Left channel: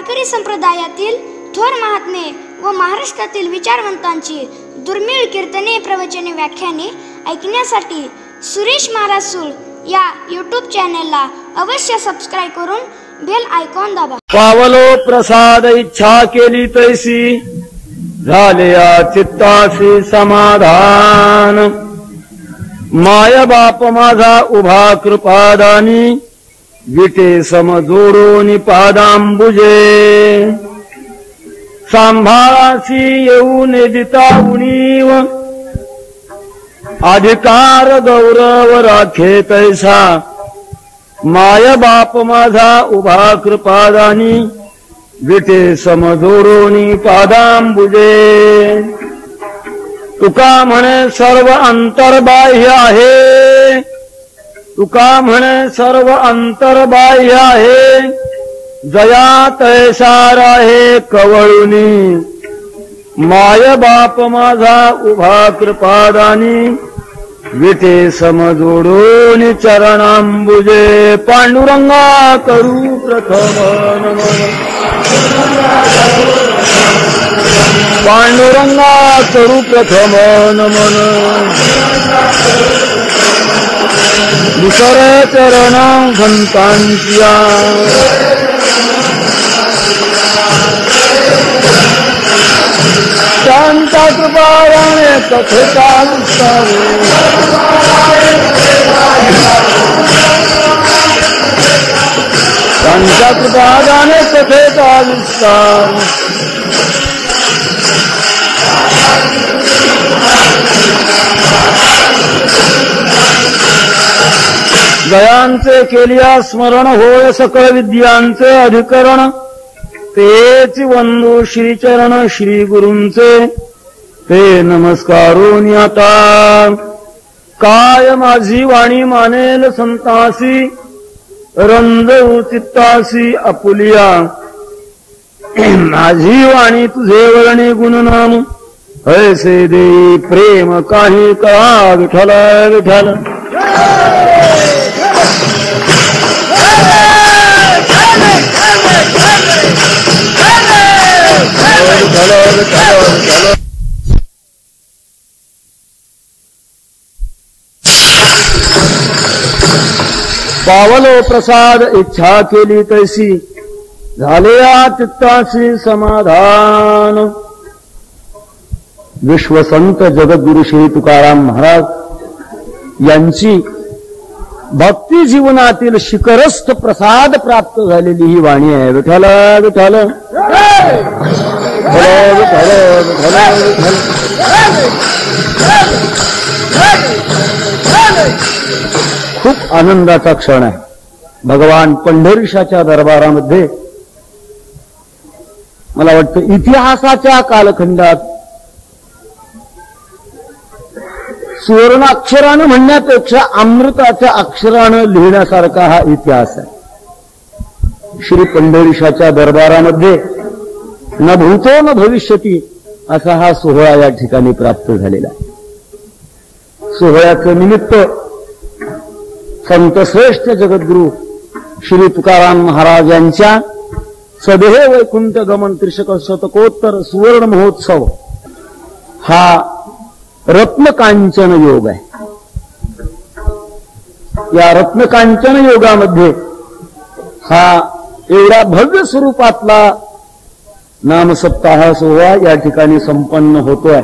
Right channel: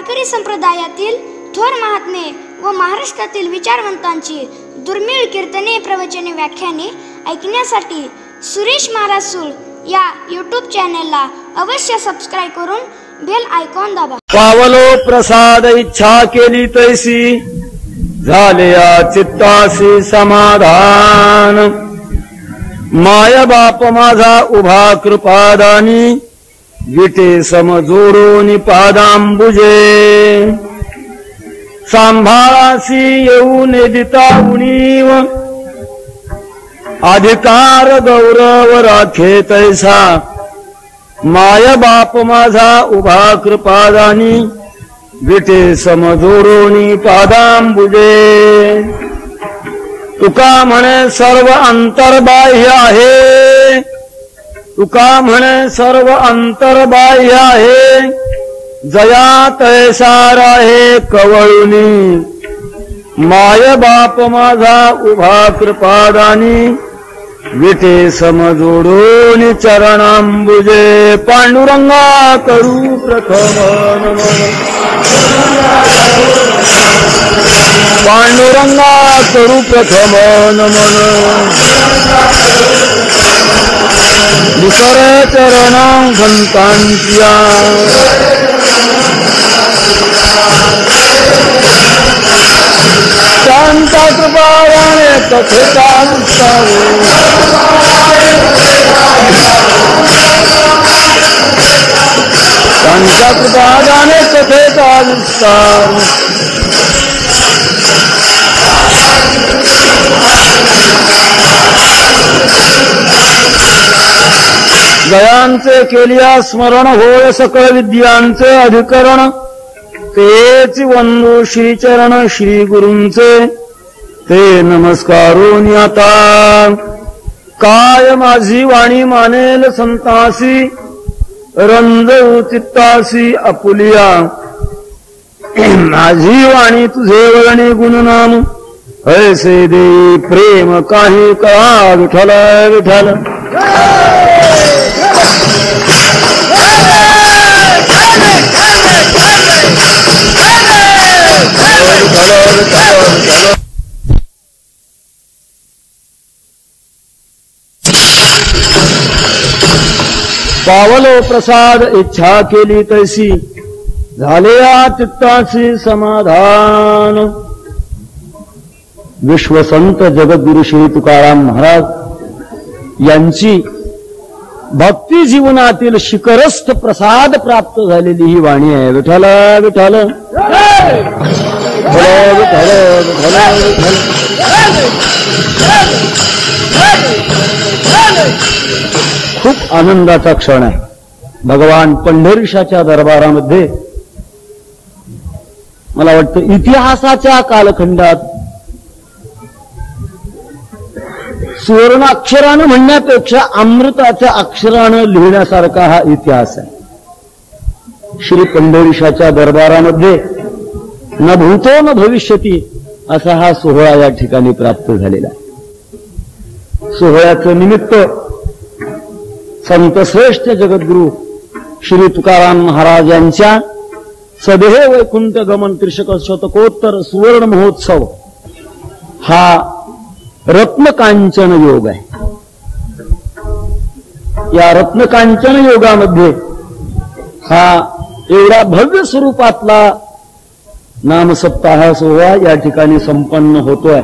वारकरी संप्रदायातील थोर महात्मे व महाराष्ट्रातील विचारवंतांची दुर्मिळ कीर्तने, प्रवचने, व्याख्याने ऐकण्यासाठी सुरेश महाराज सूळ या यूट्यूब चॅनलला अवश्य सबस्क्राइब करून बेल आयकॉन दाबा. पावलो प्रसाद इच्छा केली तैसी, झाले या चित्तासी समाधान. माय बाप माझा उभा कृपादानी, विटे समजोडून पादांबुजे. सांभाळासी येऊन दिता उणीव, अधिकार गौरव राखे तैसा. माय बाप माझा उभा कृपादानी, विटे समजोडून पादांबुजे. तुका म्हणे सर्व अंतर्बाह्य आहे, तुका म्हणे सर्व अंतर्बाह्य आहे. जया तैसा राहे कवळीनी, माय बाप माझा उभा कृपादानी, विटे समजोडून चरणांबुजे. पांडुरंगा करू प्रथम नमन, पांडुरंगा करू प्रथम नमन. विसर चरण संतांच्या, शांता कृपाने कथेचा विस्तार. शांता कृपाने कथेचा विस्तार. गयांचे केलिया स्मरण होय सकळ विद्यांचे अधिकरण. तेच वंदू श्रीचरण श्री गुरूंचे, ते नमस्कारून आता. काय माझी वाणी मानेल संतासी, रंजू चित्तासी आपुलिया. माझी वाणी तुझे वर्णी गुणनाम, ऐसे दे प्रेम काही का विठ्ठल विठ्ठल. पावलो प्रसाद इच्छा केली तैसी, झाले या चित्तासी समाधान. विश्वसंत जगद्गुरु श्री तुकाराम महाराज यांची भक्ती जीवनातील शिखरस्थ प्रसाद प्राप्त झालेली ही वाणी आहे. विठ्ठल विठ्ठल विठ्ठल विठ्ठल विठ्ठल. खूप आनंदाचा क्षण आहे. भगवान पंढरीशाच्या दरबारामध्ये मला वाटतं इतिहासाच्या कालखंडात सुवर्णाक्षरानं म्हणण्यापेक्षा अमृताच्या अक्षरानं लिहिण्यासारखा हा इतिहास आहे. श्री पंढरीशाच्या दरबारामध्ये न भूतो न भविष्यती असा हा सोहळा या ठिकाणी प्राप्त झालेला आहे. सोहळ्याचं निमित्त संतश्रेष्ठ जगद्गुरु श्री तुकाराम महाराज यांच्या सदेह वैकुंठ गमन त्रिशतकोत्तर सुवर्ण महोत्सव हा रत्नकांचन योग आहे. या रत्नकांचन योगामध्ये हा एवढा भव्य स्वरूपातला नामसप्ताह सोहळा या ठिकाणी संपन्न होतोय.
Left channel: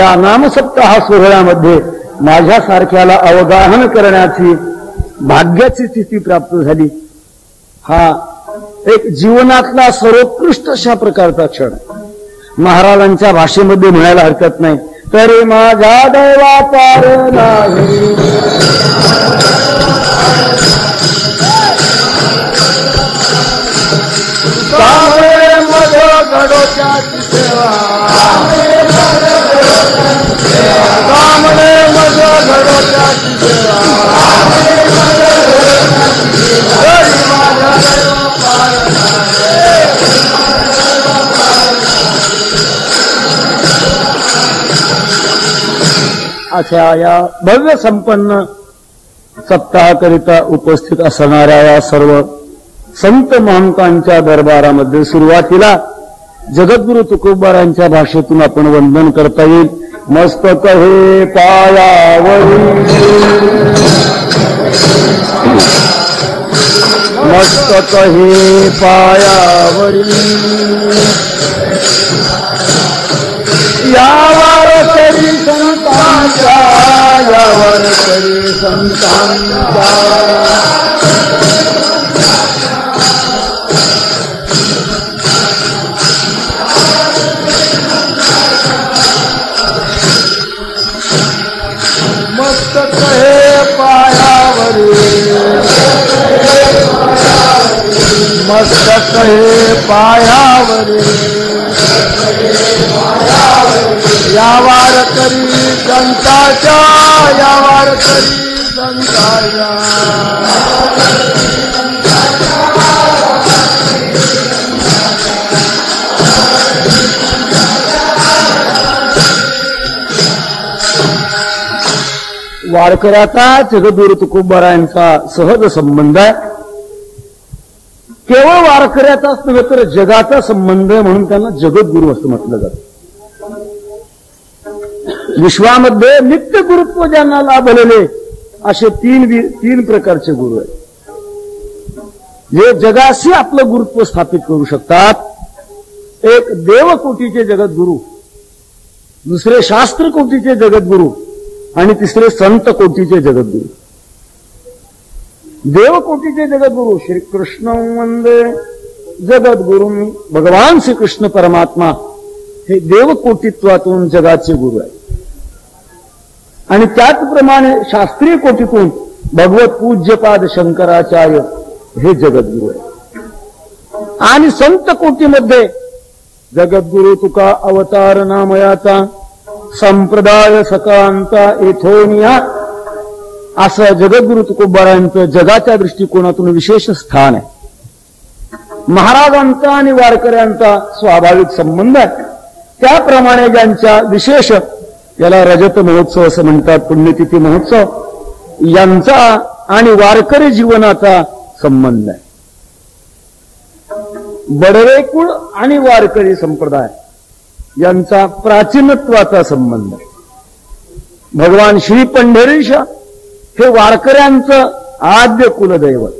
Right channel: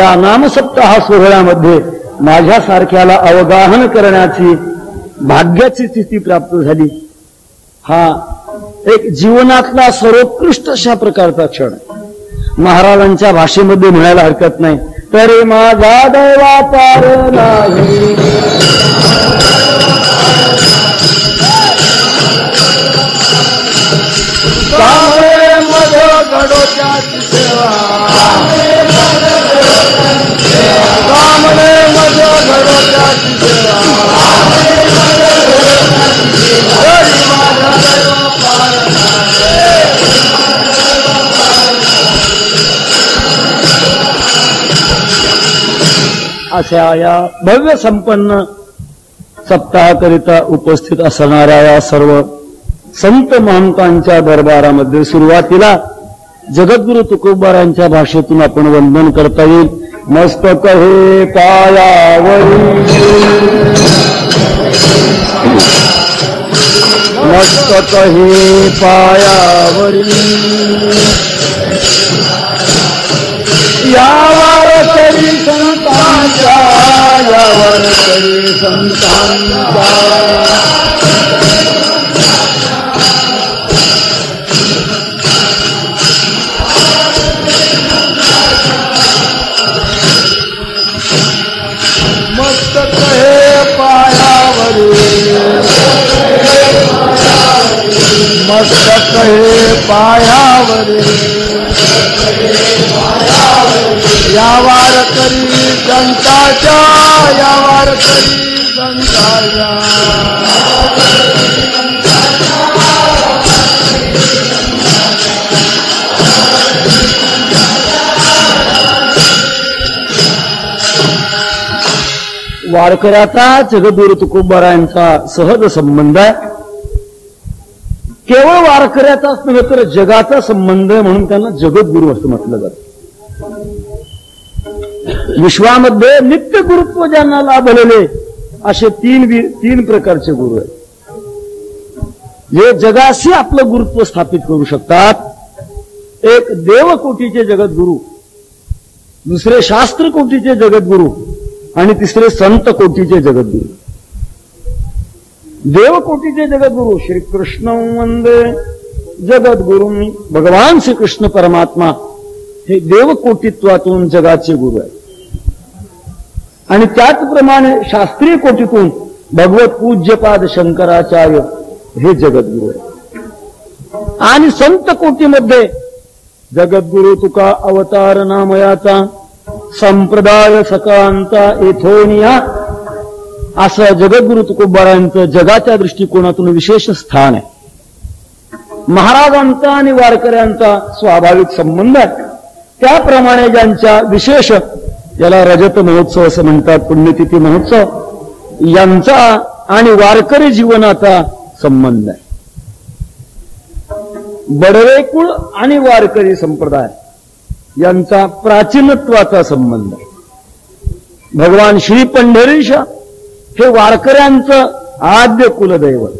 या नामसप्ताह सोहळ्यामध्ये माझ्यासारख्याला अवगाहन करण्याची भाग्याची स्थिती प्राप्त झाली. हा एक जीवनातला सर्वोत्कृष्ट अशा प्रकारचा क्षण महाराजांच्या भाषेमध्ये म्हणायला हरकत नाही. तरी माझा देवा पार नाही, त्यामुळे मध गडोच्या सेवा, त्यामुळे मध गडोच्या अशा या भव्य संपन्न सप्ताहाकरिता उपस्थित असणाऱ्या या सर्व संत महंतांच्या दरबारामध्ये सुरुवातीला जगद्गुरु तुकोबारांच्या भाषेतून आपण वंदन करता येईल. मस्तक हे पायावरी, मस्तक हे पायावरी, यावर तरी संतांच्या, यावर तरी संतांच्या. मस्तक हे पायावरी, मस्तक हे पायावरी, यावर तरी संतांच्या, यावर तरी संतांच्या. वारकऱ्याचा जगद्गुरु तुकोबारायांचा सहज संबंध आहे. केवळ वारकऱ्याचाच नव्हे तर जगाचा संबंध आहे, म्हणून त्यांना जगद्गुरु असं म्हटलं जातं. विश्वामध्ये नित्य गुरुत्व ज्यांना लाभलेले असे तीन प्रकारचे गुरु आहेत, जे जगाशी आपलं गुरुत्व स्थापित करू शकतात. एक देवकोटीचे जगद्गुरु, दुसरे शास्त्र कोटीचे जगद्गुरु आणि तिसरे संत कोटीचे जगद्गुरु. देवकोटीचे जगद्गुरु श्रीकृष्ण वंदे जगद्गुरु, भगवान श्रीकृष्ण परमात्मा हे देवकोटीत्वातून जगाचे गुरु आहेत. आणि त्याचप्रमाणे शास्त्रीय कोटीतून भगवत पूज्यपाद शंकराचार्य हे जगद्गुरु आहेत. आणि संत कोटीमध्ये जगद्गुरु तुका अवतार नामयाचा, संप्रदाय सकांचा एथोनिया, असं जगद्गुरु तुकोबारायांचं जगाच्या दृष्टिकोनातून विशेष स्थान आहे. महाराजांचा आणि वारकऱ्यांचा स्वाभाविक संबंध आहे. त्याप्रमाणे ज्यांच्या विशेष, याला रजत महोत्सव असं म्हणतात, पुण्यतिथी महोत्सव, यांचा आणि वारकरी जीवनाचा संबंध आहे. बडवे कुळ आणि वारकरी संप्रदाय यांचा प्राचीनत्वाचा संबंध आहे. भगवान श्री पंढरीश हे वारकऱ्यांचं आद्य कुलदैवत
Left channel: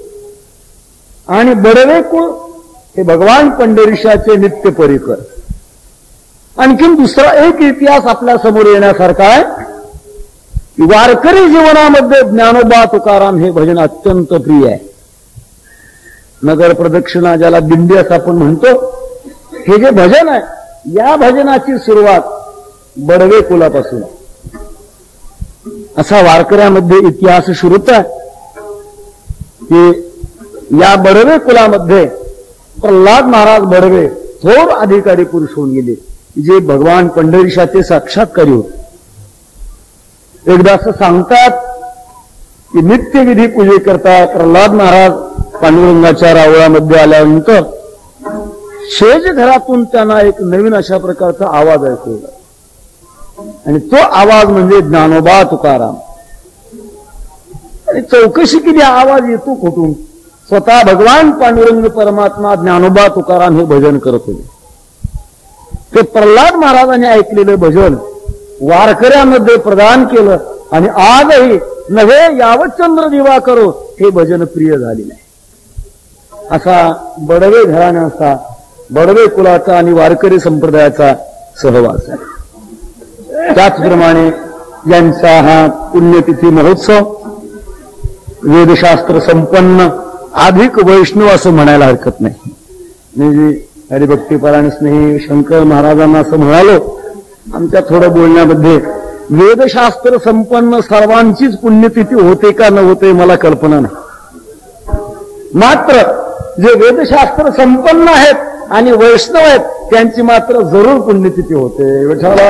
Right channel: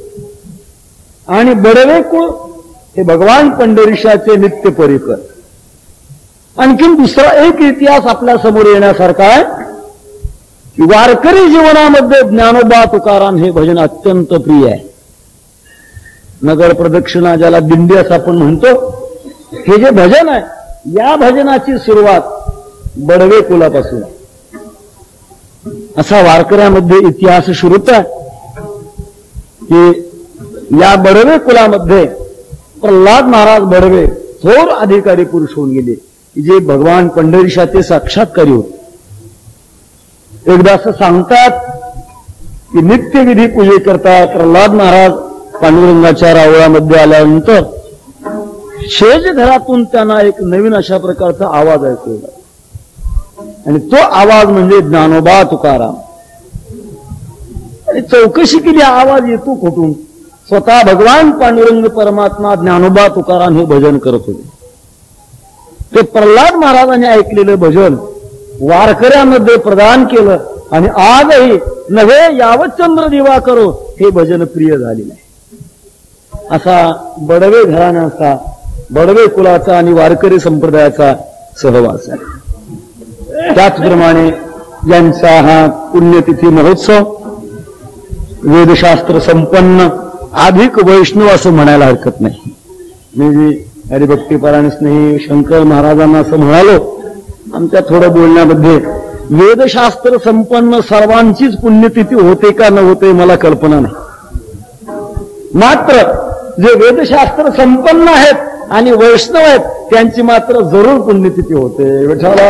आणि बडवे कुळ हे भगवान पंढरीशाचे नित्य परिकर. आणखीन दुसरा एक इतिहास आपल्या समोर येण्यासारखा आहे की वारकरी जीवनामध्ये ज्ञानोबा तुकाराम हे भजन अत्यंत प्रिय आहे. नगर प्रदक्षिणा ज्याला दिंडी असं आपण म्हणतो, हे जे भजन आहे, या भजनाची सुरुवात बडवे कुलापासून आहे. असा वारकऱ्यामध्ये इतिहास सुरूच आहे की या बडवे कुलामध्ये प्रल्हाद महाराज बडवे थोर अधिकारी पुरुष होऊन गेले, जे भगवान पंढरीशाचे साक्षात्कारी होते. एकदा असं सांगतात की नित्यविधी पूजे करता प्रल्हाद महाराज पांडुरंगाच्या रावळामध्ये आल्यानंतर शेज घरातून त्यांना एक नवीन अशा प्रकारचा आवाज ऐकू लागला, आणि तो आवाज म्हणजे ज्ञानोबा तुकाराम. आणि चौकशी केली, आवाज येतो कुठून? स्वतः भगवान पांडुरंग परमात्मा ज्ञानोबा तुकाराम हे भजन करत होते. ते प्रल्हाद महाराजांनी ऐकलेलं भजन वारकऱ्यामध्ये प्रदान केलं, आणि आजही नव्हे यावत चंद्र दिवा करो हे भजन प्रिय झालेलं आहे. असा बडवे घराण्याचा, बडवे कुलाचा आणि वारकरी संप्रदायाचा सहवास आहे. त्याचप्रमाणे यांचा हा पुण्यतिथी महोत्सव वेदशास्त्र संपन्न अधिक वैष्णव असं म्हणायला हरकत नाही. मी हरिभक्तीपरायण स्नेही शंकर महाराजांना असं म्हणालो आमच्या थोड्या बोलण्यामध्ये, वेदशास्त्र संपन्न सर्वांचीच पुण्यतिथी होते का न होते मला कल्पना नाही. मात्र जे वेदशास्त्र संपन्न आहेत आणि वैष्णव आहेत त्यांची मात्र जरूर पुण्यतिथी होते. विठ्ठला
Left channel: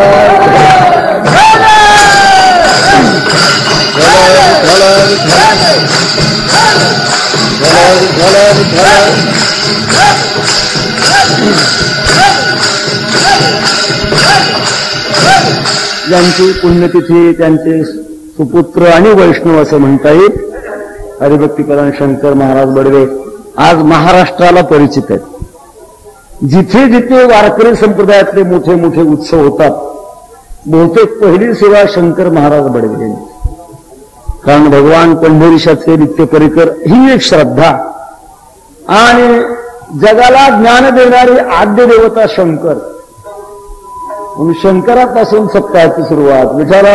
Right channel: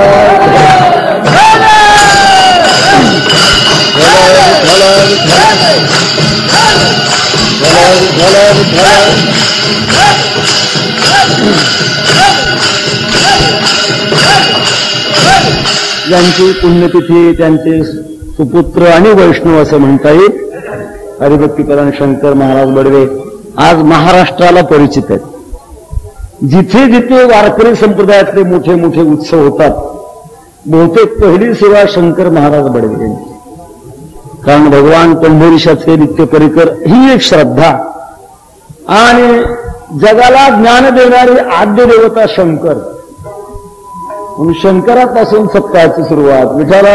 यांची पुण्यतिथी, त्यांचे सुपुत्र आणि वैष्णव असं म्हणता येईल. हरिभक्तीपरायण शंकर महाराज बडवे आज महाराष्ट्राला परिचित आहेत. जिथे जिथे वारकरी संप्रदायातले मोठे मोठे उत्सव होतात बहुतेक पहिली सेवा शंकर महाराज बडवे यांची. कारण भगवान पंढरीशाचे नित्य परिकर ही एक श्रद्धा आणि जगाला ज्ञान देणारी आद्य देवता शंकर. शंकरापासून सप्ताहाची सुरुवात विचारा.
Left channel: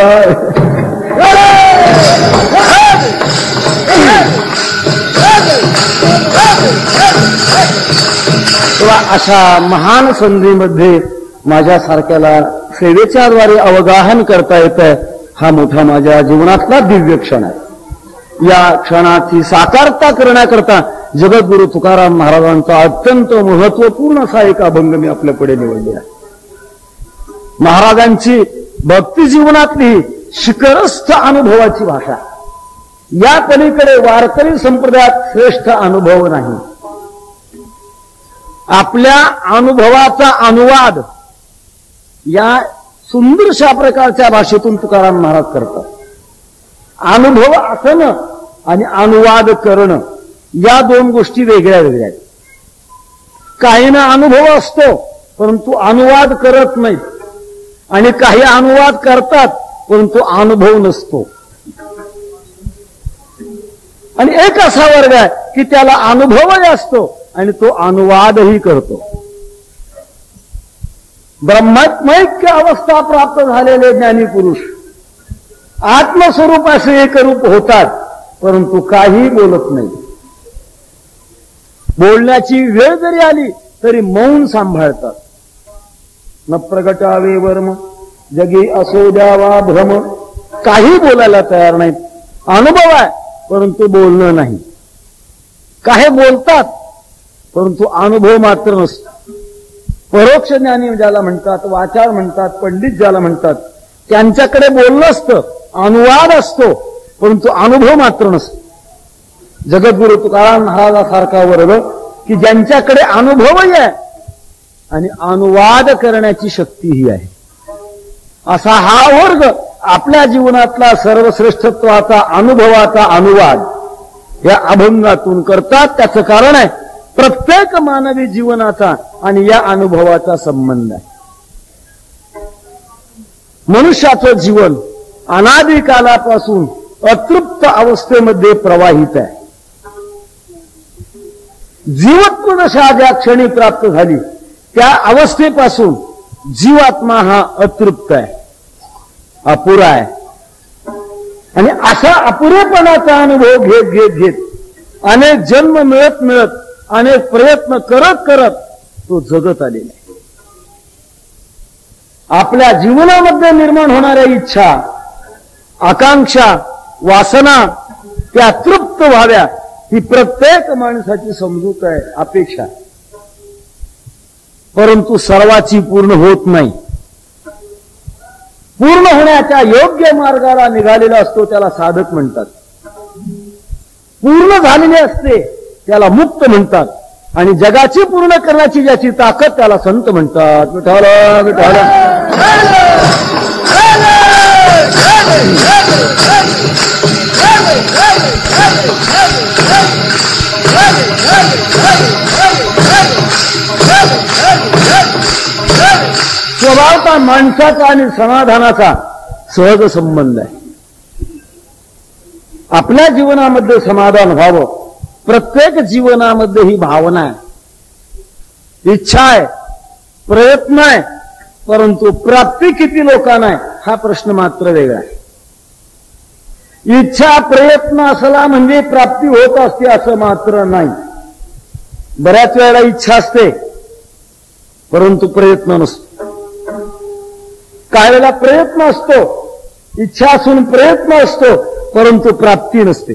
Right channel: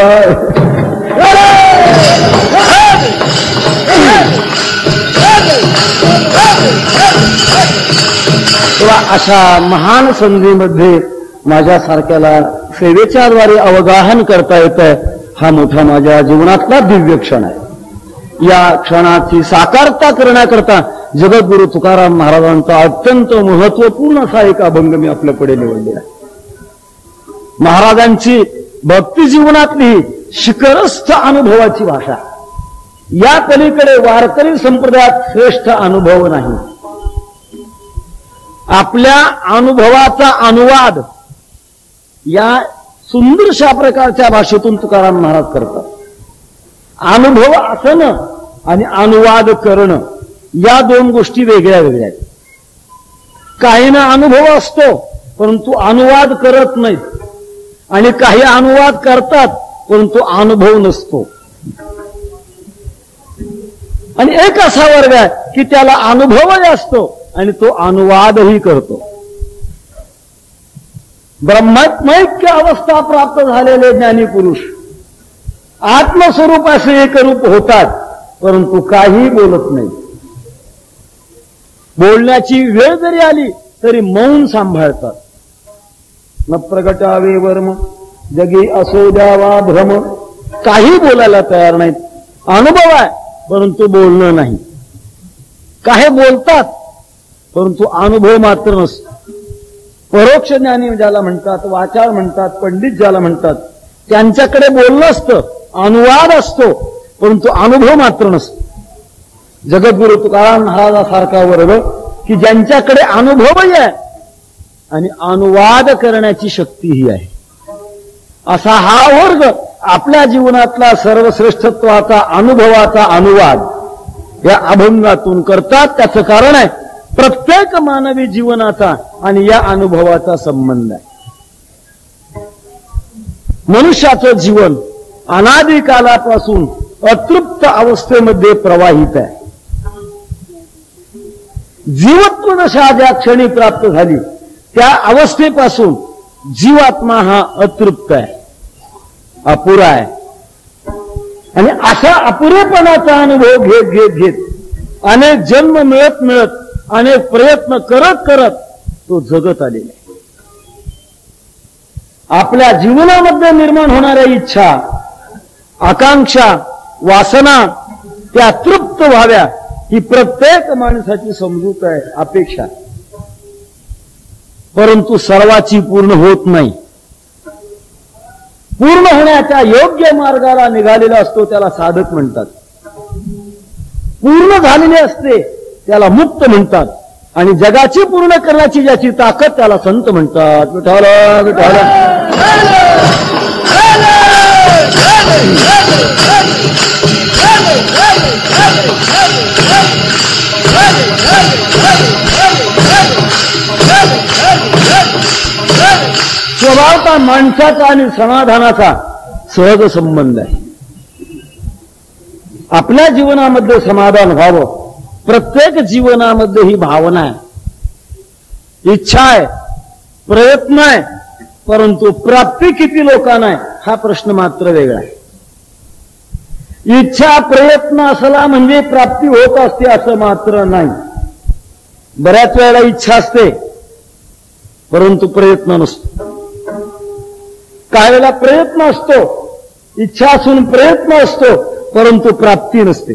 अशा महान संधीमध्ये माझ्यासारख्याला सेवेच्या द्वारे अवगाहन करता येतं. हा मोठा माझ्या जीवनातला दिव्य क्षण आहे. या क्षणाची साकारता करण्याकरता जगद्गुरु तुकाराम महाराजांचा अत्यंत महत्वपूर्ण असा एक अभंग मी आपल्याकडे निवडला आहे. महाराजांची भक्ती जीवनातली शिखरस्थ अनुभवाची भाषा. या पलीकडे वारकरी संप्रदायात श्रेष्ठ अनुभव नाही. आपल्या अनुभवाचा अनुवाद या सुंदरशा प्रकारच्या भाषेतून तुकाराम महाराज करतात. अनुभव असणं आणि अनुवाद करणं या दोन गोष्टी वेगळ्या वेगळ्या आहेत. काहींना अनुभव असतो परंतु अनुवाद करत नाहीत आणि काही अनुवाद करतात परंतु अनुभव नसतो. आणि एक असा वर्ग आहे की त्याला अनुभवही असतो आणि तो अनुवादही करतो. ब्रह्मात्मैक्य अवस्था प्राप्त झालेले ज्ञानी पुरुष आत्मस्वरूपाचे एकरूप होतात परंतु काही बोलत नाही. बोलण्याची वेळ जरी आली तरी मौन सांभाळतात. न प्रगटावे वर्म जगी असो द्यावा भ्रम. काही बोलायला तयार नाहीत. अनुभव आहे परंतु बोलणं नाही. काही बोलतात परंतु अनुभव मात्र नसतो. परोक्ष ज्ञानी ज्याला म्हणतात, वाचाळ म्हणतात, पंडित ज्याला म्हणतात, त्यांच्याकडे बोलणं असतं, अनुवाद असतो परंतु अनुभव मात्र नसतो. जगद्गुरु तुकाराम महाराजासारखा वर्ग की ज्यांच्याकडे अनुभवही आहे आणि अनुवाद करण्याची शक्तीही आहे, असा हा वर्ग आपल्या जीवनातला सर्वश्रेष्ठत्वाचा अनुभवाचा अनुवाद या अभंगातून करतात. त्याचं कारण आहे प्रत्येक मानवी जीवनाचा आणि या अनुभवाचा संबंध आहे. मनुष्याचं जीवन अनादिकालापासून अतृप्त अवस्थेमध्ये प्रवाहित आहे. जीवत्व दशा ज्या क्षणी प्राप्त झाली त्या अवस्थेपासून जीवात्मा हा अतृप्त आहे, अपुरा आहे. आणि अशा अपुरेपणाचा अनुभव घेत घेत घेत अनेक जन्म मिळत मिळत अनेक प्रयत्न करत करत तो जगत आलेला आहे. आपल्या जीवनामध्ये निर्माण होणाऱ्या इच्छा, आकांक्षा, वासना त्या तृप्त व्हाव्या ही प्रत्येक माणसाची समजूत आहे, अपेक्षा. परंतु सर्वाची पूर्ण होत नाही. पूर्ण होण्याच्या योग्य मार्गाला निघालेला असतो त्याला साधक म्हणतात. पूर्ण झालेले असते त्याला मुक्त म्हणतात. आणि जगाची पूर्ण करण्याची ज्याची ताकद त्याला संत म्हणतात. विठ्ठल विठ्ठल. स्वभावता माणसाचा आणि समाधानाचा सहज संबंध आहे. आपल्या जीवनामध्ये समाधान व्हावं, प्रत्येक जीवनामध्ये ही भावना आहे, इच्छा आहे, प्रयत्न आहे. परंतु प्राप्ती किती लोकांना आहे हा प्रश्न मात्र वेगळा आहे. इच्छा प्रयत्न असला म्हणजे प्राप्ती होत असते असं मात्र नाही. बऱ्याच वेळेला इच्छा असते परंतु प्रयत्न नसतो. काही वेळेला प्रयत्न असतो, इच्छा असून प्रयत्न असतो परंतु प्राप्ती नसते.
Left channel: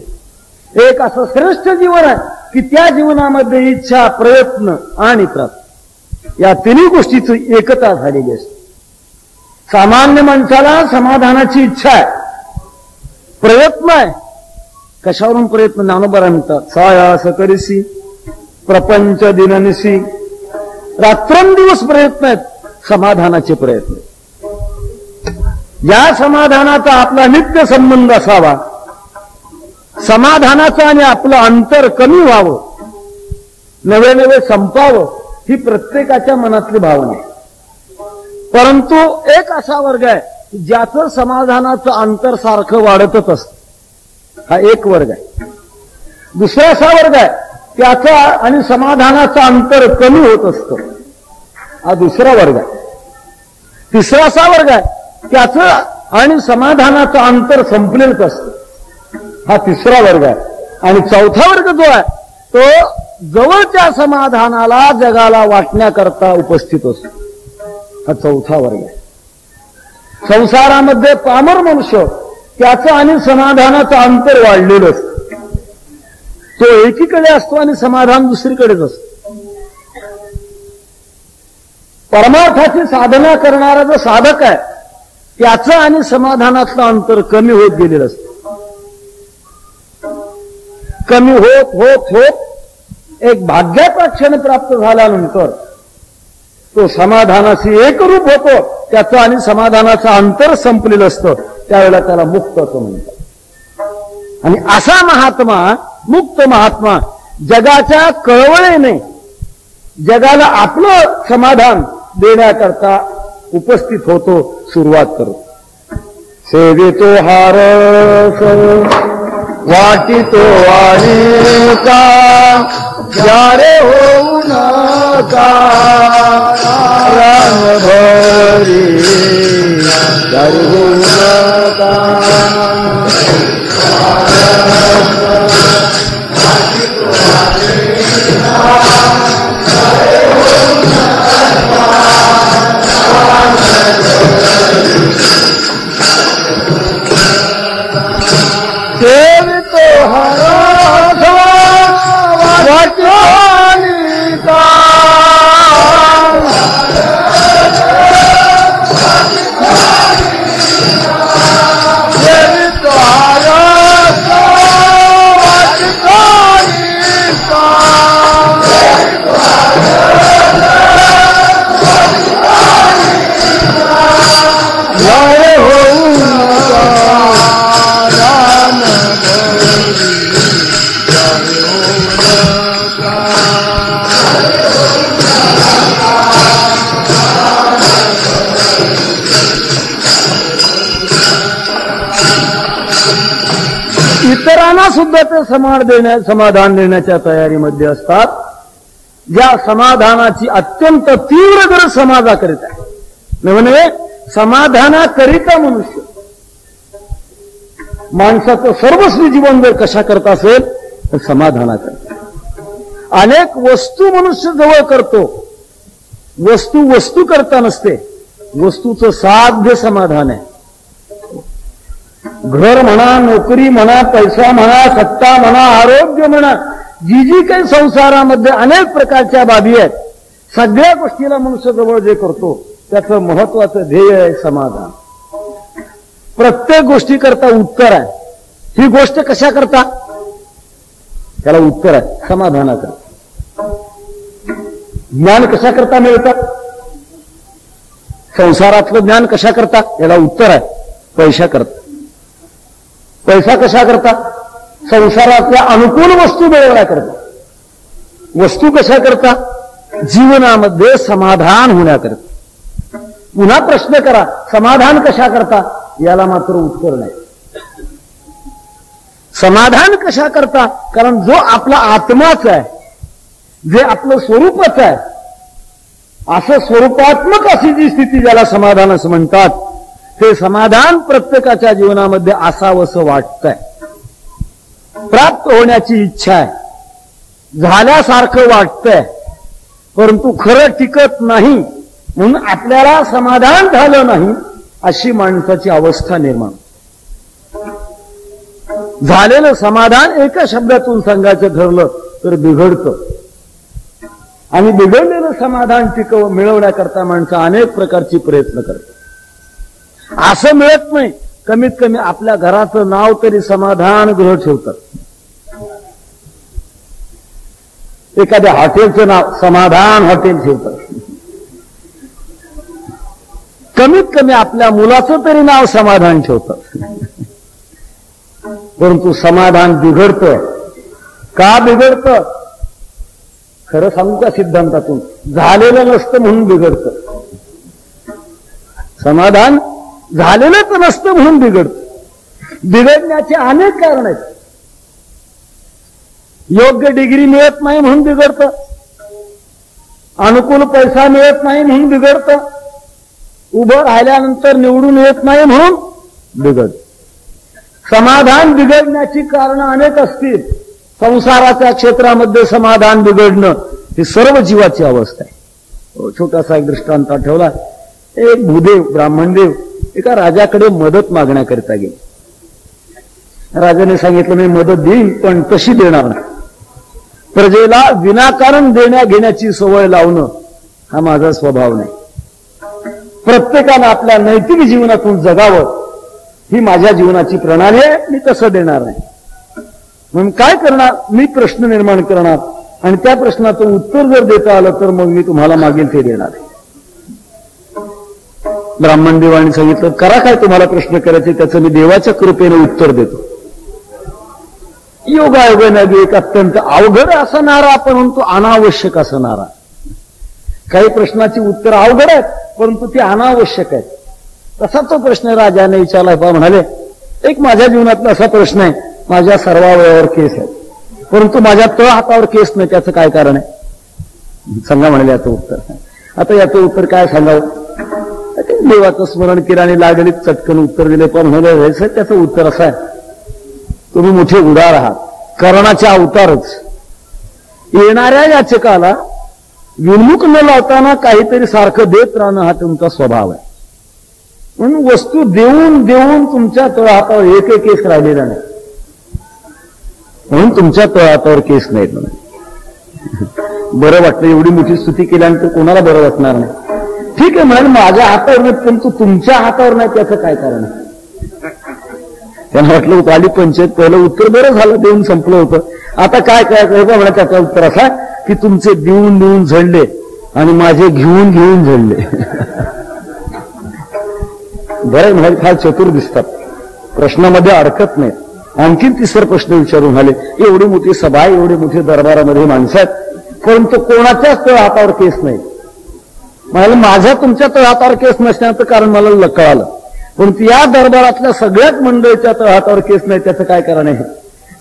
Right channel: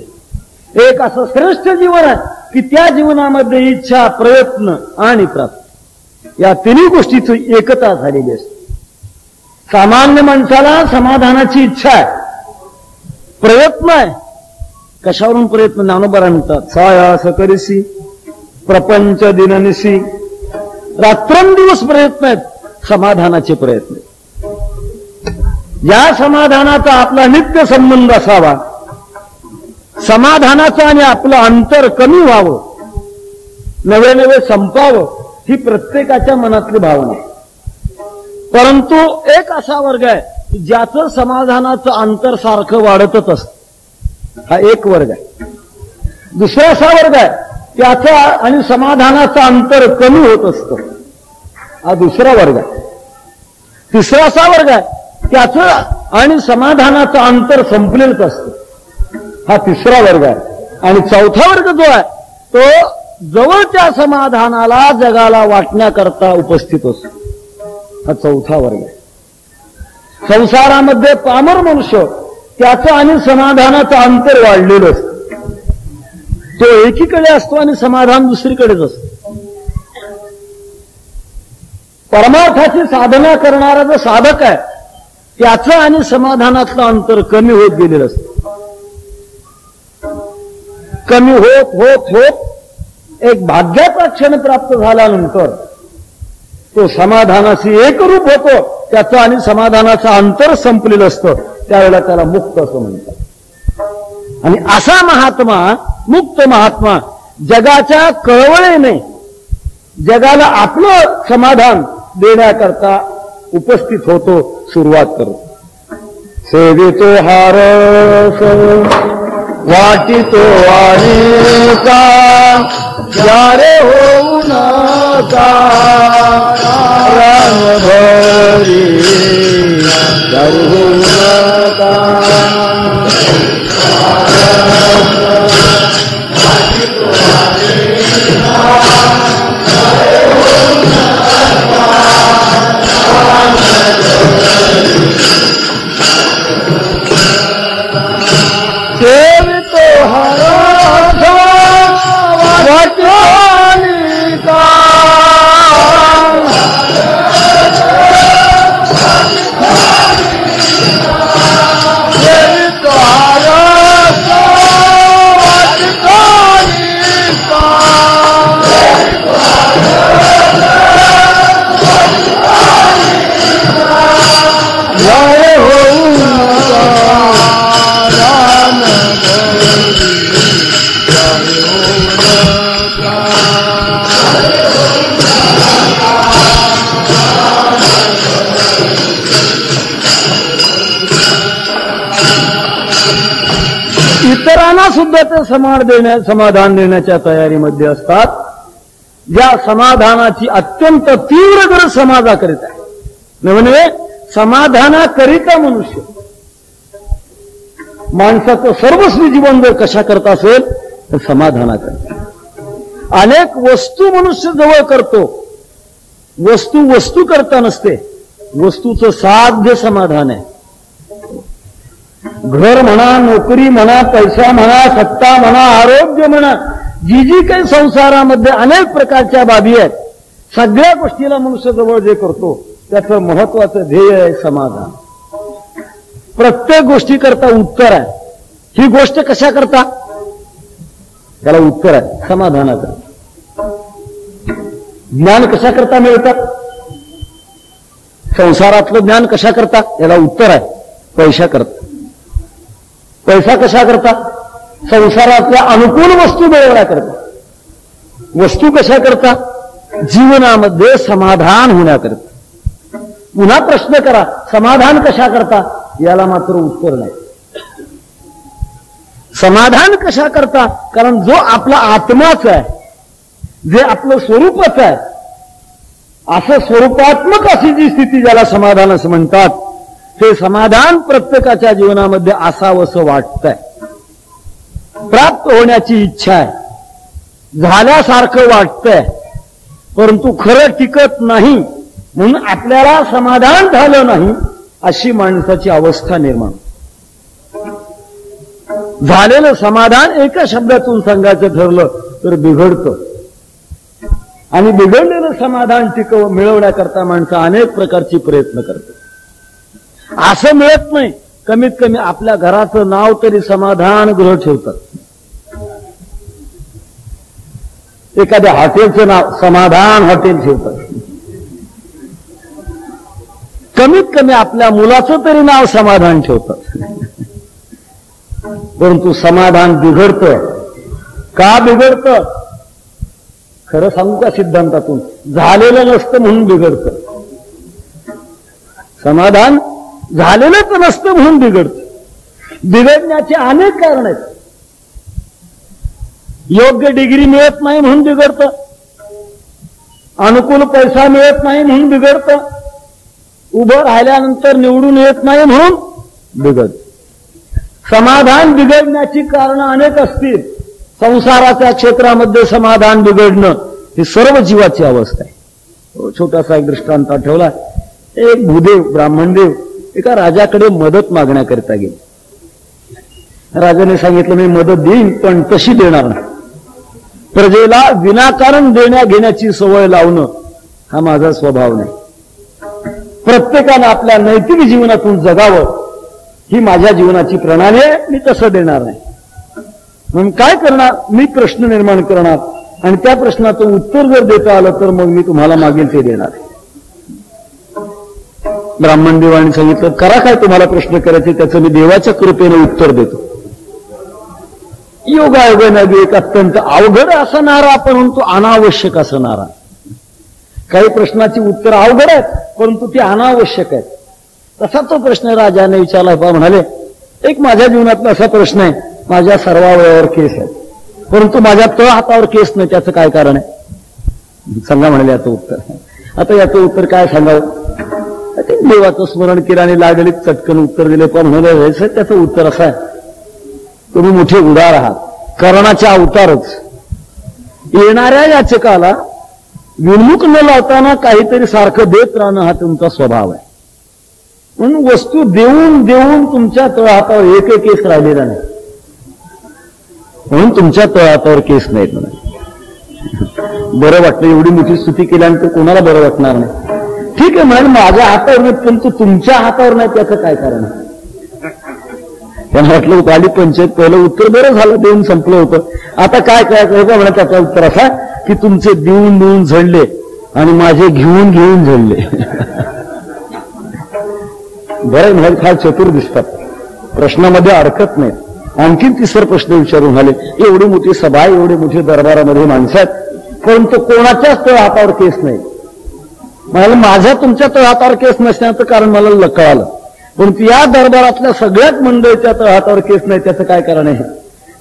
एक असं श्रेष्ठ जीवन आहे की त्या जीवनामध्ये इच्छा, प्रयत्न आणि प्राप्ती या तिन्ही गोष्टीची एकता झालेली असते. सामान्य माणसाला समाधानाची इच्छा आहे, प्रयत्न आहे. कशावरून प्रयत्न? ज्ञानोबा म्हणतात, सायास करिसी प्रपंच दिननिसी. रात्रंदिवस प्रयत्न आहेत समाधानाचे प्रयत्न. या समाधानाचा आपला नित्य संबंध असावा, समाधानाचं आणि आपलं अंतर कमी व्हावं नवे नवे संपावं ही प्रत्येकाच्या मनातली भावना आहे. परंतु एक असा वर्ग आहे ज्याचं समाधानाचं अंतर सारखं वाढतच असतं, हा एक वर्ग आहे. दुसरा असा वर्ग आहे त्याचा आणि समाधानाचं अंतर कमी होत असतं, हा दुसरा वर्ग आहे. तिसरा असा वर्ग आहे त्याचं आणि समाधानाचं अंतर संपलेलंच असतं, हा तिसरा वर्ग आहे. आणि चौथा वर्ग जो आहे तो जवळच्या समाधानाला जगाला वाटण्याकरता उपस्थित असतो, हा चौथा वर्ग आहे. संसारामध्ये पामर मनुष्य त्याचं आणि समाधानाचं अंतर वाढलेलं असतं, तो एकीकडे असतो आणि समाधान दुसरीकडेच असतं. परमार्थाची साधना करणारा जो साधक आहे त्याचं आणि समाधानातलं अंतर कमी होत गेलेलं असतं. कमी होत होत होत एक भाग्याचा क्षण प्राप्त झाल्यानंतर तो समाधानाशी एकरूप होतो, त्याचं आणि समाधानाचं अंतर संपलेलं असतं, त्यावेळेला त्याला मुक्त असं म्हणतात. आणि असा महात्मा, मुक्त महात्मा, जगाच्या कळवळेने जगाला आपलं समाधान देण्याकरता उपस्थित होतो, सुरुवात करतो. सेवितो हारस वाटितो आणिका जारे होऊ नका रान भरी जारे होऊ नका. इतरांना सुद्धा ते समाधान देण्याच्या तयारीमध्ये असतात. ज्या समाधानाची अत्यंत तीव्र गरज समाजाकरिता आहे, म्हणजे समाधानाकरिता मनुष्य माणसाचं सर्वस्वी जीवन जर कशा करता असेल तर समाधानाकरिता. अनेक वस्तू मनुष्य जवळ करतो, वस्तू करता नसते, वस्तूचं साध्य समाधान आहे. घर म्हणा, नोकरी म्हणा, पैसा म्हणा, सत्ता म्हणा, आरोग्य म्हणा, जी काही संसारामध्ये अनेक प्रकारच्या बाबी आहेत, सगळ्या गोष्टीला मनुष्य जवळ जे करतो त्याचं महत्वाचं ध्येय आहे समाधान. प्रत्येक गोष्टी करता उत्तर आहे. ही गोष्ट कशा करता, त्याला उत्तर आहे समाधानाचं. ज्ञान कशा करता मिळतात, संसारातलं ज्ञान कशा करता, याला उत्तर आहे पैसा करता. पैसा कशा करता, संसारातल्या अनुकूल वस्तू मिळवण्याकरता. वस्तू कशा करता, जीवनामध्ये समाधान होण्याकरता. पुन्हा प्रश्न करा, समाधान कशा करता, याला मात्र उत्तर नाही. समाधान कशा करता, कारण जो आपला आत्माच आहे, जे आपलं स्वरूपच आहे, असं स्वरूपात्मक अशी जी स्थिती ज्याला समाधान असं म्हणतात, हे समाधान प्रत्येकाच्या जीवनामध्ये असावंसं वाटतंय. प्राप्त होण्याची इच्छा आहे, झाल्यासारखं वाटतंय, परंतु खरं टिकत नाही, म्हणून आपल्याला समाधान झालं नाही अशी माणसाची अवस्था निर्माण. झालेलं समाधान एका शब्दातून सांगायचं ठरलं तर बिघडतं, आणि बिघडलेलं समाधान मिळवण्याकरता माणसं अनेक प्रकारचे प्रयत्न करतात. असं मिळत नाही, कमीत कमी आपल्या घराचं नाव तरी समाधान गृह ठेवतात. एखाद्या हॉटेलचं नाव समाधान हॉटेल ठेवतात. कमीत कमी आपल्या मुलाचं तरी नाव समाधान ठेवतात. परंतु समाधान बिघडतं. का बिघडतं, खरं सांगू का सिद्धांतातून, झालेलं नसतं म्हणून बिघडतं. समाधान झालेलं पण नसतं म्हणून बिघडतं. बिघडण्याचे अनेक कारण आहेत. योग्य डिग्री मिळत नाही म्हणून बिघडतं, अनुकूल पैसा मिळत नाही म्हणून बिघडतं, उभं राहिल्यानंतर निवडून येत नाही म्हणून बिघडतं. समाधान बिघडण्याची कारणं अनेक असतील. संसाराच्या क्षेत्रामध्ये समाधान बिघडणं ही सर्व जीवाची अवस्था आहे. छोटासा एक दृष्टांत आठवला. एक भूदेव ब्राह्मणदेव एका राजाकडे मदत मागण्याकरिता गेले. राजाने सांगितलं मी मदत देईन पण तशी देणार नाही. प्रजेला विनाकारण देण्या घेण्याची सवय लावणं हा माझा स्वभाव नाही. प्रत्येकानं आपल्या नैतिक जीवनातून जगावं ही माझ्या जीवनाची प्रणाली आहे. मी तसं देणार नाही. म्हणून काय करणार, मी प्रश्न निर्माण करणार आणि त्या प्रश्नाचं उत्तर जर देता आलं तर मग मी तुम्हाला मागेल ते देणार आहे. ब्राह्मणदेवाने सांगितलं करा काय तुम्हाला प्रश्न करायचे त्याचं मी देवाच्या कृपेने उत्तर देतो. योगायोगाने एक अत्यंत अवघड असणारा परंतु अनावश्यक असणारा. काही प्रश्नाची उत्तर अवघड आहेत परंतु ती अनावश्यक आहेत. तसा तो प्रश्न राजाने विचारला. म्हणाले एक माझ्या जीवनातला असा प्रश्न आहे, माझ्या सर्वावर केस आहे परंतु माझ्या तळ हातावर केस नाही, त्याचं काय कारण आहे सांगा म्हणाले याचं उत्तर. आता याचं उत्तर काय सांगावं. देवाचं स्मरण केलं आणि लागलीच चटकन उत्तर दिले. पण म्हणाले त्याचं उत्तर असं आहे तुम्ही मोठे उदार आहात, कर्णाचे अवतारच. येणाऱ्या याचकाला विनमुख न लावताना काहीतरी सारखं देत राहणं हा तुमचा स्वभाव आहे. म्हणून वस्तू देऊन देऊन तुमच्या तळहातावर एक केस राहिलेला नाही म्हणून तुमच्या तळहातावर केस नाहीत. म्हणून बरं वाटलं. एवढी मोठी स्तुती केल्यानंतर कोणाला बरं वाटणार नाही. ठीक आहे म्हणाल माझ्या हातावर नाही परंतु तुमच्या हातावर नाही त्याचं काय कारण आहे. त्यांना वाटलं आली पंचायत पहिलं उत्तर बरं झालं देऊन संपलं होतं. आता काय करायचं म्हणा त्याचं उत्तर असं की तुमचे देऊन देऊन झडले आणि माझे घेऊन घेऊन झडले. बरं म्हणाल फार चतुर दिसतात, प्रश्नामध्ये अडकत नाहीत. आणखीन तिसरा प्रश्न विचारून आले. एवढी मोठी सभा एवढी मोठी दरबारामध्ये माणसं आहेत परंतु कोणाच्याच तळ हातावर केस नाही. मला माझ्या तुमच्या तळ हातावर केस नसण्याचं कारण मला कळालं परंतु या दरबारातल्या सगळ्याच मंडळीच्या तळ हातावर केस नाही त्याचं काय कारण आहे.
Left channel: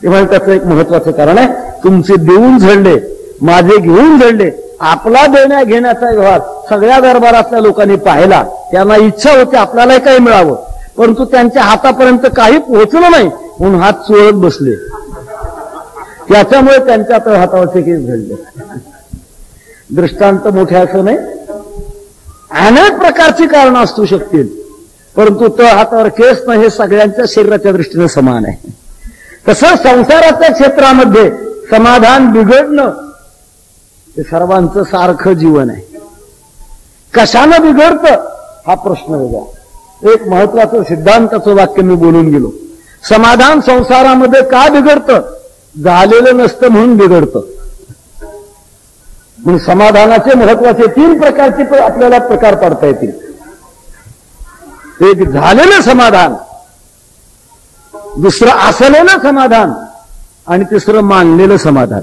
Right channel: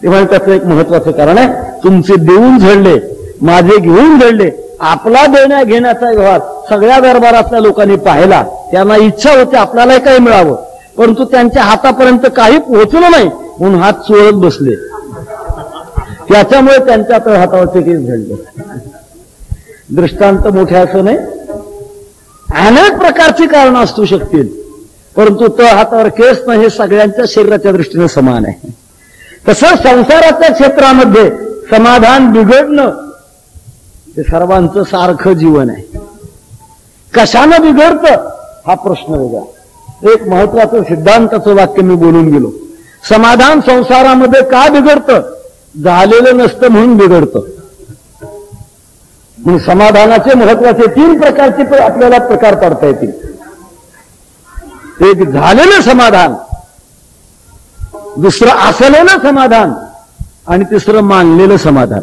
ते म्हणजे त्याचं एक महत्वाचं कारण आहे तुमचे देऊन झडले माझे घेऊन झडले. आपला देण्या घेण्याचा व्यवहार सगळ्या दरबारातल्या लोकांनी पाहिला. त्यांना इच्छा होती आपल्यालाही काही मिळावं परंतु त्यांच्या हातापर्यंत काही पोहोचलं नाही म्हणून हात चोळत बसले. त्याच्यामुळे त्यांच्या तळ हातावरचे केस झडले. दृष्टांत मोठे असं नाही, अनेक प्रकारची कारणं असू शकतील परंतु तळ हातावर केस नाही हे सगळ्यांच्या शरीराच्या दृष्टीने समान आहे. तसं संसाराच्या क्षेत्रामध्ये समाधान बिघडणं हे सर्वांचं सारखं जीवन आहे. कशानं बिघडतं हा प्रश्न वेगळा. एक महत्वाचं सिद्धांताचं वाक्य मी बोलून गेलो. समाधान संसारामध्ये का बिघडतं, झालेलं नसतं म्हणून बिघडतं. म्हणून समाधानाचे महत्वाचे 3 प्रकारचे आपल्याला प्रकार काढता येतील. एक झालेलं समाधान, दुसरं असलेलं समाधान आणि तिसरं मानलेलं समाधान.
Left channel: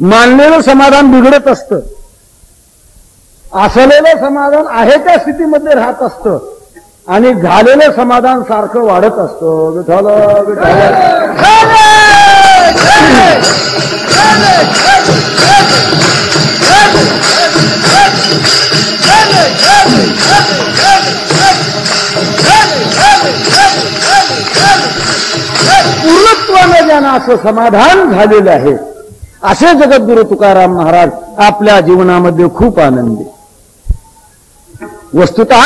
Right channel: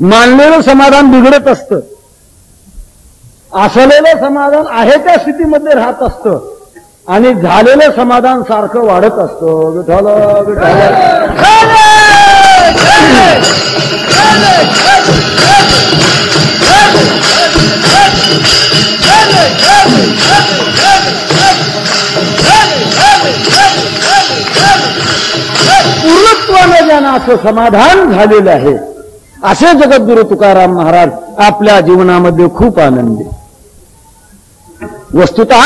मानलेलं समाधान बिघडत असतं, असलेलं समाधान आहे त्या स्थितीमध्ये राहत असतं आणि झालेलं समाधान सारखं वाढत असतं. विठ्ठल पूर्णत्वानं ज्यांना असं समाधान झालेलं आहे असे जगद्गुरु तुकाराम महाराज आपल्या जीवनामध्ये खूप आनंदी. वस्तुतः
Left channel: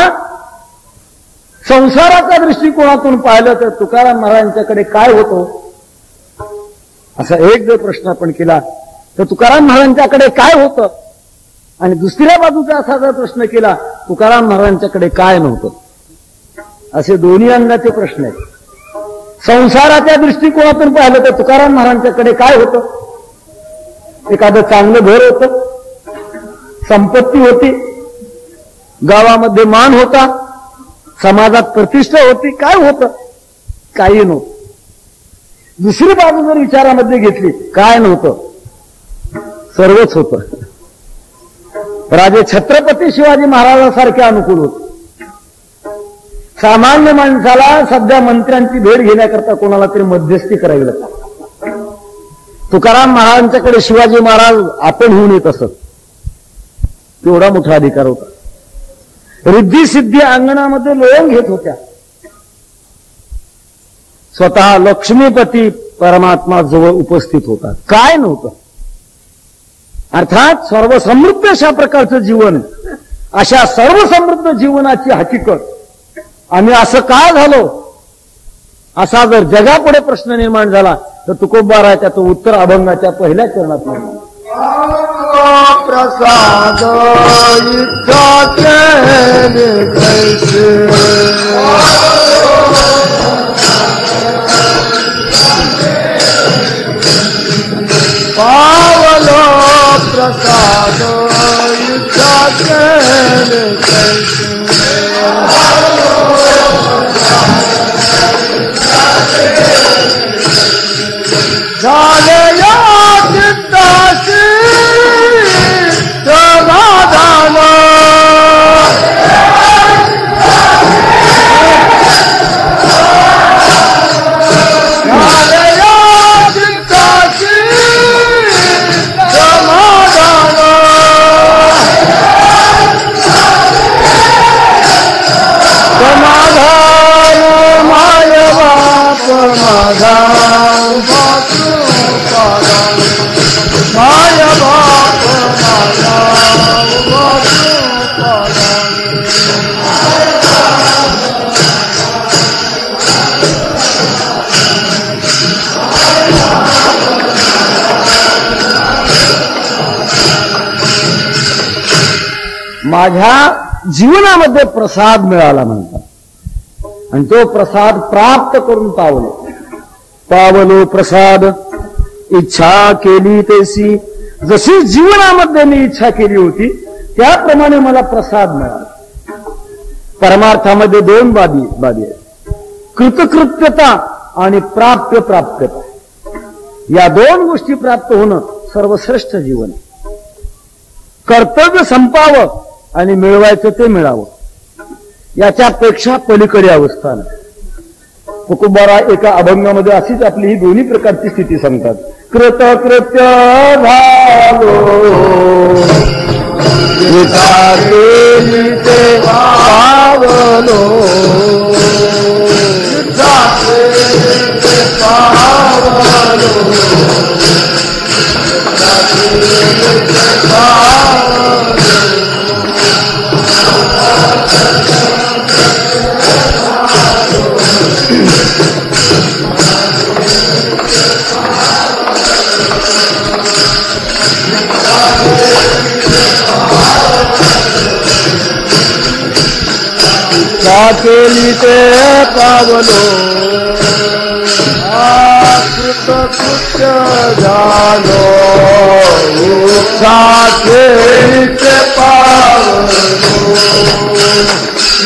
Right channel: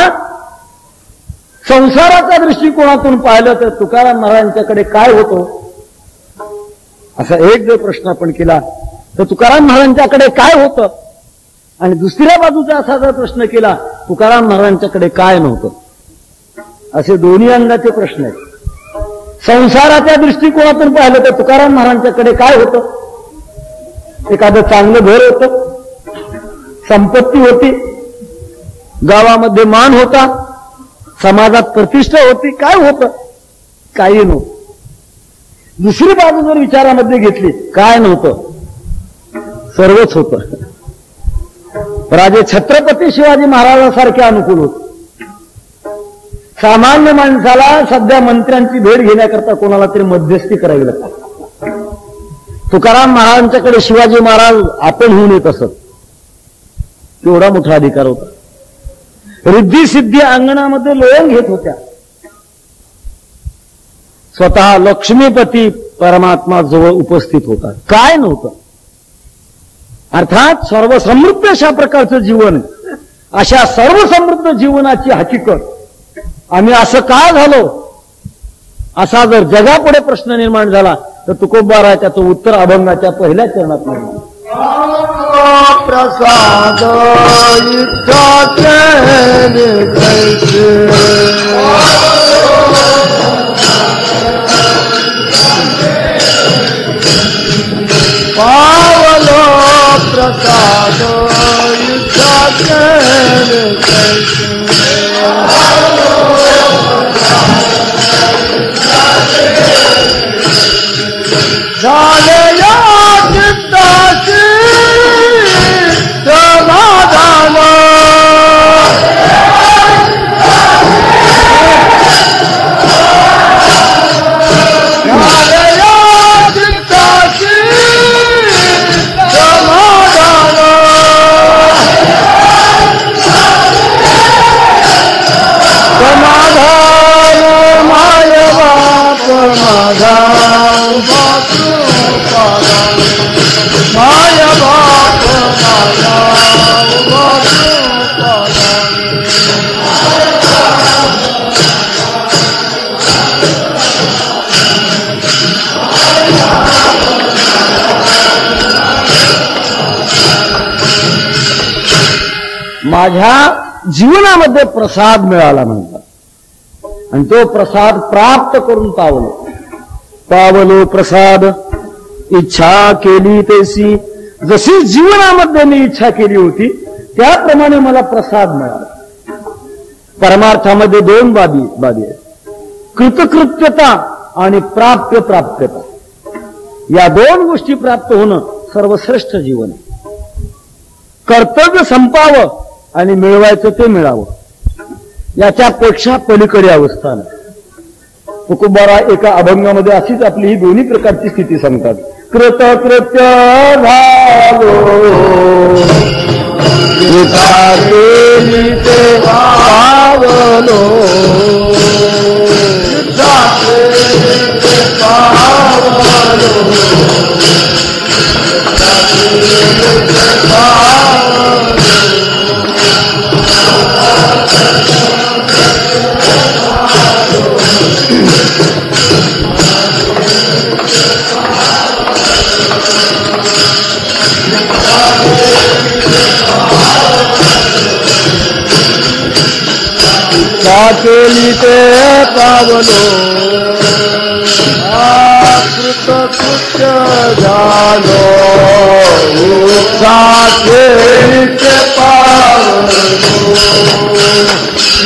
संसाराच्या दृष्टिकोनातून पाहिलं तर तुकाराम महाराजांच्याकडे काय होतं असा एक जर प्रश्न आपण केला तर तुकाराम महाराजांच्याकडे काय होतं आणि दुसऱ्या बाजूचा असा जर प्रश्न केला तुकाराम महाराजांच्याकडे काय नव्हतं. असे दोन्ही अंगाचे प्रश्न आहेत. संसाराच्या दृष्टिकोनातून पाहिलं तर तुकाराम महाराजांच्याकडे काय होतं. एखादं चांगलं घर होतं, संपत्ती होती, गावामध्ये मान होता, समाजात प्रतिष्ठा होती. काय होतं, काही नव्हतं. दुसरी बाजू जर विचारामध्ये घेतली काय नव्हतं, सर्वच होतं. राजे छत्रपती शिवाजी महाराजांसारखे अनुकूल होते. सामान्य माणसाला सध्या मंत्र्यांची भेट घेण्याकरता कोणाला तरी मध्यस्थी करावी लागते. तुकाराम महाराजांच्याकडे शिवाजी महाराज आपण होऊन येत असत. केवढा मोठा अधिकार होता. रिद्धी सिद्धी अंगणामध्ये लोळण घेत होत्या. स्वतः लक्ष्मीपती परमात्मा जवळ उपस्थित होता. काय नव्हतं. अर्थात सर्वसमृद्ध अशा प्रकारचं जीवन, अशा सर्वसमृद्ध जीवनाची हकीकत आम्ही असं का झालो, असा जर जगापुढे प्रश्न निर्माण झाला तर तुकोबा राय त्याचं उत्तर अभंगाच्या पहिल्या चरणात मिळणार. प्रसाद पावलो प्रसाद माझ्या जीवनामध्ये प्रसाद मिळाला म्हणतात. आणि तो प्रसाद प्राप्त करून पावलो प्रसाद इच्छा केली तैसी. जशी जीवनामध्ये मी इच्छा केली होती त्याप्रमाणे मला प्रसाद मिळाला. परमार्थामध्ये दोन बाबी आहेत, कृतकृत्यता आणि प्राप्यता. या दोन गोष्टी प्राप्त होणं सर्वश्रेष्ठ जीवन. कर्तव्य संपावं आणि मिळवायचं ते मिळावं, याच्यापेक्षा पलीकडे अवस्था नाही. तुकोबारा एका अभंगामध्ये अशीच आपली ही दोन्ही प्रकारची स्थिती सांगतात. कृतकृत्य झालो ते पावलो, केली ते पावलो, कृतकृत्य झालो इच्छा केली ते पावलो,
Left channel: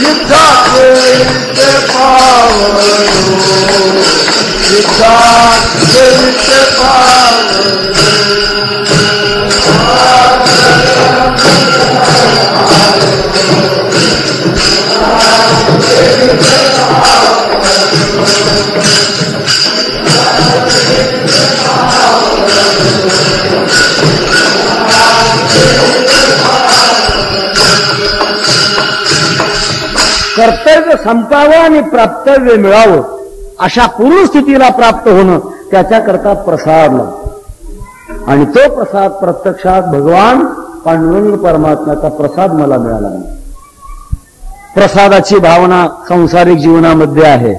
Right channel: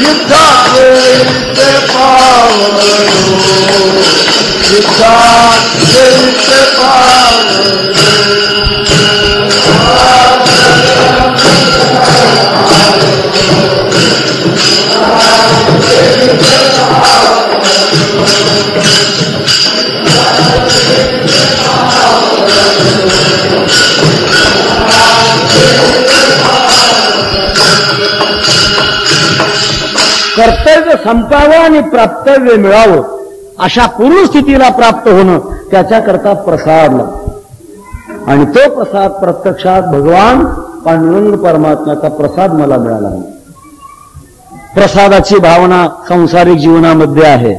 इच्छा केली ते पावलो, इच्छा केली ते पावलो. कर्तव्य संपावं आणि प्राप्तव्य मिळावं अशा पूर्ण स्थितीला प्राप्त होणं त्याच्याकरता प्रसाद लागतो. आणि तो प्रसाद प्रत्यक्षात भगवान पांडुरंग परमात्म्याचा प्रसाद मला मिळाला. प्रसादाची भावना सांसारिक जीवनामध्ये आहे.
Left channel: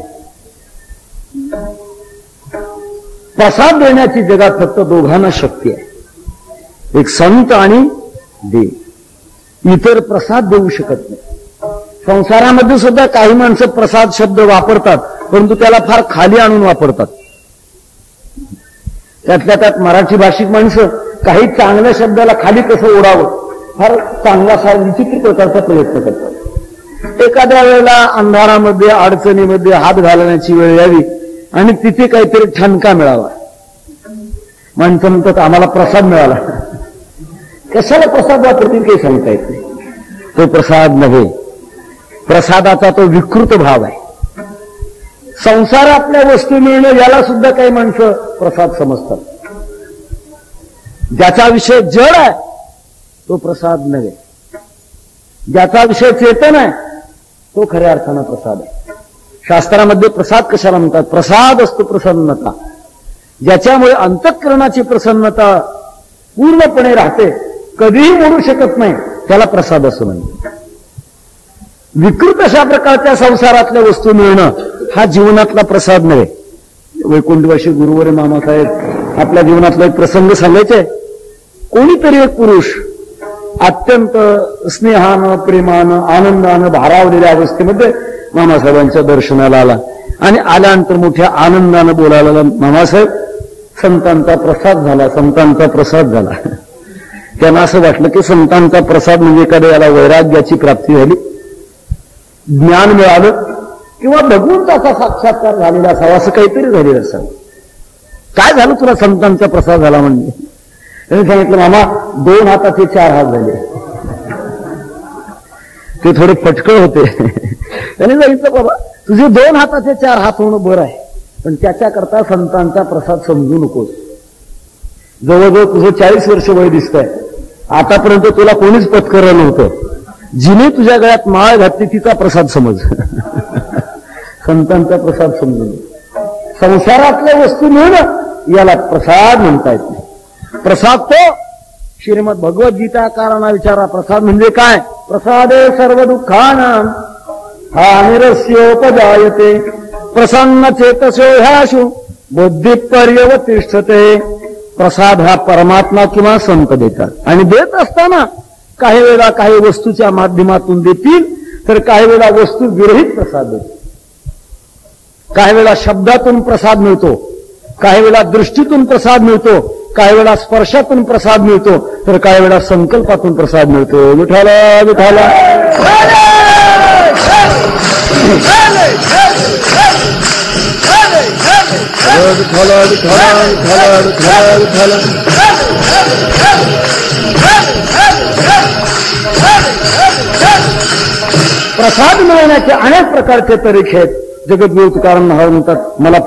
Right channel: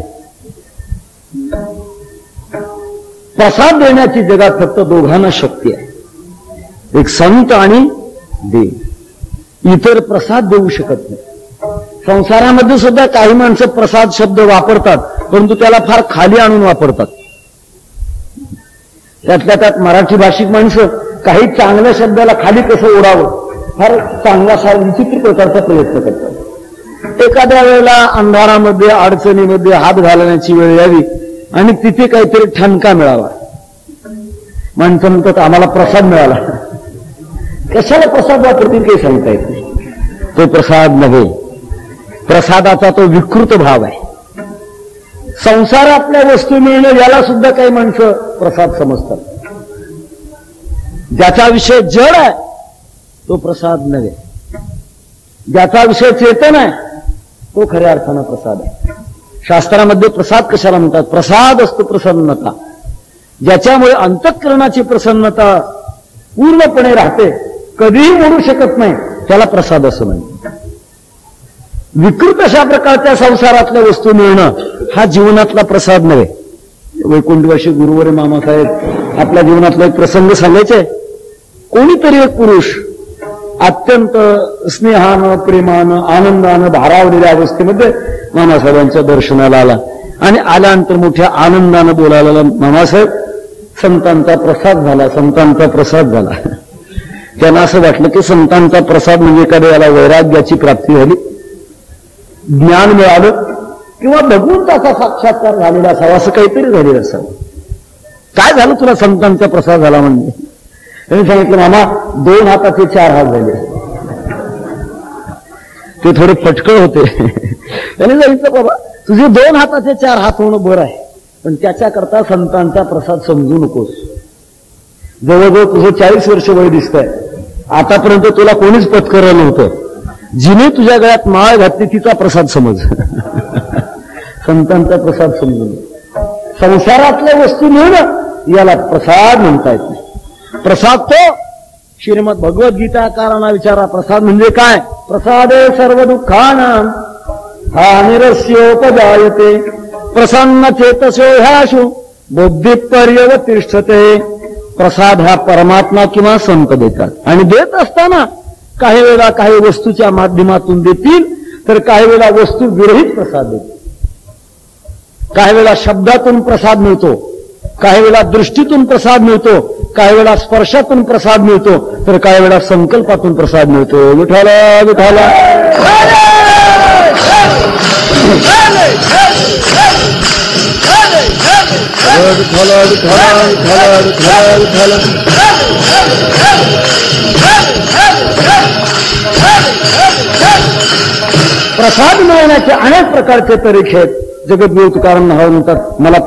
प्रसाद देण्याची जगात फक्त दोघांना शक्ती आहे, एक संत आणि देव. इतर प्रसाद देऊ शकत नाही. संसारामध्ये सुद्धा काही माणसं प्रसाद शब्द वापरतात, परंतु त्याला फार खाली आणून वापरतात. त्यातल्या त्यात मराठी भाषिक माणसं काही चांगल्या शब्दाला खाली कसं ओढावं फार चांगला विचित्र प्रकारचा प्रयत्न करतात. एखाद्या वेळेला अंधारामध्ये अडचणीमध्ये हात घालण्याची वेळ यावी आणि तिथे काहीतरी ठणका मिळावा. माणसं म्हणतात आम्हाला प्रसाद मिळाला. कशाला प्रसाद वापरतील काही सांगता येत नाही. तो प्रसाद नव्हे, प्रसादाचा तो विकृत भाव आहे. संसारातल्या वस्तू मिळणं याला सुद्धा काही माणसं प्रसाद समजतात. ज्याचा विषय जड आहे तो प्रसाद नव्हे, ज्याचा विषय चेतन आहे तो खऱ्या अर्थानं प्रसाद आहे. शास्त्रामध्ये प्रसाद कशाला म्हणतात? प्रसाद असतो प्रसन्नता, ज्याच्यामुळे अंतःकरणाची प्रसन्नता पूर्णपणे राहते, कधीही म्हणू शकत नाही, त्याला प्रसाद असं म्हणतात. विकृत अशा प्रकारच्या संसारातल्या वस्तू मिळणं हा जीवनातला प्रसाद नव्हे. वैकुंठवासी गुरुवर मामासाहेब आपल्या जीवनातला एक प्रसंग सांगायचे. कोणीतरी एक पुरुष अत्यंत स्नेहानं, प्रेमानं, आनंदानं भारावलेल्या अवस्थेमध्ये मामासाहेबांच्या दर्शनाला आला आणि आल्यानंतर मोठ्या आनंदानं बोलायला, मामासाहेब संतांचा प्रसाद झाला, संतांचा प्रसाद झाला. त्यांना असं वाटलं की संतांचा प्रसाद म्हणजे एखाद्या याला वैराग्याची प्राप्ती झाली, ज्ञान मिळालं किंवा भगवंताचा साक्षात्कार झालेला असावा, असं काहीतरी झालेलं असावं. काय झालं तुला संतांचा प्रसाद झाला म्हणजे? त्यांनी सांगितलं, मामा 2 हाताचे 4 हात झाले. ते थोडे फटकळ होते. त्यांनी सांगितलं, बाबा तुझे 2 हाताचे 4 हात होणं बरं आहे, पण त्याच्याकरता संतांचा प्रसाद समजू नकोस. जवळजवळ तुझं 40 वर्ष वय दिसतंय, आतापर्यंत तुला कोणीच पत्करलं नव्हतं. जिने तुझ्या गळ्यात माळ घातली तिचा प्रसाद समज. संतांचा प्रसाद समजून. संसारातल्या वस्तू मिळणं याला प्रसाद म्हणता येत नाही. प्रसाद तो श्रीमद भगवद्गीताकारांना विचारा, प्रसाद म्हणजे काय? प्रसादे सर्व दुःखानां हानिरस्योपजायते प्रसन्न चेतसो ह्याशु बुद्धी पर्यवतिष्ठते. प्रसाद हा परमात्मा किंवा संत देतात आणि देत असताना काही वेळा काही वस्तूच्या माध्यमातून देतील, तर काही वेळा वस्तू विरहित प्रसाद देतील. काही वेळा शब्दातून प्रसाद मिळतो, काही वेळा दृष्टीतून प्रसाद मिळतो, काही वेळा स्पर्शातून प्रसाद मिळतो, तर काही वेळा संकल्पातून प्रसाद मिळतो. विठाला विठाला प्रसाद मिळवण्याचे अनेक प्रकारचे तरीके आहेत. जगद्गुरु तुकाराम महाराज म्हणतात, मला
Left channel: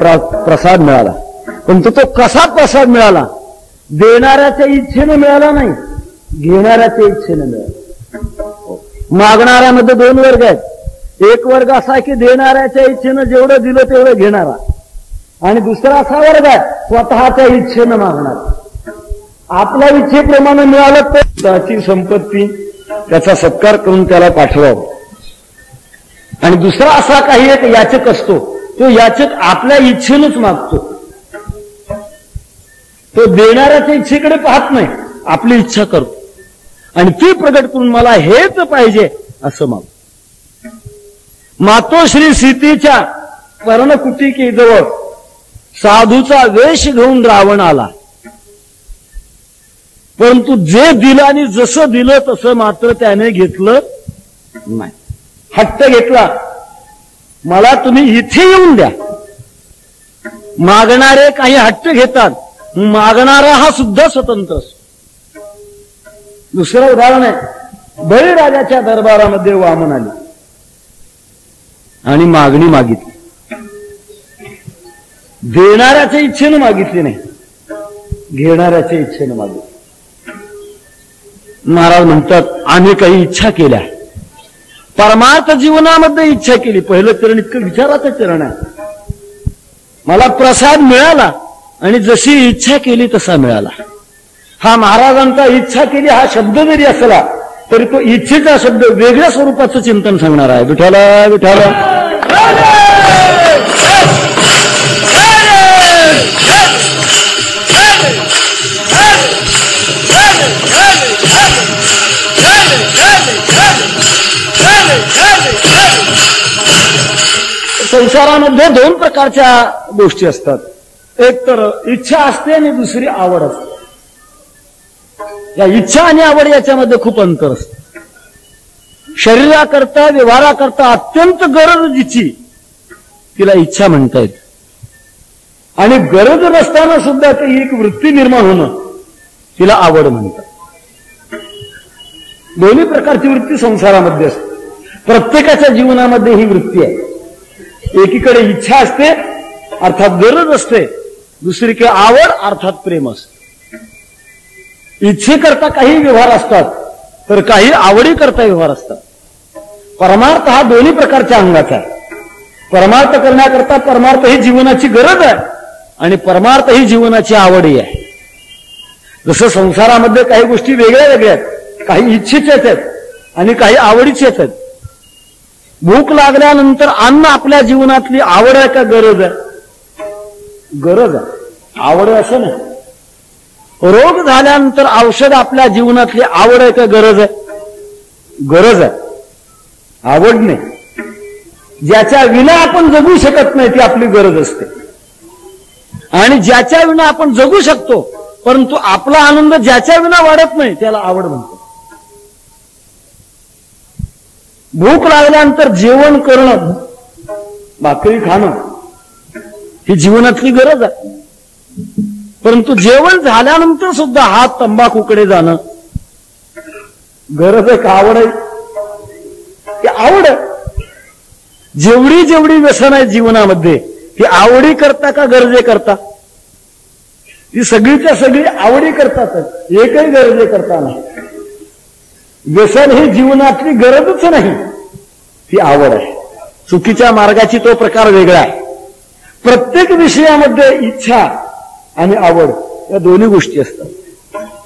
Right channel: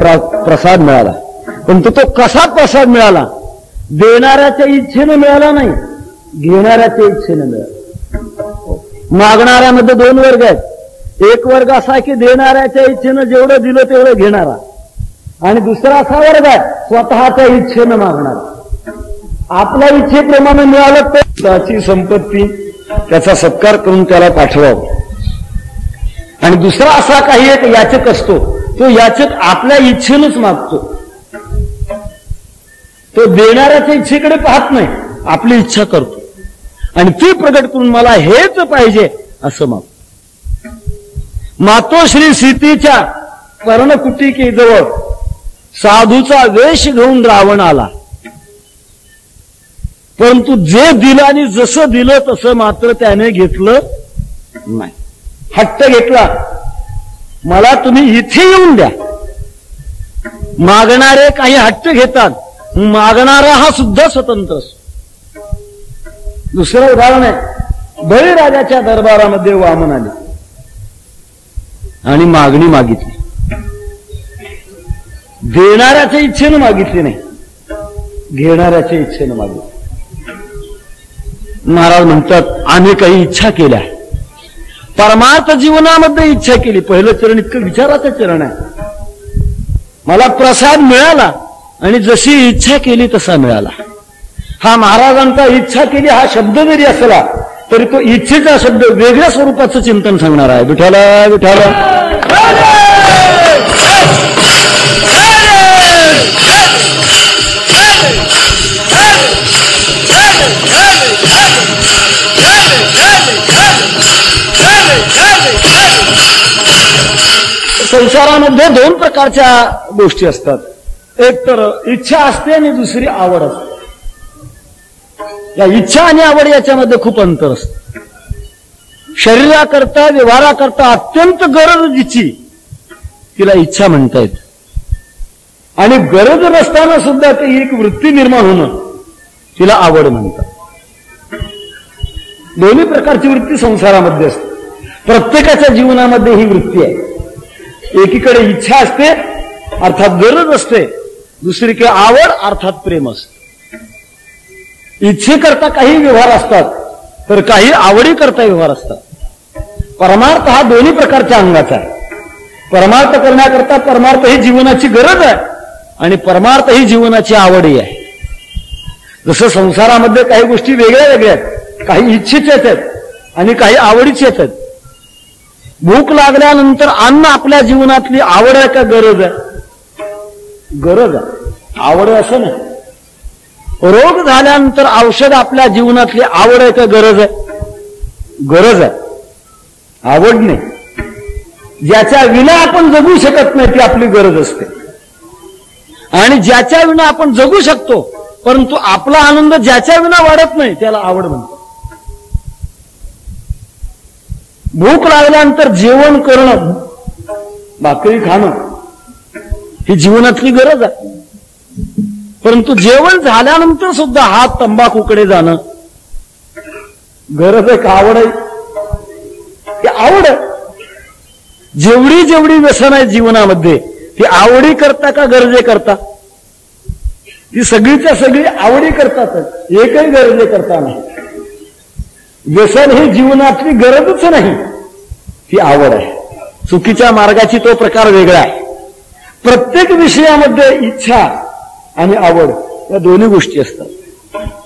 प्रसाद मिळाला, पण तो कसा प्रसाद मिळाला? देणाऱ्याच्या इच्छेनं मिळाला नाही, घेणाऱ्याच्या इच्छेनं मिळाला. मागणाऱ्यामध्ये 2 वर्ग आहेत. एक वर्ग असा की देणाऱ्याच्या इच्छेनं जेवढं दिलं तेवढं घेणारा, आणि दुसरा असा वर्ग आहे स्वतःच्या इच्छेनं मागणारा. आपल्या इच्छेप्रमाणे मिळालं तर त्याची संपत्ती, त्याचा सत्कार करून त्याला पाठवावं. आणि दुसरा असा काही एक याचक असतो, तो याचक आपल्या इच्छेनंच मागतो. तो देणाऱ्याच्या इच्छेकडे पाहत नाही, आपली इच्छा करतो आणि ती प्रगट करून मला हेच पाहिजे असं मागतो. मातोश्री सीतेच्या पर्णकुटिकेजवळ साधूचा वेश घेऊन रावण आला, परंतु जे दिलं आणि जसं दिलं तसं मात्र त्याने घेतलं नाही. हट्ट घेतला, मला तुम्ही इथे येऊन द्या. मागणारे काही हट्ट घेतात, मागणारा हा सुद्धा स्वतंत्र असतो. दुसरं उदाहरण आहे, बळीराजाच्या दरबारामध्ये वामन आले आणि मागणी मागितली. देणाऱ्याच्या इच्छेनं मागितली नाही, घेणाऱ्याच्या इच्छेनं मागितली. महाराज म्हणतात, आम्ही काही इच्छा केल्या, परमार्थ जीवनामध्ये इच्छा केली. पहिलं चरण इतकं विचाराचं चरण आहे. मला प्रसाद मिळाला आणि जशी इच्छा केली तसा मिळाला. हा महाराजांचा इच्छा केली हा शब्द जरी असला तरी तो इच्छेचा शब्द वेगळ्या स्वरूपाचं चिंतन सांगणार आहे. विठाला विठाला संसारामध्ये 2 प्रकारच्या गोष्टी असतात. एक तर इच्छा असते आणि दुसरी आवड असते. या इच्छा आणि आवड याच्यामध्ये खूप अंतर असतं. शरीराकरता व्यवहाराकरता अत्यंत गरज जिची तिला इच्छा म्हणता येते, आणि गरज नसताना सुद्धा ती एक वृत्ती निर्माण होणं तिला आवड म्हणतात. दोन्ही प्रकारची वृत्ती संसारामध्ये असते. प्रत्येकाच्या जीवनामध्ये ही वृत्ती आहे. एकीकडे इच्छा असते अर्थात गरज असते, दुसरीकडे आवड अर्थात प्रेम असते. इच्छेकरता काही व्यवहार असतात तर काही आवडीकरता व्यवहार असतात. परमार्थ हा दोन्ही प्रकारच्या अंगाचा आहे. परमार्थ करण्याकरता परमार्थ ही जीवनाची गरज आहे आणि परमार्थ ही जीवनाची आवडही आहे. जसं संसारामध्ये काही गोष्टी वेगळ्या वेगळ्या आहेत, काही इच्छेच्याच आहेत आणि काही आवडीच्याच आहेत. भूक लागल्यानंतर अन्न आपल्या जीवनातली आवड आहे का गरज आहे? गरज आहे, आवड आहे असं नाही. रोग झाल्यानंतर औषध आपल्या जीवनातली आवड आहे का गरज आहे? गरज आहे, आवड नाही. ज्याच्या विना आपण जगू शकत नाही ती आपली गरज असते. आणि ज्याच्या विना आपण जगू शकतो परंतु आपला आनंद ज्याच्या विना वाढत नाही त्याला आवड म्हणतात. भूक लागल्यानंतर जेवण करणं, भाकरी खाणं ही जीवनातली गरज आहे. परंतु जेवण झाल्यानंतर सुद्धा हात तंबाखूकडे जाणं गरज आहे का आवड आहे? ती आवड आहे. जेवढी जेवढी व्यसन आहे जीवनामध्ये ती आवडी करता का गरजे करता? ती सगळीच्या सगळी आवडी करतातच, एकही गरजे करता नाही. व्यसन ही जीवनातली गरजच नाही, ती आवड आहे. चुकीच्या मार्गाची तो प्रकार वेगळा आहे. प्रत्येक विषयामध्ये इच्छा आणि आवड या दोन्ही गोष्टी असतात.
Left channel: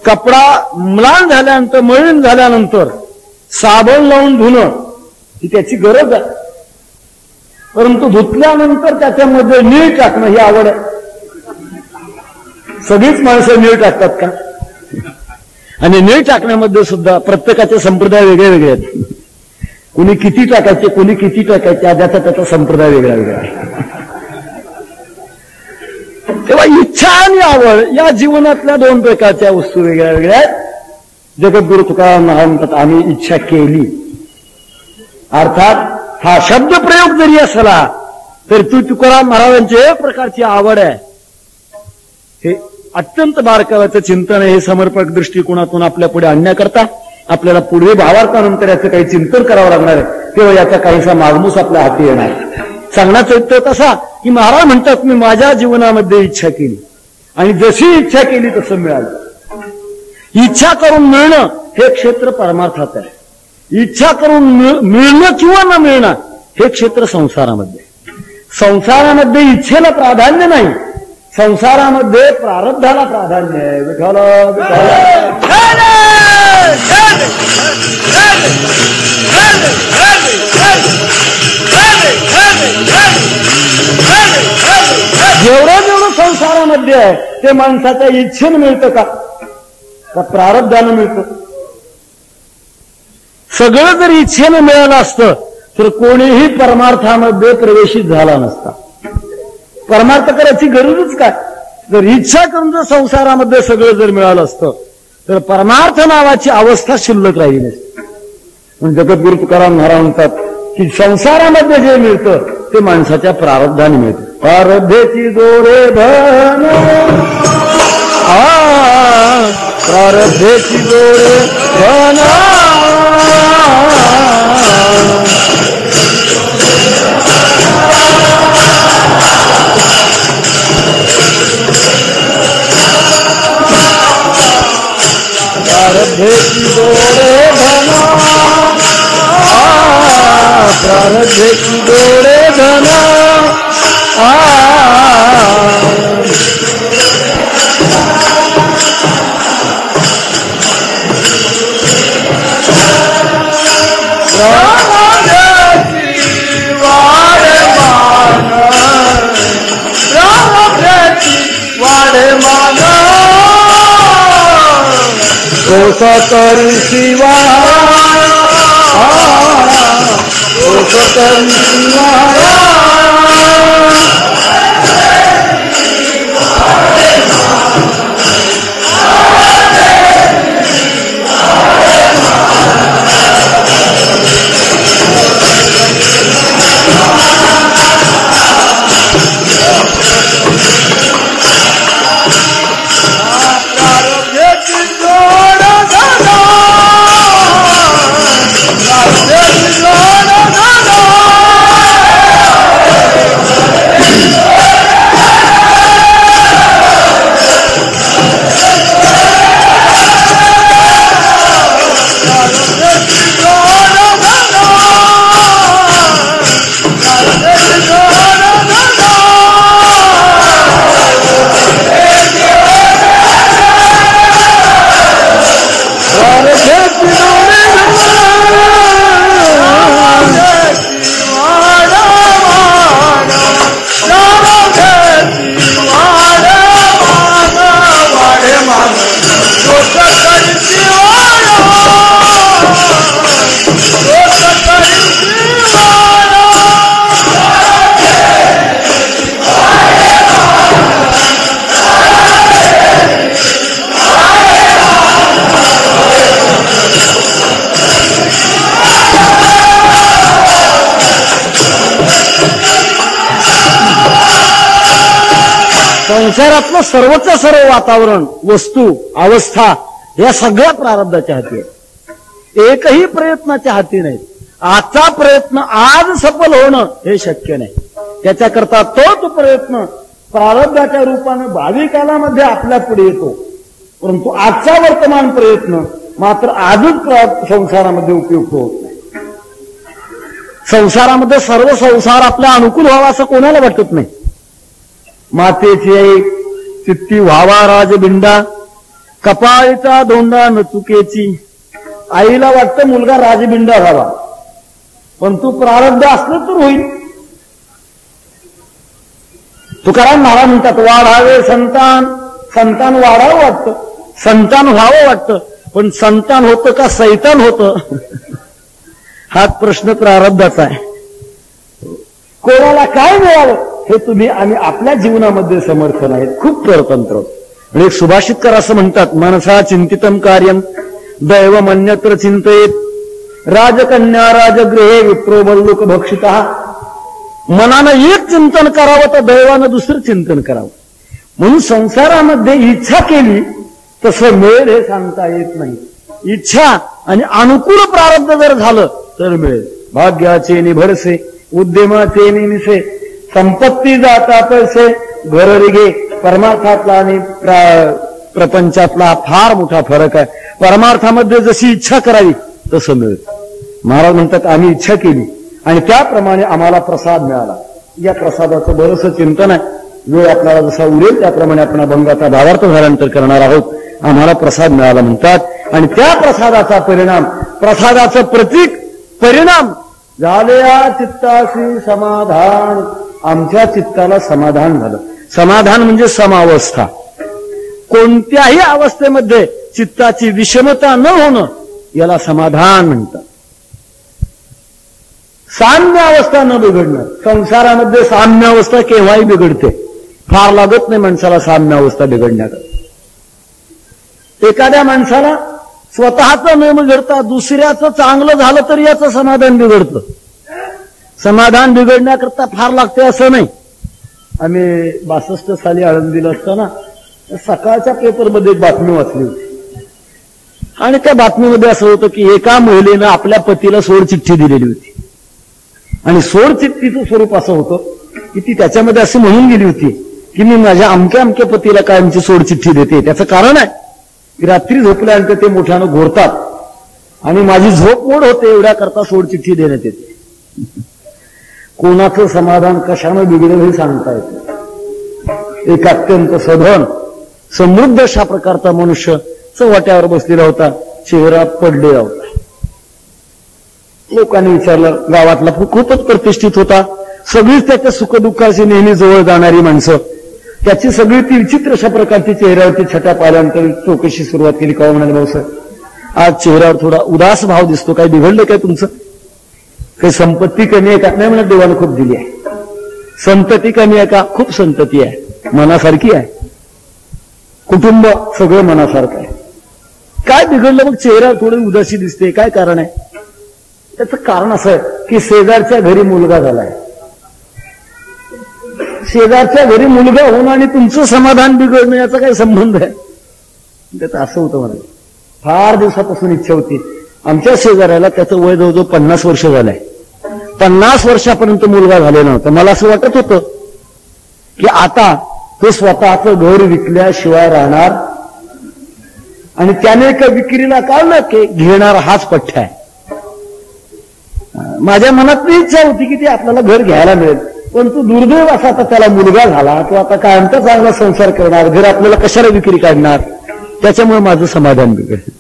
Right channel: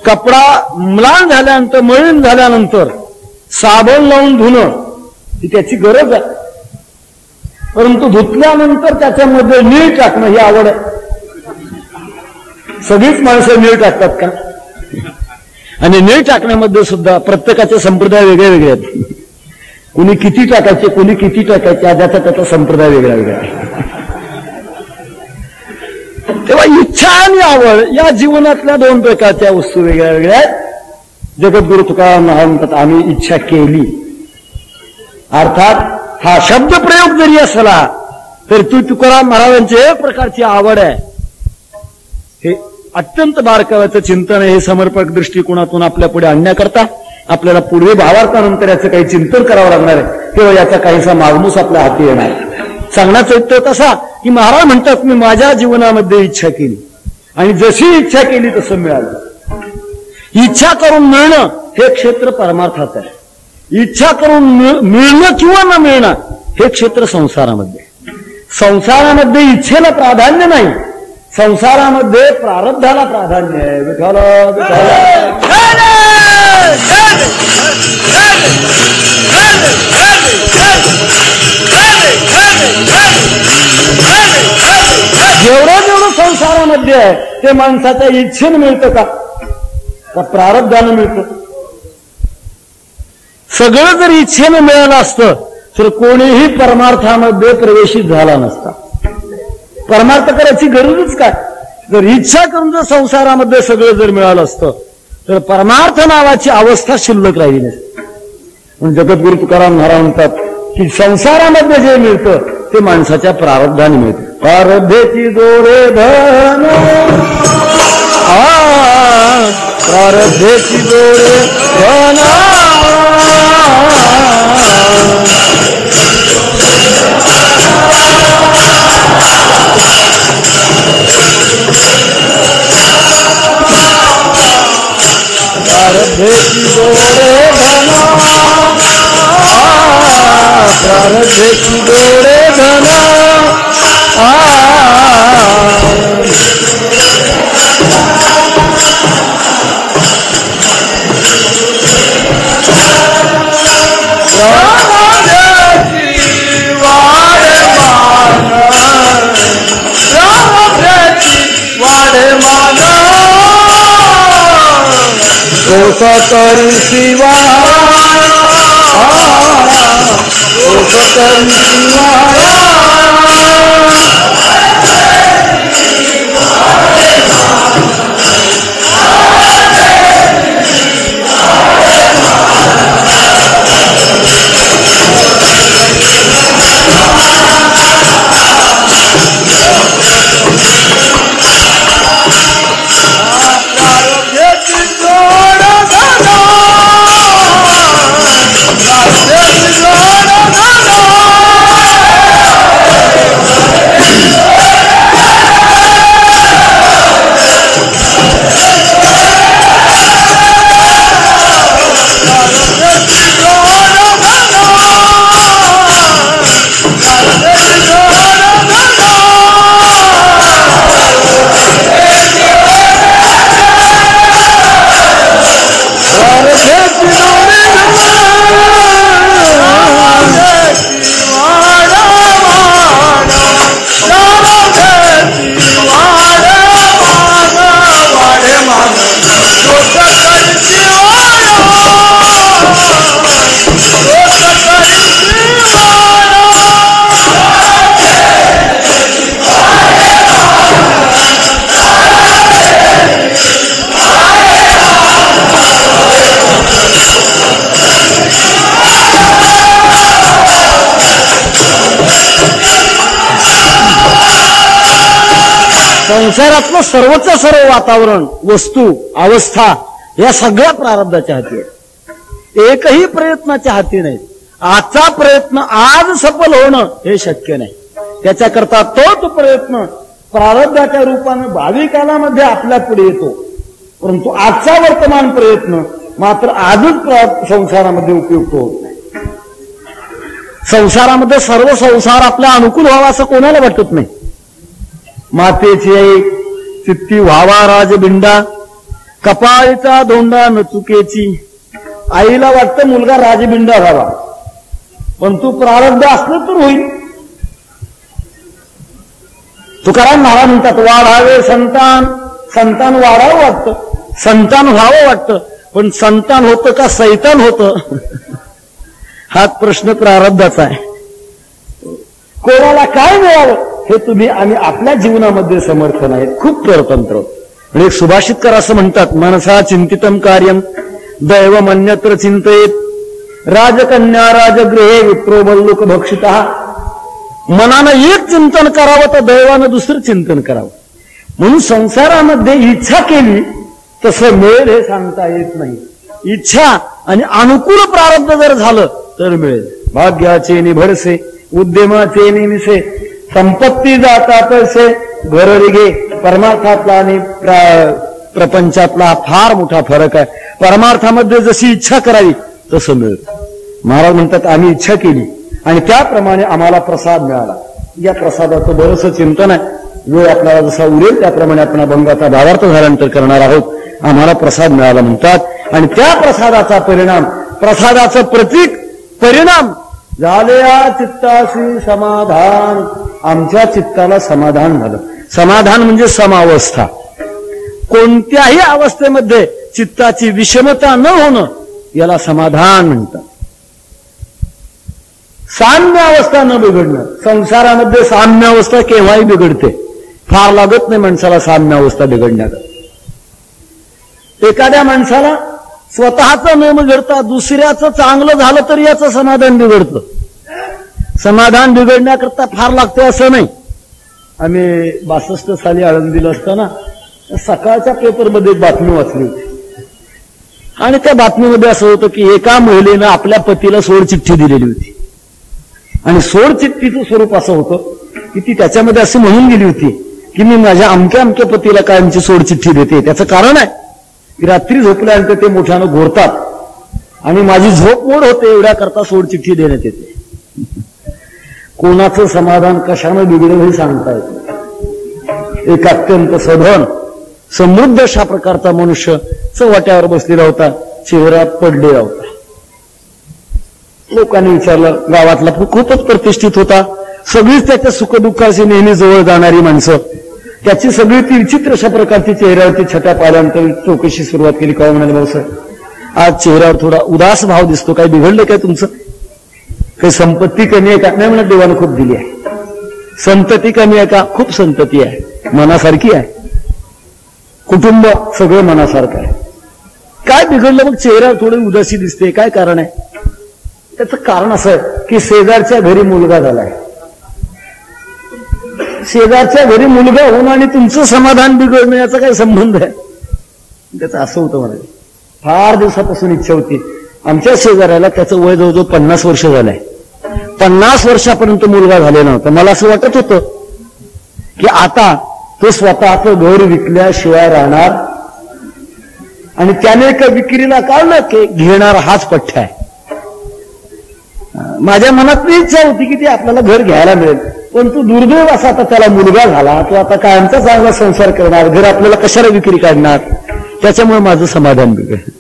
कपडा म्लान झाल्यानंतर, मळीन झाल्यानंतर साबण लावून धुणं ही त्याची गरज आहे. परंतु धुतल्यानंतर त्याच्यामध्ये नीळ टाकणं ही आवड आहे. सगळीच माणसं नीळ टाकतात का? आणि नीळ टाकण्यामध्ये सुद्धा प्रत्येकाचे संप्रदाय वेगळे वेगळे आहेत. कोणी किती टाकायचे, कोणी किती टाकायचे, ज्याचा त्याचा संप्रदाय वेगळा वेगळा आहे. तेव्हा इच्छा आणि आवड या जीवनातल्या दोन प्रकारच्या वस्तू वेगळ्या वेगळ्या आहेत. जगद्गुरु तुकाराम महाराज म्हणतात आम्ही इच्छा केली. अर्थात हा शब्द प्रयोग जरी असला तर ती तुकाराम महाराजांची एक प्रकारची आवड आहे. हे अत्यंत बारकाव्याचं चिंतन आहे. हे समर्पक दृष्टिकोनातून आपल्या पुढे आणण्याकरता आपल्याला पुढे भावार्थानंतर याचं काही चिंतन करावं लागणार आहे. तेव्हा याचा काहीसा मागमूस आपल्या हाती येणार आहे. सांगण्याचा उत्तर तसा की महाराज म्हणतात मी माझ्या जीवनामध्ये इच्छा केली आणि जशी इच्छा केली तसं मिळालं. इच्छा करून मिळणं हे क्षेत्र परमार्थात आहे. इच्छा करून मिळणं किंवा न मिळणं हे क्षेत्र संसारामध्ये. संसारामध्ये इच्छेला प्राधान्य नाही, संसारामध्ये प्रारब्धाला प्राधान्य आहे. जेवढं जेवढं संसारामध्ये आहे ते माणसाच्या इच्छेनं मिळतं का प्रारब्धानं मिळतं? सगळं जर इच्छेनं मिळालं असतं तर कोणीही परमार्थामध्ये प्रवेशित झाला नसता. परमार्थ करायची गरजच काय? जर इच्छा करून जर संसारामध्ये सगळं जर मिळालं असतं तर परमार्थ नावाची अवस्था शिल्लक राहिली नसते. जगद्गुरु तुकाराम महाराज म्हणतात की संसारामध्ये जे मिळतं ते माणसाच्या प्रारब्धाने मिळतं. प्रारब्धेची जोरे धन, प्रारब्धेची जोरे धन, प्रारब्धेची जोरे धन, प्रारब्धेची जोरे धन, करी शिवाय, करी शिवाय, संसारातलं सर्वच सर्व वातावरण, वस्तू, अवस्था या सगळ्या प्रारब्धाच्या हाती आहेत. एकही प्रयत्नाच्या हाती नाहीत. आजचा प्रयत्न आज सफल होणं हे शक्य नाही. त्याच्याकरता तोच प्रयत्न प्रारब्धाच्या रूपाने भावी कालामध्ये आपल्या पुढे येतो. परंतु आजचा वर्तमान प्रयत्न मात्र आजच संसारामध्ये उपयुक्त होत नाही. संसारामध्ये सर्व संसार आपल्या अनुकूल व्हावा असं कोणाला वाटत नाही. मातेची आई चित्ती व्हावा राजबिंडा, कपाळीचा धोंडा न चुकेची. आईला वाटतं मुलगा राजबिंडा व्हावा, पण तू प्रारब्ध असलं तर होईल. तुकाराम महाराज म्हणतात वाढावे संतान, संतान वाढावं वाटतं, संतान व्हावं वाटतं, पण संतान होतं का सैतान होतं हाच प्रश्न प्रारब्धाचा आहे. कोणाला काय मिळावं हे तुम्ही आणि आपल्या जीवनामध्ये समर्थ नाहीत. खूप परतंत्र. एक सुभाषितकर असं म्हणतात, मनसा चिंतितम कार्यम दैवमन्यत्र चिंतयेत, राजकन्या राजगृहे विप्रो बल्लुक भक्षिता. मनानं एक चिंतन करावं तर दैवानं दुसरं चिंतन करावं. म्हणून संसारामध्ये इच्छा केली तसं मिळेल हे सांगता येत नाही. इच्छा आणि अनुकूल प्रारब्ध जर झालं तर मिळेल. भाग्याचे निभरसे उद्यमाचे निमिसे, संपत्ती जाता पैसे घर रिगे. परमार्थातला आणि प्रपंचातला फार मोठा फरक आहे. परमार्थामध्ये जशी इच्छा करावी तसं मिळतं. महाराज म्हणतात आम्ही इच्छा केली आणि त्याप्रमाणे आम्हाला प्रसाद मिळाला. या प्रसादाचं बरंचसं चिंतन आहे. वेळ आपल्याला जसा उरेल त्याप्रमाणे आपण अभंगाचा भावार्थ झाल्यानंतर करणार आहोत. आम्हाला प्रसाद मिळाला म्हणतात आणि त्या प्रसादाचा परिणाम, प्रसादाचं प्रतीक परिणाम झाले या चित्ताशी समाधान. आमच्या चित्ताला समाधान झालं. समाधान म्हणजे समावस्था. कोणत्याही अवस्थेमध्ये चित्ताची विषमता न होणं याला समाधान म्हणतात. साम्य अवस्था न बिघडणं. संसारामध्ये साम्य अवस्था केव्हाही बिघडते. फार लागत नाही माणसाला साम्य अवस्था बिघडण्यात. एखाद्या माणसाला स्वतःचं न बिघडता दुसऱ्याचं चांगलं झालं तरी याचं समाधान बिघडतं. समाधान बिघडण्याकरता फार लागतं असं नाही. आम्ही 62 साली आळंदीला असताना सकाळच्या पेपरमध्ये एक बातमी वाचली होती आणि त्या बातमीमध्ये असं होतं की एका महिलेनं आपल्या पतीला सोडचिठ्ठी दिलेली होती आणि सोडचिठ्ठीचं स्वरूप असं होतं की ती त्याच्यामध्ये असं म्हणून गेली होती की मी माझ्या अमक्या अमक्या पतीला कायमची सोडचिठ्ठी देते. त्याचं कारण आहे की रात्री झोपल्यानंतर ते मोठ्यानं घोरतात आणि माझी झोप मोड होते एवढ्या करता सोडचिठ्ठी देण्यात येते. कोणाचं समाधान कशानं बिघडेल हे सांगता येत. एक अत्यंत सधन समृद्ध अशा प्रकारचा मनुष्य चव्हाट्यावर बसलेला होता, चेहऱ्यात पडलेला होता. लोकांनी विचारलं, गावातला खूपच प्रतिष्ठित होता, सगळीच त्याच्या सुखदुःखाशी नेहमी जवळ जाणारी माणसं. त्याची सगळी ती विचित्र अशा प्रकारची चेहऱ्यावरती छटा पाहिल्यानंतर चौकशी सुरुवात केली. काय म्हणाले, भाऊसाहेब आज चेहऱ्यावर थोडा उदास भाव दिसतो, काही बिघडलं काय तुमचं? काही संपत्ती कमी आहे का? नाही म्हणत, देवानं खूप दिली आहे. संतती कमी आहे का? खूप संतती आहे, मनासारखी आहे. कुटुंब सगळं मनासारखं आहे. काय बिघडलं मग चेहरा थोडी उदासी दिसते? काय कारण आहे? त्याचं कारण असं आहे की शेजारच्या घरी मुलगा झालाय. शेजारच्या घरी मुलगा होणं आणि तुमचं समाधान बिघडणं याचा काय संबंध आहे? त्याचं असं होतं मला, फार दिवसापासून इच्छा होती. आमच्या शेजाऱ्याला त्याचं वय जवळजवळ 50 वर्ष झालंय. 50 वर्षापर्यंत मुलगा झालेला नव्हता. मला असं वाटत होतं की आता ते स्वतःचं घर विकल्याशिवाय राहणार आणि त्याने एका विक्रीला काढलं की घेणार हाच पठ्ठा आहे. माझ्या मनात इच्छा होती की ते आपल्याला घर घ्यायला मिळेल, पण तू दुर्दैव असा आता त्याला मुलगा झाला, तो आता कायमचा चांगला संसार करणार, घर आपल्याला कशाला विक्री काढणार. त्याच्यामुळे माझं समाधान बिघडलं.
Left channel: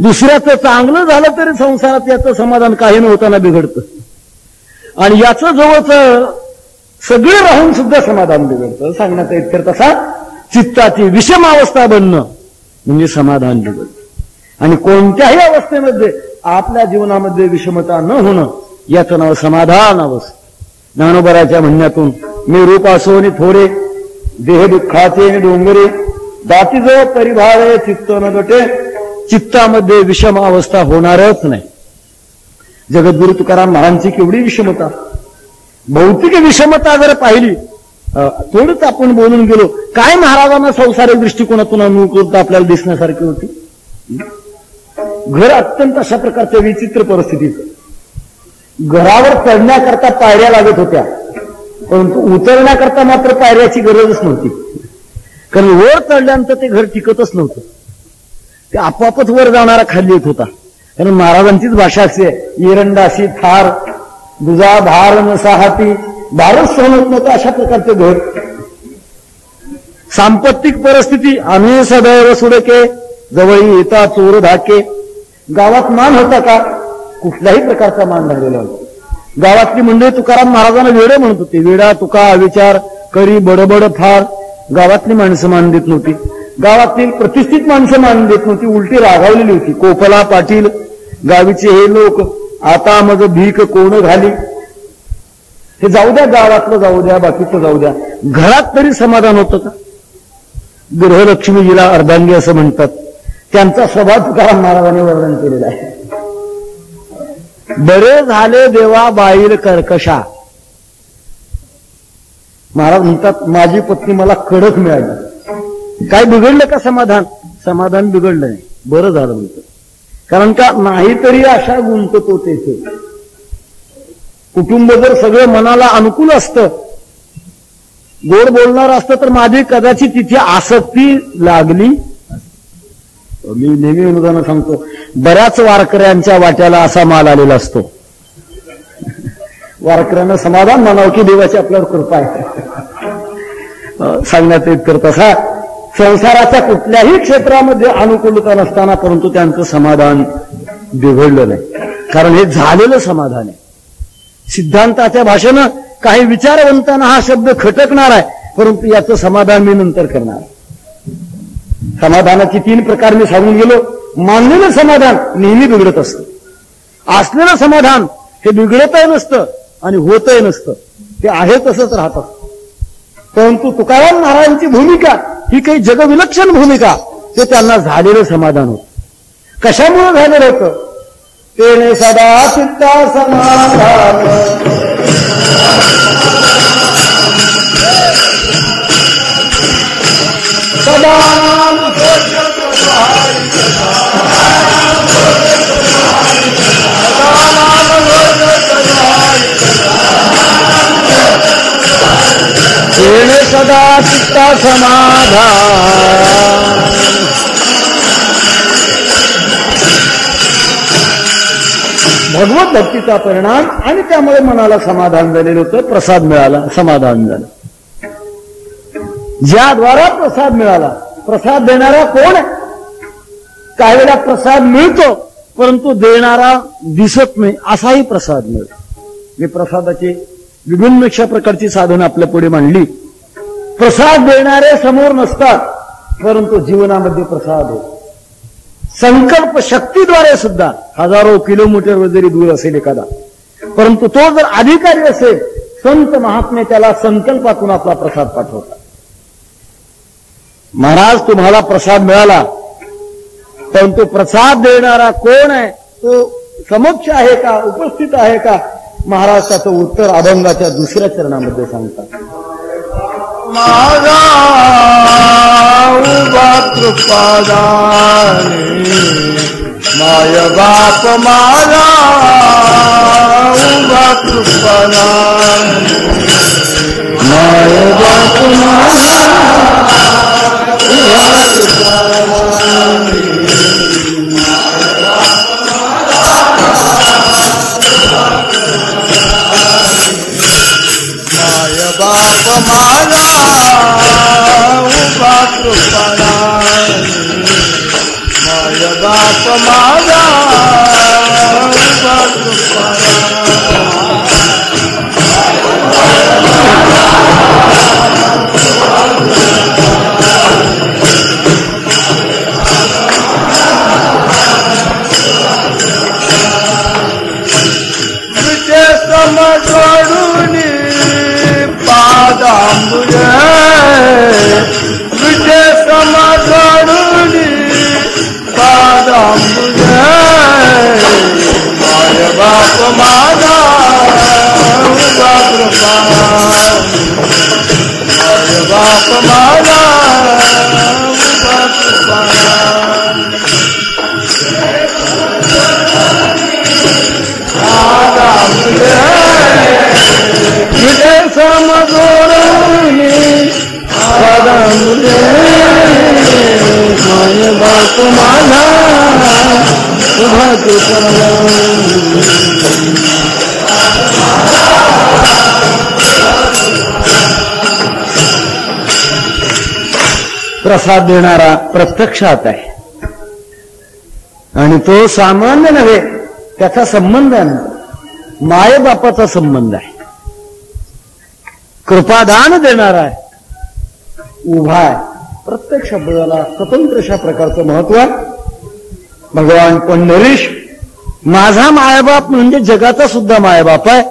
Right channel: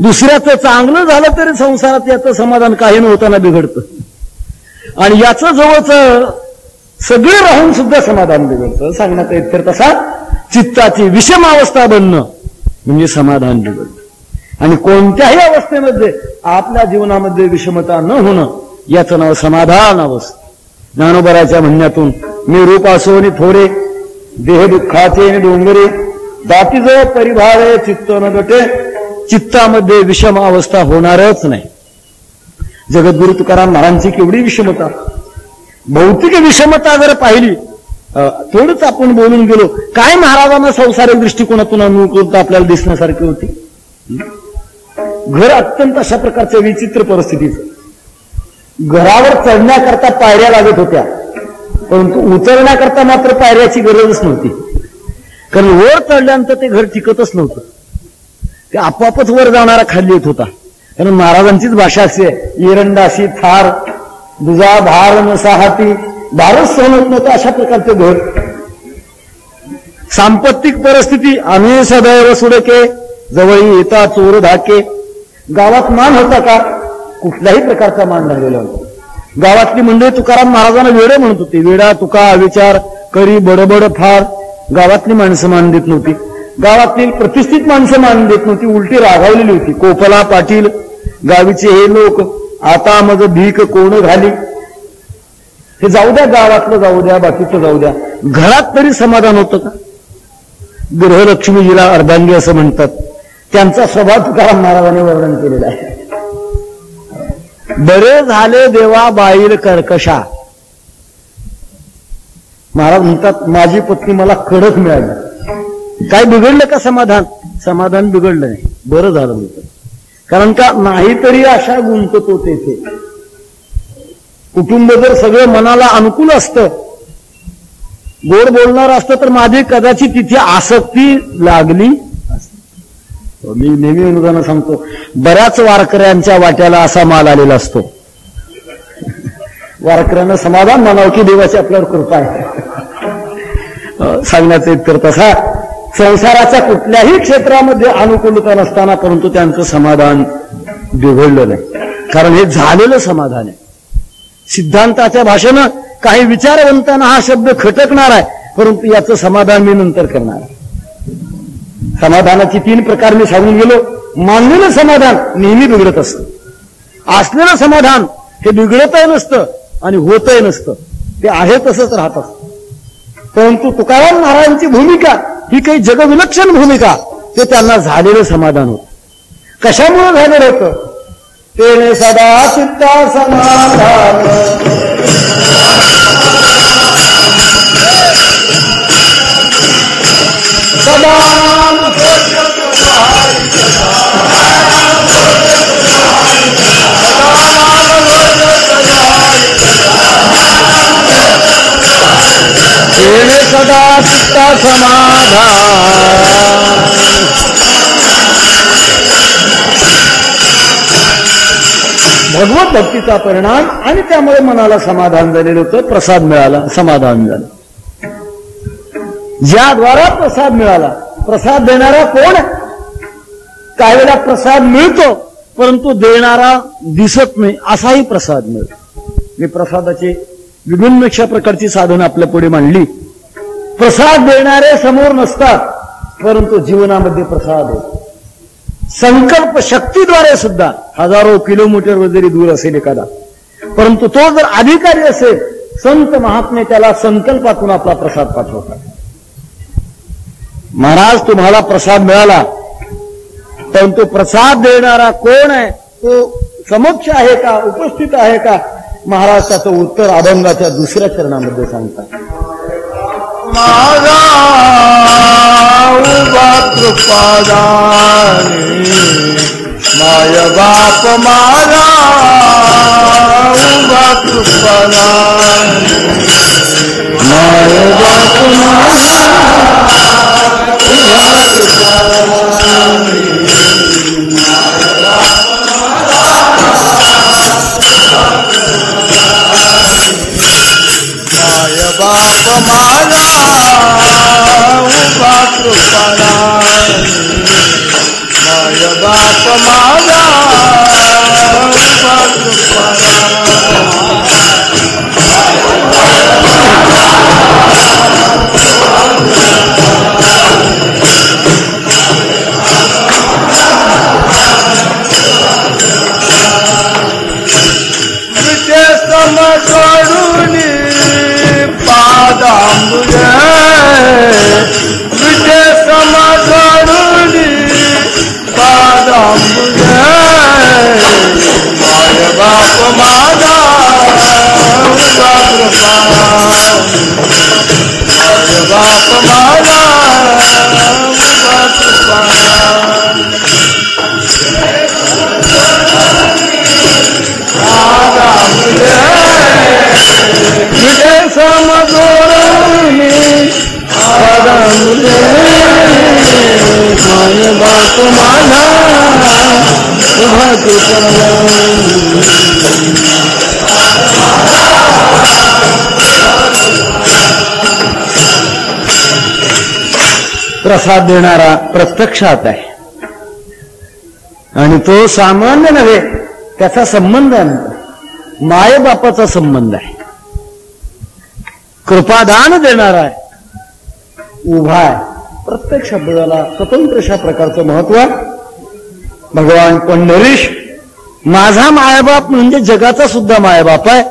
दुसऱ्याचं चांगलं झालं तरी संसारात याचं समाधान काही नव्हताना बिघडतं आणि याचं जवळचं सगळे राहून सुद्धा समाधान बिघडतं. सांगण्याचा इतकर तसा चित्ताची विषमावस्था बनणं म्हणजे समाधान बिघडतं. आणि कोणत्याही अवस्थेमध्ये आपल्या जीवनामध्ये विषमता न होणं याचं नाव समाधान अवस्था. ज्ञानोबराच्या म्हणण्यातून मी रूप असो नि थोरे, देह दुःखाचे डोंगरे, दातीजवळ परिभाळे चित्त न गटे. चित्तामध्ये विषम अवस्था होणारच नाही. जगद्गुरु तुकाराम महाराजांची केवढी विषमता, भौतिक विषमता जर पाहिली थोडंच आपण बोलून गेलो. काय महाराजांना संसारिक दृष्टिकोनातून अनुकूलता आपल्याला दिसण्यासारखी होती. घर अत्यंत अशा प्रकारच्या विचित्र परिस्थितीचं. घरावर चढण्याकरता पायऱ्या लागत होत्या, परंतु उतरण्याकरता मात्र पायऱ्याची गरजच नव्हती. कारण वर चढल्यानंतर ते घर टिकतच नव्हतं, ते आपोआपच वर जाणारा खाली येत होता. कारण महाराजांचीच भाषा अशी आहे, एरंडाशी थार दुजा भार नसाहाती, भारच सहन होत नव्हतं अशा प्रकारचं घर. सांपत्तिक परिस्थिती, आम्ही सदैव सुडके जवळी येता चोर धाके. गावात मान होता का? कुठल्याही प्रकारचा मान झालेला होता. गावातली मंडळी तुकाराम महाराजांना वेडे म्हणत होते. वेडा तुका अविचार करी बडबड फार. गावातली माणसं मान देत नव्हती, गावातील प्रतिष्ठित माणसं मान देत नव्हती, उलटी रागावलेली होती. कोकला पाटील गावीचे हे लोक आता मग भीक कोण घाली. हे जाऊ द्या, गावातलं जाऊ द्या, बाकीचं जाऊ द्या, घरात तरी समाधान होतं का? गृहलक्ष्मीजीला अर्धांगी असं म्हणतात, त्यांचा स्वभाव तुकाराम महाराजांनी वर्णन केलेला आहे. बरे झाले देवा बाईल कर्कशा. महाराज म्हणतात माझी पत्नी मला कडक मिळाली. काय बिघडलं का समाधान? समाधान बिघडलं नाही, बरं झालं होतं. कारण का नाहीतरी अशा गुंततो तेथे. कुटुंब जर सगळं मनाला अनुकूल असतं, गोड बोलणार असतं, तर माझी कदाचित तिथे आसक्ती लागली असती. मी नेहमी अनुगानं सांगतो, बऱ्याच वारकऱ्यांच्या वाट्याला असा माल आलेला असतो. वारकऱ्यांना समाधान म्हणावं की देवाची आपल्यावर कृपा आहे. सांगण्याचा इतकर तसा संसाराच्या कुठल्याही क्षेत्रामध्ये अनुकूलता नसताना परंतु त्यांचं समाधान बिघडलं नाही, कारण हे झालेलं समाधान आहे. सिद्धांताच्या भाषेनं काही विचारवंतांना हा शब्द खटकणार आहे, परंतु याचं समाधान मी नंतर करणार. समाधानाची 3 प्रकार मी सांगून गेलो. मानलेलं समाधान नेहमी बिघडत असतं, असलेलं समाधान हे बिघडतही नसतं आणि होतही नसतं, ते आहे तसंच राहत असतं. परंतु तुकाराम महाराजांची भूमिका ही काही जगविलक्षण भूमिका, ते त्यांना झालेलं समाधान होतं. कशामुळे झालेलं होतं? तेने सदा चित्ता समाधान सदा तेने सदा चित्ता समाधान. भगवत भक्तीचा परिणाम आणि त्यामुळे मनाला समाधान झालेलं होतं, प्रसाद मिळाला, समाधान झालं. ज्याद्वारा प्रसाद मिळाला, प्रसाद देणारा कोण? काही वेळेला प्रसाद मिळतो परंतु देणारा दिसत नाही, असाही प्रसाद मिळतो. मी प्रसादाची विभिन्न प्रकारची साधनं आपल्या पुढे मांडली. प्रसाद देणारे समोर नसतात, परंतु जीवनामध्ये प्रसाद होतो. संकल्प शक्तीद्वारे सुद्धा हजारो किलोमीटरवर जरी दूर असेल एखादा, परंतु तो जर अधिकारी असेल, संत महात्मे त्याला संकल्पातून आपला प्रसाद पाठवतात. महाराज तुम्हाला प्रसाद मिळाला, परंतु प्रसाद देणारा कोण आहे? तो समक्ष आहे का, उपस्थित आहे का? महाराज त्याचं उत्तर अभंगाच्या 2ऱ्या चरणामध्ये सांगतात. माझा उभा कृपादानी माय बाप माझा उभा कृपादानी माय बाप माझा उभा कृपादानी माय बाप माझा उभा कृपादानी माय बाप माझा उभा विजय समजूनी पादांबुज विजय समजूनी पादांबुज माय बाप माझा उभा कृपादानी बाप माझा उभा तुझे समजोरणी दादा मुले माय बाप माझा उभा प्रसाद देणारा प्रत्यक्षात आहे आणि तो सामान्य नव्हे, त्याचा संबंध आहे, मायबापाचा संबंध आहे. कृपादान देणारा आहे, उभा आहे. प्रत्येक शब्दाला स्वतंत्र अशा प्रकारचं महत्व आहे. भगवान पंढरीश माझा मायबाप म्हणजे जगाचा सुद्धा मायबाप आहे,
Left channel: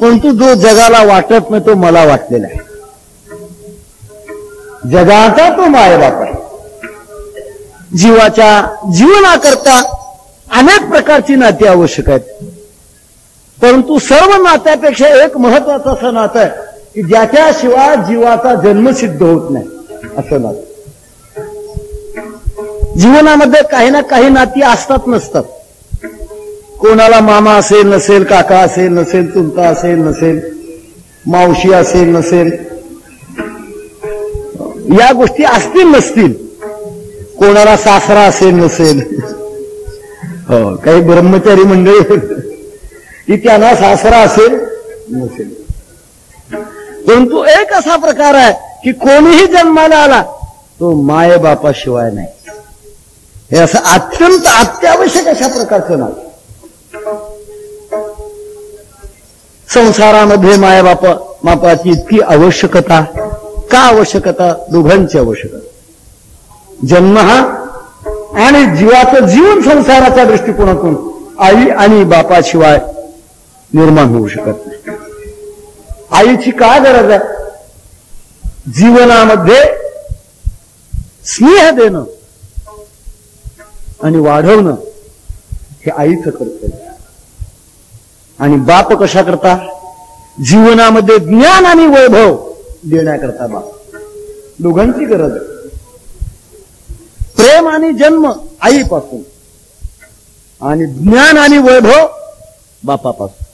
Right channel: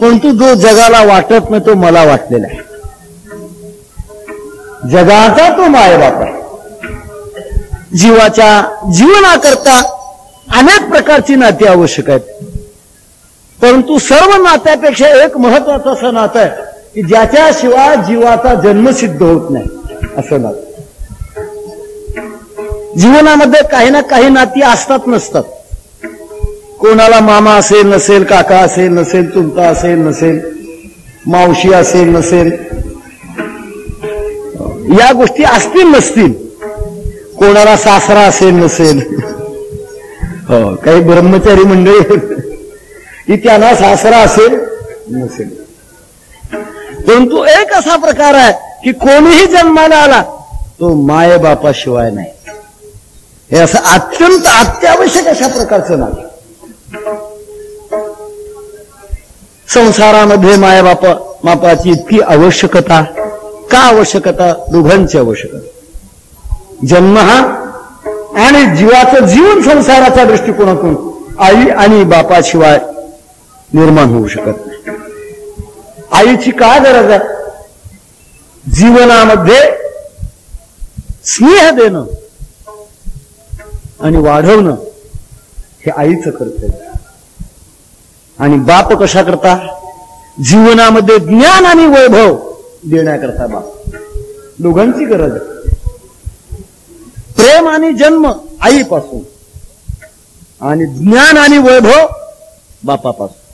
परंतु जो जगाला वाटत नाही तो मला वाटलेला आहे. जगाचा तो मायबाप आहे. जीवाच्या जीवनाकरता अनेक प्रकारची नाती आवश्यक आहेत, परंतु सर्व नात्यापेक्षा एक महत्वाचं असं नातं आहे की ज्याच्याशिवाय जीवाचा जन्म सिद्ध होत नाही, असं नातं. जीवनामध्ये काही ना काही नाती असतात नसतात. कोणाला मामा असेल नसेल, काका असेल नसेल, चुलता असेल नसेल, मावशी असेल नसेल, या गोष्टी असतील नसतील. कोणाला सासरा असेल नसेल. हो, काही ब्रह्मचारी मंडळी की त्यांना सासरा असेल नसेल. परंतु एक असा प्रकार आहे की कोणीही जन्माला आला तो मायबापाशिवाय नाही. हे असं अत्यंत अत्यावश्यक अशा प्रकारचं नातं. संसारामध्ये मायबापाची इतकी आवश्यकता. का आवश्यकता? दोघांची आवश्यकता. जन्म हा आणि जीवाचं जीवन संसाराच्या दृष्टिकोनातून आई आणि बापाशिवाय निर्माण होऊ शकत नाही. आईची काय गरज आहे? जीवनामध्ये स्नेह देणं आणि वाढवणं हे आईचं कर्तव्य. आणि बाप कशा करता? जीवनामध्ये ज्ञान आणि वैभव देण्याकरता बाप. दोघांची गरज आहे. प्रेम आणि जन्म आईपासून आणि ज्ञान आणि वैभव बापापासून.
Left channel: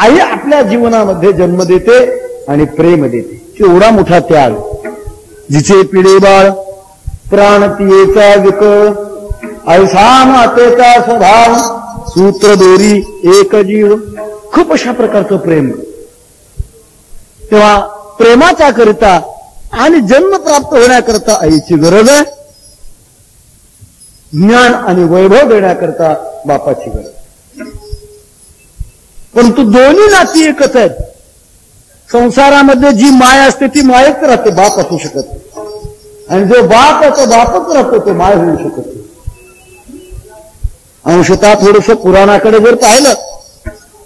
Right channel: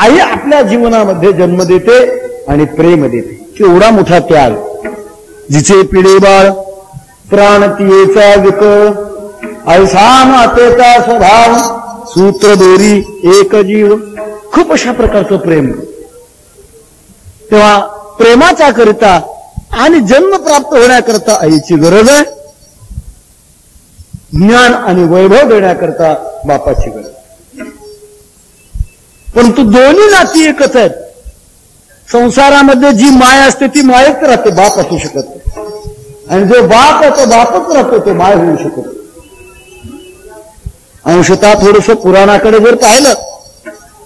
आई आपल्या जीवनामध्ये जन्म देते आणि प्रेम देते. केवढा मोठा त्याग. जिचे पिढे बाळ प्राण तियेचा विक, ऐसा मातेचा स्वभाव सूत्र दोरी एक जीव. खूप अशा प्रकारचं प्रेम. तेव्हा प्रेमाच्या करिता आणि जन्म प्राप्त होण्याकरता आईची गरज आहे. ज्ञान आणि वैभव देण्याकरता बापाची गरज. परंतु दोन्ही नाती एकच आहेत. संसारामध्ये जी माय असते ती मायच राहते, बाप असू शकत नाही. आणि जो बाप आहे तो बापच राहतो, तो माय होऊ शकत नाही. अंशतः थोडस पुराणाकडे जर पाहिलं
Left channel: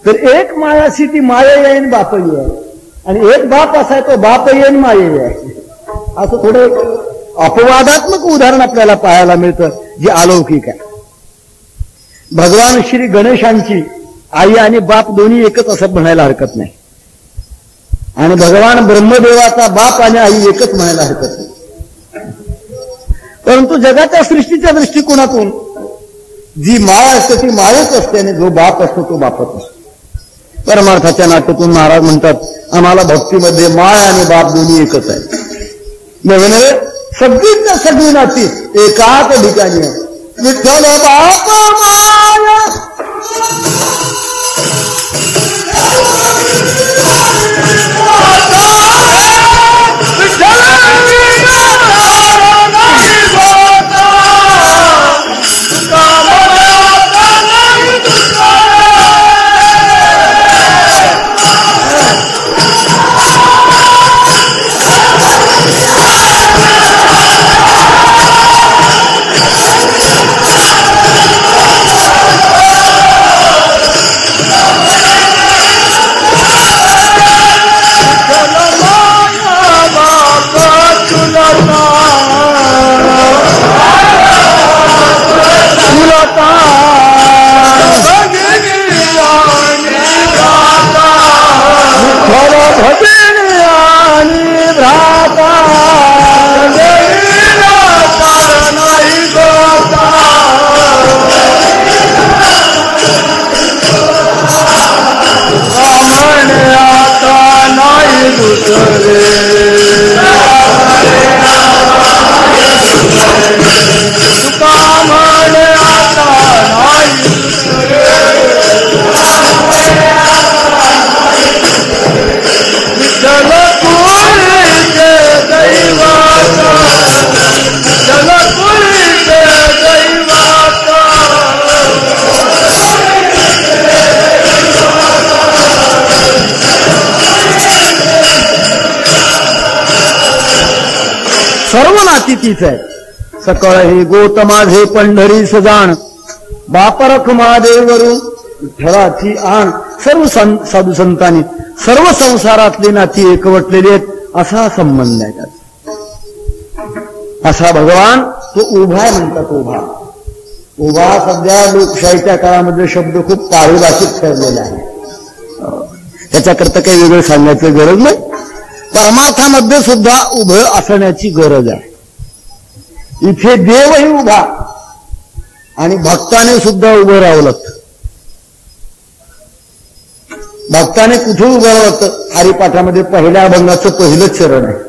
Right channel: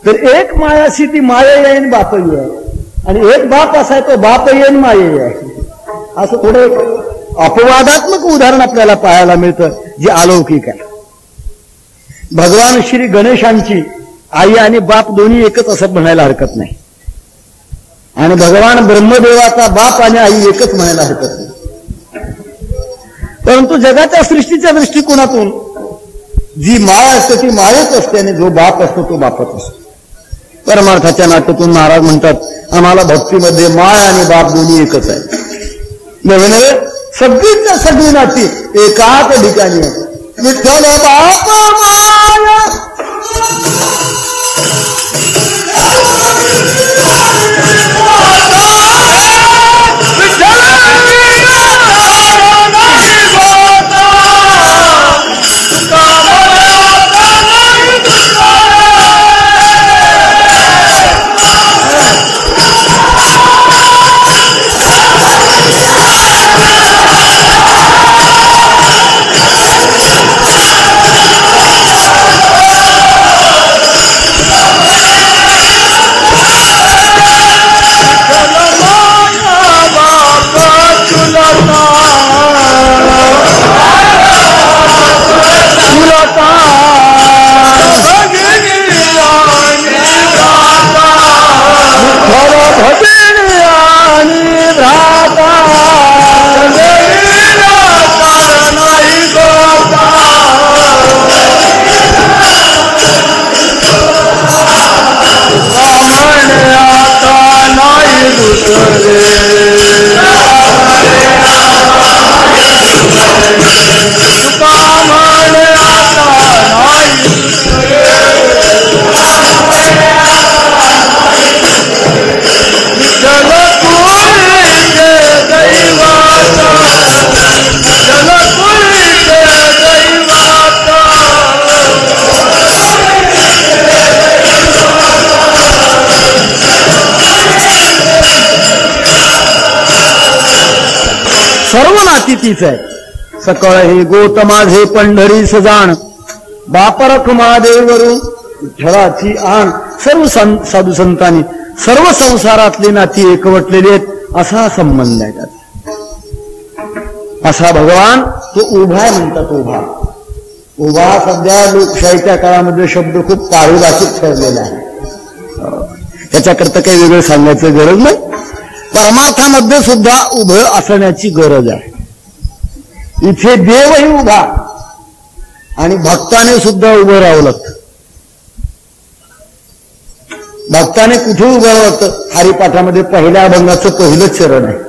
तर एक माय अशी ती माय येईन बाप येईल, आणि एक बाप असा आहे तो बाप येईन माय येईल. असं थोडं अपवादात्मक उदाहरण आपल्याला पाहायला मिळतं जे अलौकिक आहे. भगवान श्री गणेशांची आई आणि बाप दोन्ही एकच असं म्हणायला हरकत नाही. आणि भगवान ब्रह्मदेवाचा बाप आणि आई एकच म्हणायला हरकत नाही. परंतु जगाच्या सृष्टीच्या दृष्टिकोनातून जी माय असते ती मायच असते आणि जो बाप असतो तो बापच असतो. परमार्थाच्या नात्यातून महाराज म्हणतात आम्हाला भक्तीमध्ये माय आणि बाप दोन्ही एकच आहे. नव्हे सगळीच सगळी नाती एकाच ठिकाणी आहे. विठ्ठल बाप माय म्हणे आता नाही दुसरे तुका म्हणे आता नाही विठ्ठल तुझे दैवाचा विठ्ठल तुझे दैवाचा सर्व नाती तीच आहे. सकळ हे गोत माझे पंढरी सजाण बापरख महादेवरू विठ्ठलाची आण. सर्व साधू संतांनी सर्व संसारातली नाती एकवटलेली आहेत. असा संबंध आहे त्याचा. असा भगवान तो उभा म्हणतात. उभा उभा सध्या लोकशाहीच्या काळामध्ये शब्द खूप पारिभाषिक ठरलेला आहे. त्याच्याकरता काही वेगळं सांगायचं गरज नाही. परमार्थामध्ये सुद्धा उभं असण्याची गरज आहे. इथे देवही उभा आणि भक्ताने सुद्धा उभं राहावं लागतं. भक्ताने कुठे उभं राहावं लागतं? हरिपाठामध्ये पहिल्या अभंगाचं पहिलंच चरण आहे.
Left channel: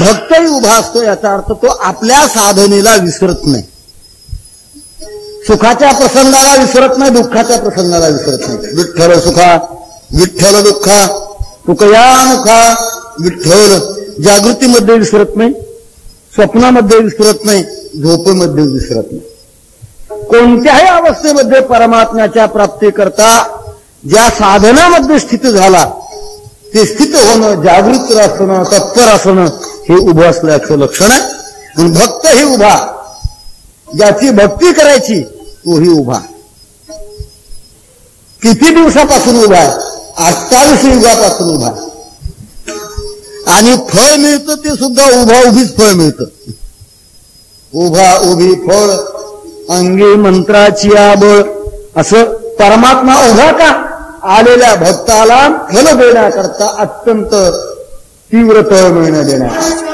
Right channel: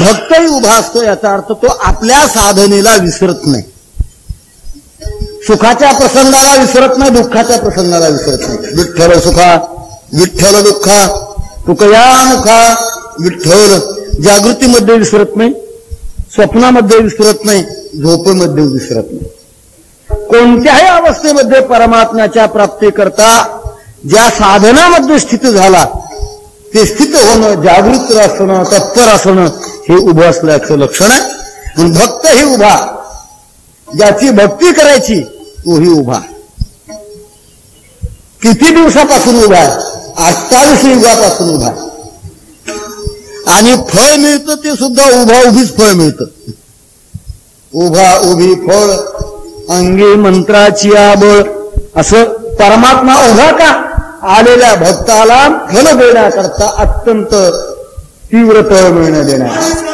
भक्तही उभा असतो. याचा अर्थ तो आपल्या साधनेला विसरत नाही. सुखाच्या प्रसंगाला विसरत नाही, दुःखाच्या प्रसंगाला विसरत नाही. विठ्ठल सुखा विठ्ठल दुःखा तुकया मुखा विठ्ठल. जागृतीमध्ये विसरत नाही, स्वप्नामध्ये विसरत नाही, झोपेमध्ये विसरत नाही. कोणत्याही अवस्थेमध्ये परमात्म्याच्या प्राप्तीकरता ज्या साधनामध्ये स्थित झाला ते स्थित होणं, जागृत असणं, तत्पर असणं हे उभं असल्याचं लक्षण आहे. आणि भक्त ही उभा, ज्याची भक्ती करायची तोही उभा. किती दिवसापासून उभा आहे? 28 युगापासून उभा आहे. आणि फळ मिळतं ते सुद्धा उभा उभीच फळ मिळतं. उभा उभी फळ अंगी मंत्राची आबळ. असं परमात्मा उभा का? आलेल्या भक्ताला फल देण्याकरता, अत्यंत तीव्र फळ मिळणं देण्याकरता.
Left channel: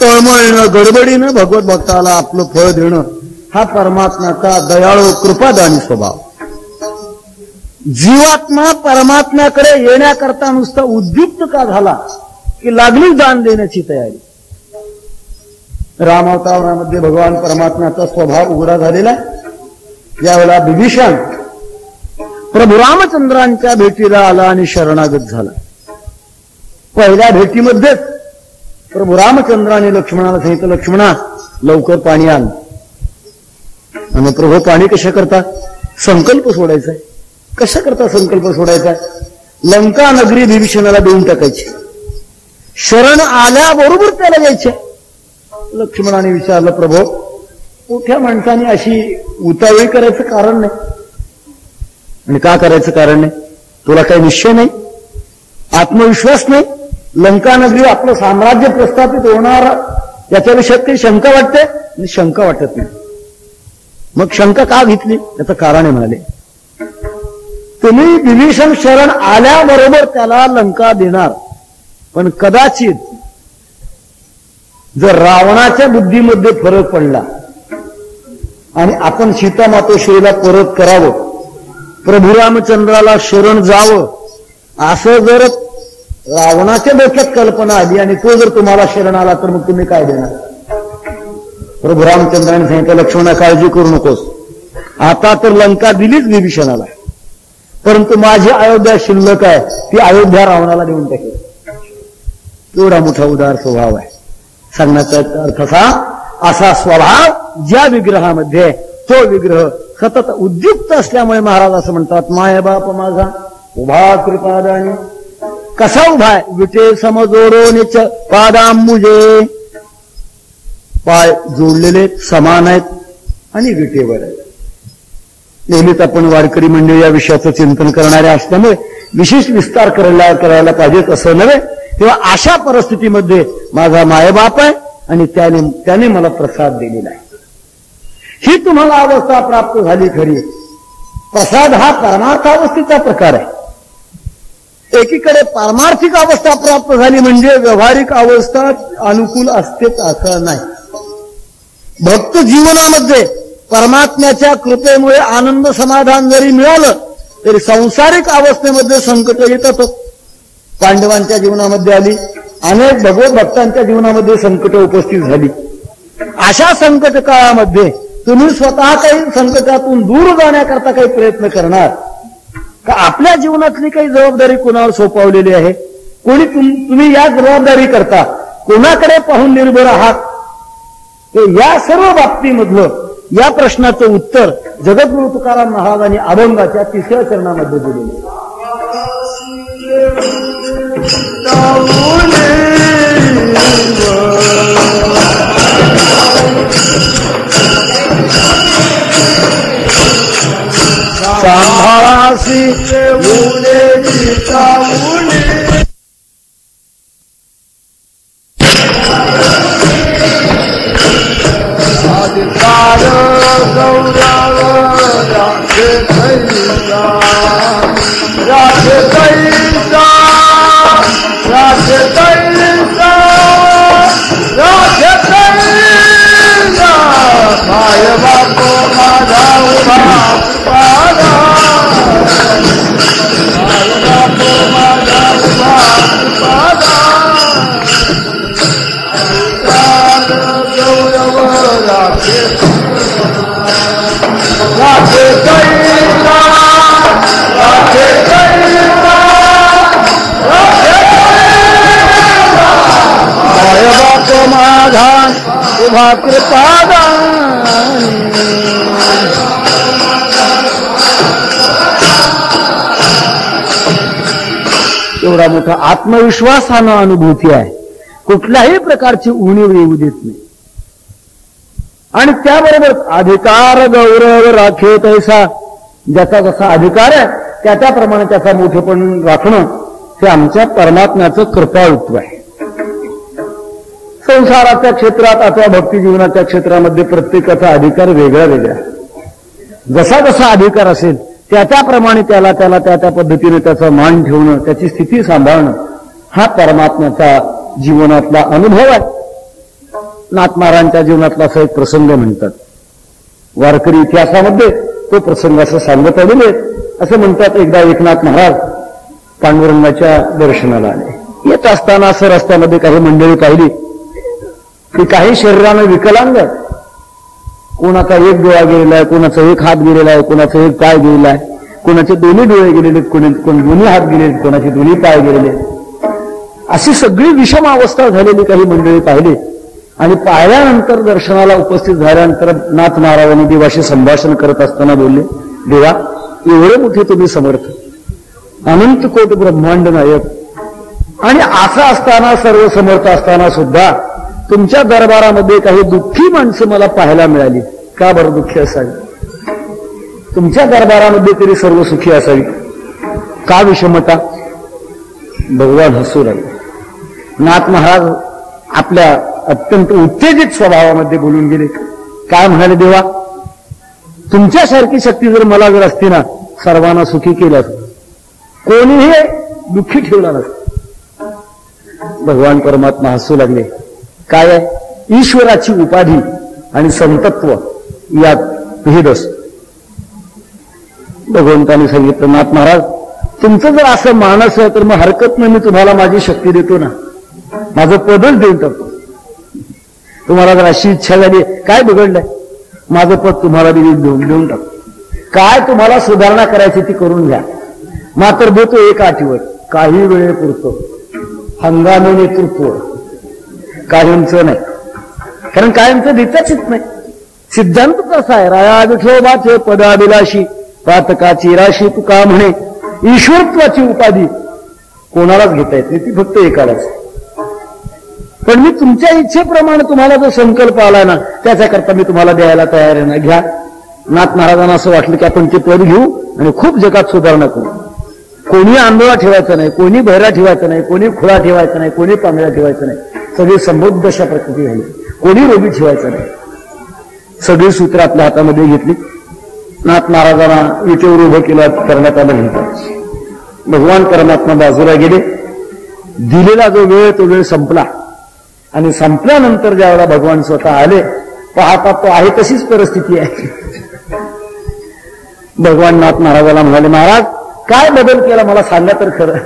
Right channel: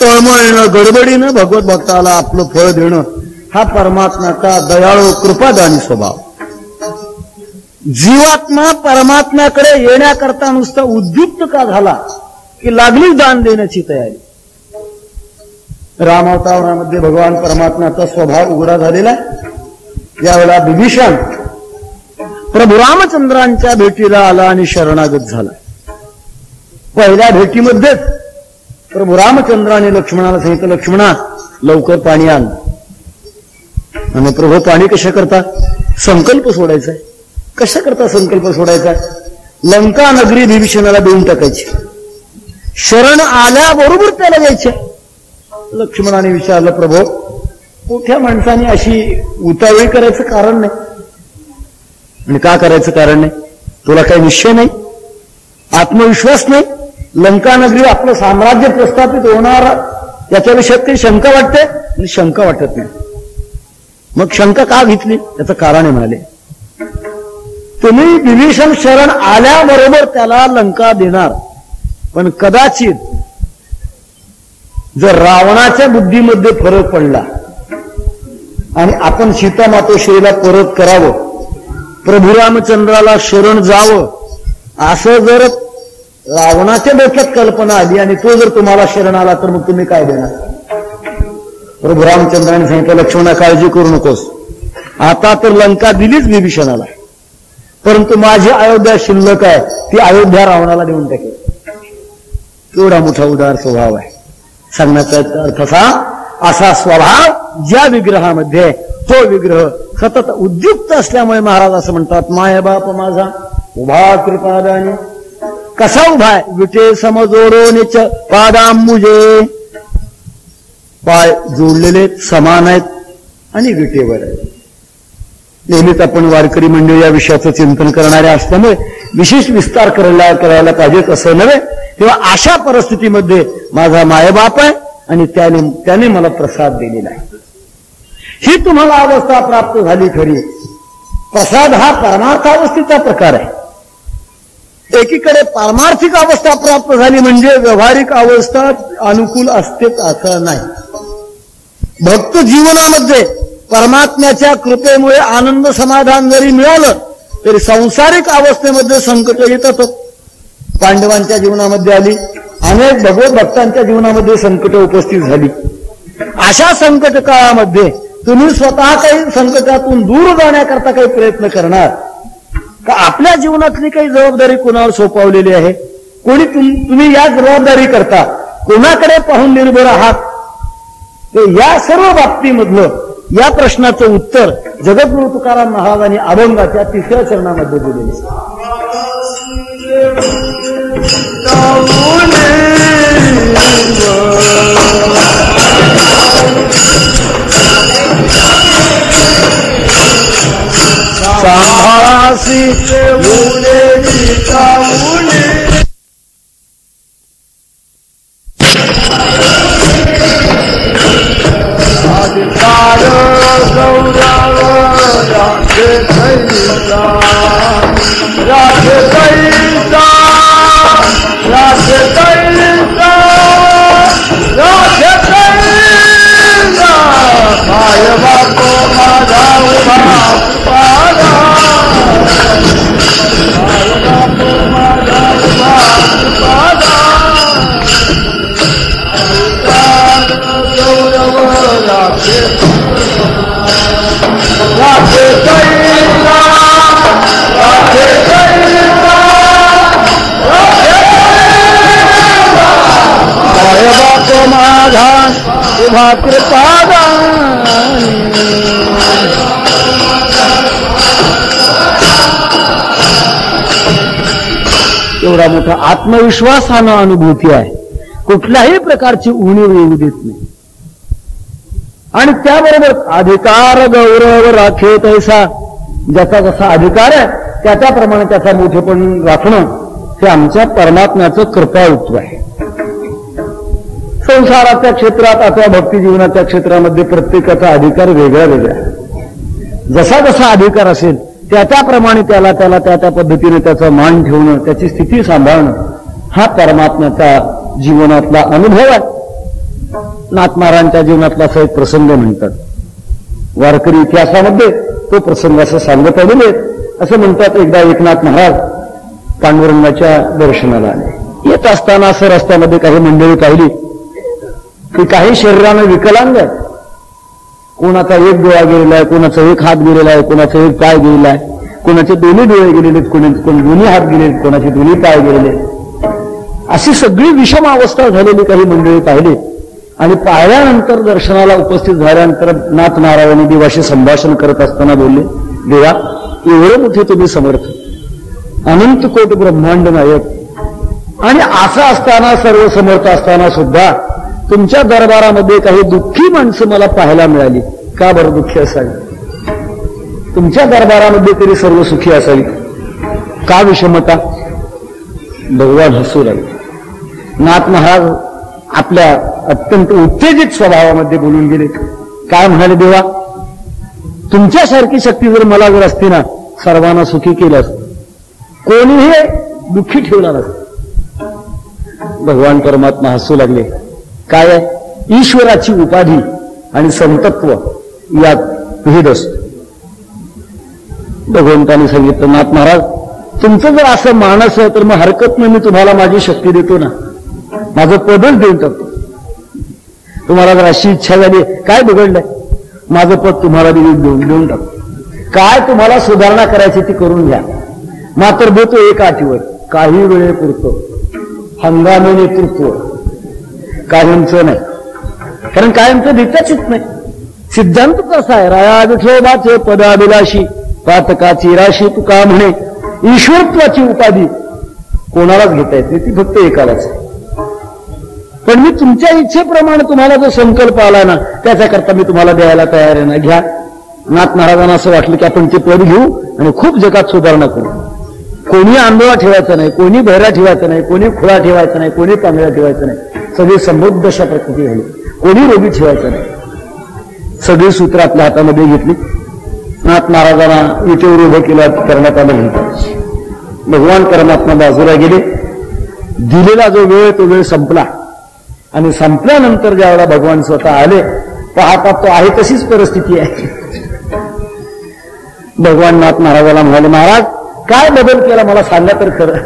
तळमळीनं गडबडीनं भगवत भक्ताला आपलं फळ देणं हा परमात्म्याचा दयाळू कृपादानी स्वभाव. जीवात्मा परमात्म्याकडे येण्याकरता नुसता उद्युक्त का झाला की लागली दान देण्याची तयारी. रामावतारामध्ये भगवान परमात्म्याचा स्वभाव उघडा झालेला आहे. यावेळेला विभीषण प्रभू रामचंद्रांच्या भेटीला आला आणि शरणागत झाला. पहिल्या भेटीमध्येच प्रभू रामचंद्राने लक्ष्मणाला सांगितलं, लक्ष्मणा लवकर पाणी आण. आणि प्रभू पाणी कशा करता? संकल्प सोडायचा. कशा करता संकल्प सोडायचा? लंका नगरी विभीषणाला देऊन टाकायची. शरण आल्याबरोबर त्याला द्यायचे. लक्ष्मणाने विचारलं, प्रभू मोठ्या माणसाने अशी उतावळी करायचं कारण नाही. आणि का करायचं कारण नाही? तुला काही निश्चय नाही, आत्मविश्वास नाही? लंका नगरी आपलं साम्राज्य प्रस्थापित होणार याच्याविषयी काही शंका वाटते? आणि शंका वाटत नाही. मग शंका का घेतली? याचं कारण आहे म्हणाले, तुम्ही विभीषण शरण आल्याबरोबर त्याला लंका देणार, पण कदाचित जर रावणाच्या बुद्धीमध्ये फरक पडला आणि आपण सीतामातोश्रीला परत करावं, प्रभू रामचंद्राला शरण जावं, असं जर रावणाच्या डोक्यात कल्पना आली आणि तो जर तुम्हाला शरण आला तर मग तुम्ही काय देणार? प्रभू रामचंद्राने सांगितलं, लक्ष्मणा काळजी करू नकोस, आता तर लंका दिलीच विभीषणाला, परंतु माझी अयोध्या शिल्लक आहे, ती अयोध्या रावणाला देऊन टाकेल. एवढा मोठा उदार स्वभाव आहे. सांगण्याचा अर्थ असा स्वभाव ज्या विग्रहामध्ये, तो विग्रह सतत उद्युक्त असल्यामुळे महाराज असं म्हणतात, माय बाप माझा उभा कृपादानी. कसा उभा आहे? विटे समजोडोनीच पादांबुजे. पाय जोडलेले समान आहेत आणि विटेवर आहेत. नेहमीच आपण वारकरी मंडळी या विषयाचं चिंतन करणारे असल्यामुळे विशेष विस्तार करायला पाहिजेत असं नव्हे. तेव्हा अशा परिस्थितीमध्ये माझा मायबाप आहे आणि त्याने मला प्रसाद दिलेला आहे. ही तुम्हाला अवस्था प्राप्त झाली खरी. प्रसाद हा परमार्थावस्थेचा प्रकार आहे. एकीकडे पारमार्थिक अवस्था प्राप्त झाली म्हणजे व्यावहारिक अवस्था अनुकूल असतेच असं नाही. भक्त जीवनामध्ये परमात्म्याच्या कृपेमुळे आनंद समाधान जरी मिळालं तरी सांसारिक अवस्थेमध्ये संकट येतातच. पांडवांच्या जीवनामध्ये आली, अनेक भगवत भक्तांच्या जीवनामध्ये संकट उपस्थित झाली. अशा संकट काळामध्ये तुम्ही स्वतः काही संकटातून दूर जाण्याकरता काही प्रयत्न करणार का? आपल्या जीवनातली काही जबाबदारी कोणावर सोपवलेली आहे? कोणी तुम्ही या जबाबदारी करता कोणाकडे पाहून निर्भर आहात? तर या सर्व बाबतीमधलं या प्रश्नाचं उत्तर जगद्गुरु तुकाराम महाराजांनी अभंगाच्या 3ऱ्या चरणामध्ये दिलेले. सांभाळासी एवढा मोठा आत्मविश्वास हा अनुभूती आहे. कुठल्याही प्रकारची उणीव येऊ देत नाही. आणि त्याबरोबर अधिकार गौरव राखे तैसा, ज्याचा जसा अधिकार आहे त्याप्रमाणे त्याचा मोठेपण राखणं हे आमच्या परमात्म्याचं कृपाळुत्व आहे. संसाराच्या क्षेत्रात आता भक्ती जीवनाच्या क्षेत्रामध्ये प्रत्येकाचा अधिकार वेगळा वेगळा. जसा जसा अधिकार असेल त्याप्रमाणे त्याला त्या पद्धतीने त्याचा मान ठेवणं, त्याची स्थिती सांभाळणं हा परमात्म्याचा जीवनातला अनुभव आहे. नाथ महाराजांच्या जीवनातला असा एक प्रसंग म्हणतात. वारकरी इतिहासामध्ये तो प्रसंग असं सांगत आलेले असं म्हणतात. एकदा एकनाथ महाराज पांडुरंगाच्या दर्शनाला आले. येत असताना असं रस्त्यामध्ये काही मंडळी पाहिली की काही शरीरानं विकलांग, कोणाचा एक डोळा गेलेला आहे, कोणाचा एक हात गेलेला आहे, कोणाचा एक पाय गेलेला आहे, कोणाचे दोन्ही डोळे गेलेले, कोण दोन्ही हात गेले, कोणाचे दोन्ही पाय गेलेले, अशी सगळी विषम अवस्था झालेली काही मंडळी पाहिली. आणि पाहिल्यानंतर दर्शनाला उपस्थित झाल्यानंतर नाथ महाराजांनी देवाशी संभाषण करत असताना बोलले, देवा एवढे मोठे तुम्ही समर्थ, अनंत कोट ब्रह्मांड नायक, आणि असं असताना सर्व समर्थ असताना सुद्धा तुमच्या दरबारामध्ये काही दुःखी माणसं मला पाहायला मिळाली. का बरं दुःखी असावी? तुमच्या दरबारामध्ये तरी सर्व सुखी असावी, का विषमता? भगवान हसू लागले. नाथ महाराज आपल्या अत्यंत उत्तेजित स्वभावामध्ये बोलून गेले. काय म्हणाले, देवा तुमच्यासारखी शक्ती जर मला जर असती ना, सर्वांना सुखी केलं असतं, कोणीही दुःखी ठेवला नसतं. भगवान परमात्मा हसू लागले. काय आहे? ईश्वराची उपाधी आणि संतत्व यात भेद असतो. भगवंताने सांगितलं, नाथ महाराज तुमचं जर असं मानस आहे तर मग हरकत नाही, मी तुम्हाला माझी शक्ती देतो ना, माझं पदच देऊन टाकतो. तुम्हाला जर अशी इच्छा झाली, काय बिघडलंय, माझं पद तुम्हाला देऊन टाकतो. काय तुम्हाला सुधारणा करायची ती करून घ्या, मात्र देतो एक अटीवर, काही वेळेपुरतो, हंगामी नेतृत्व, कायमचं नाही. कारण कायमचं देताच येत नाही. सिद्धांत कसा आहे, राया विठोबाचे पदाभिलाशी पातकाची राशी, तुका म्हणे ईश्वरत्वाची उपाधी कोणालाच घेता येत नाही, ती फक्त एकालाच. पण मी तुमच्या इच्छेप्रमाणे तुम्हाला जो संकल्प आला ना, त्याच्याकरता मी तुम्हाला द्यायला तयार आहे ना, घ्या. नाथ महाराजांना असं वाटलं की आपण ते पद घेऊ आणि खूप जगात सुधारणा करू. कोणी आंधळा ठेवायचा नाही, कोणी बहिरा ठेवायचा नाही, कोणी खुळा ठेवायचा नाही, कोणी पांगळा ठेवायचा नाही, सगळी समृद्ध अशा प्रकृती झाली. कोणी रोगी ठेवायचा नाही. सगळी सूत्र आपल्या हातामध्ये घेतली. नाथ महाराजांना विटेवर उभं केलं, करण्यात आलं म्हणतात. भगवान परमात्मा बाजूला गेले. दिलेला जो वेळ तो वेळ संपला आणि संपल्यानंतर ज्यावेळेला भगवान स्वतः आले, पाहता तो आहे तशीच परिस्थिती आहे. भगवान नाथ महाराजाला म्हणाले, महाराज काय बदल केला मला सांगा तर खरं.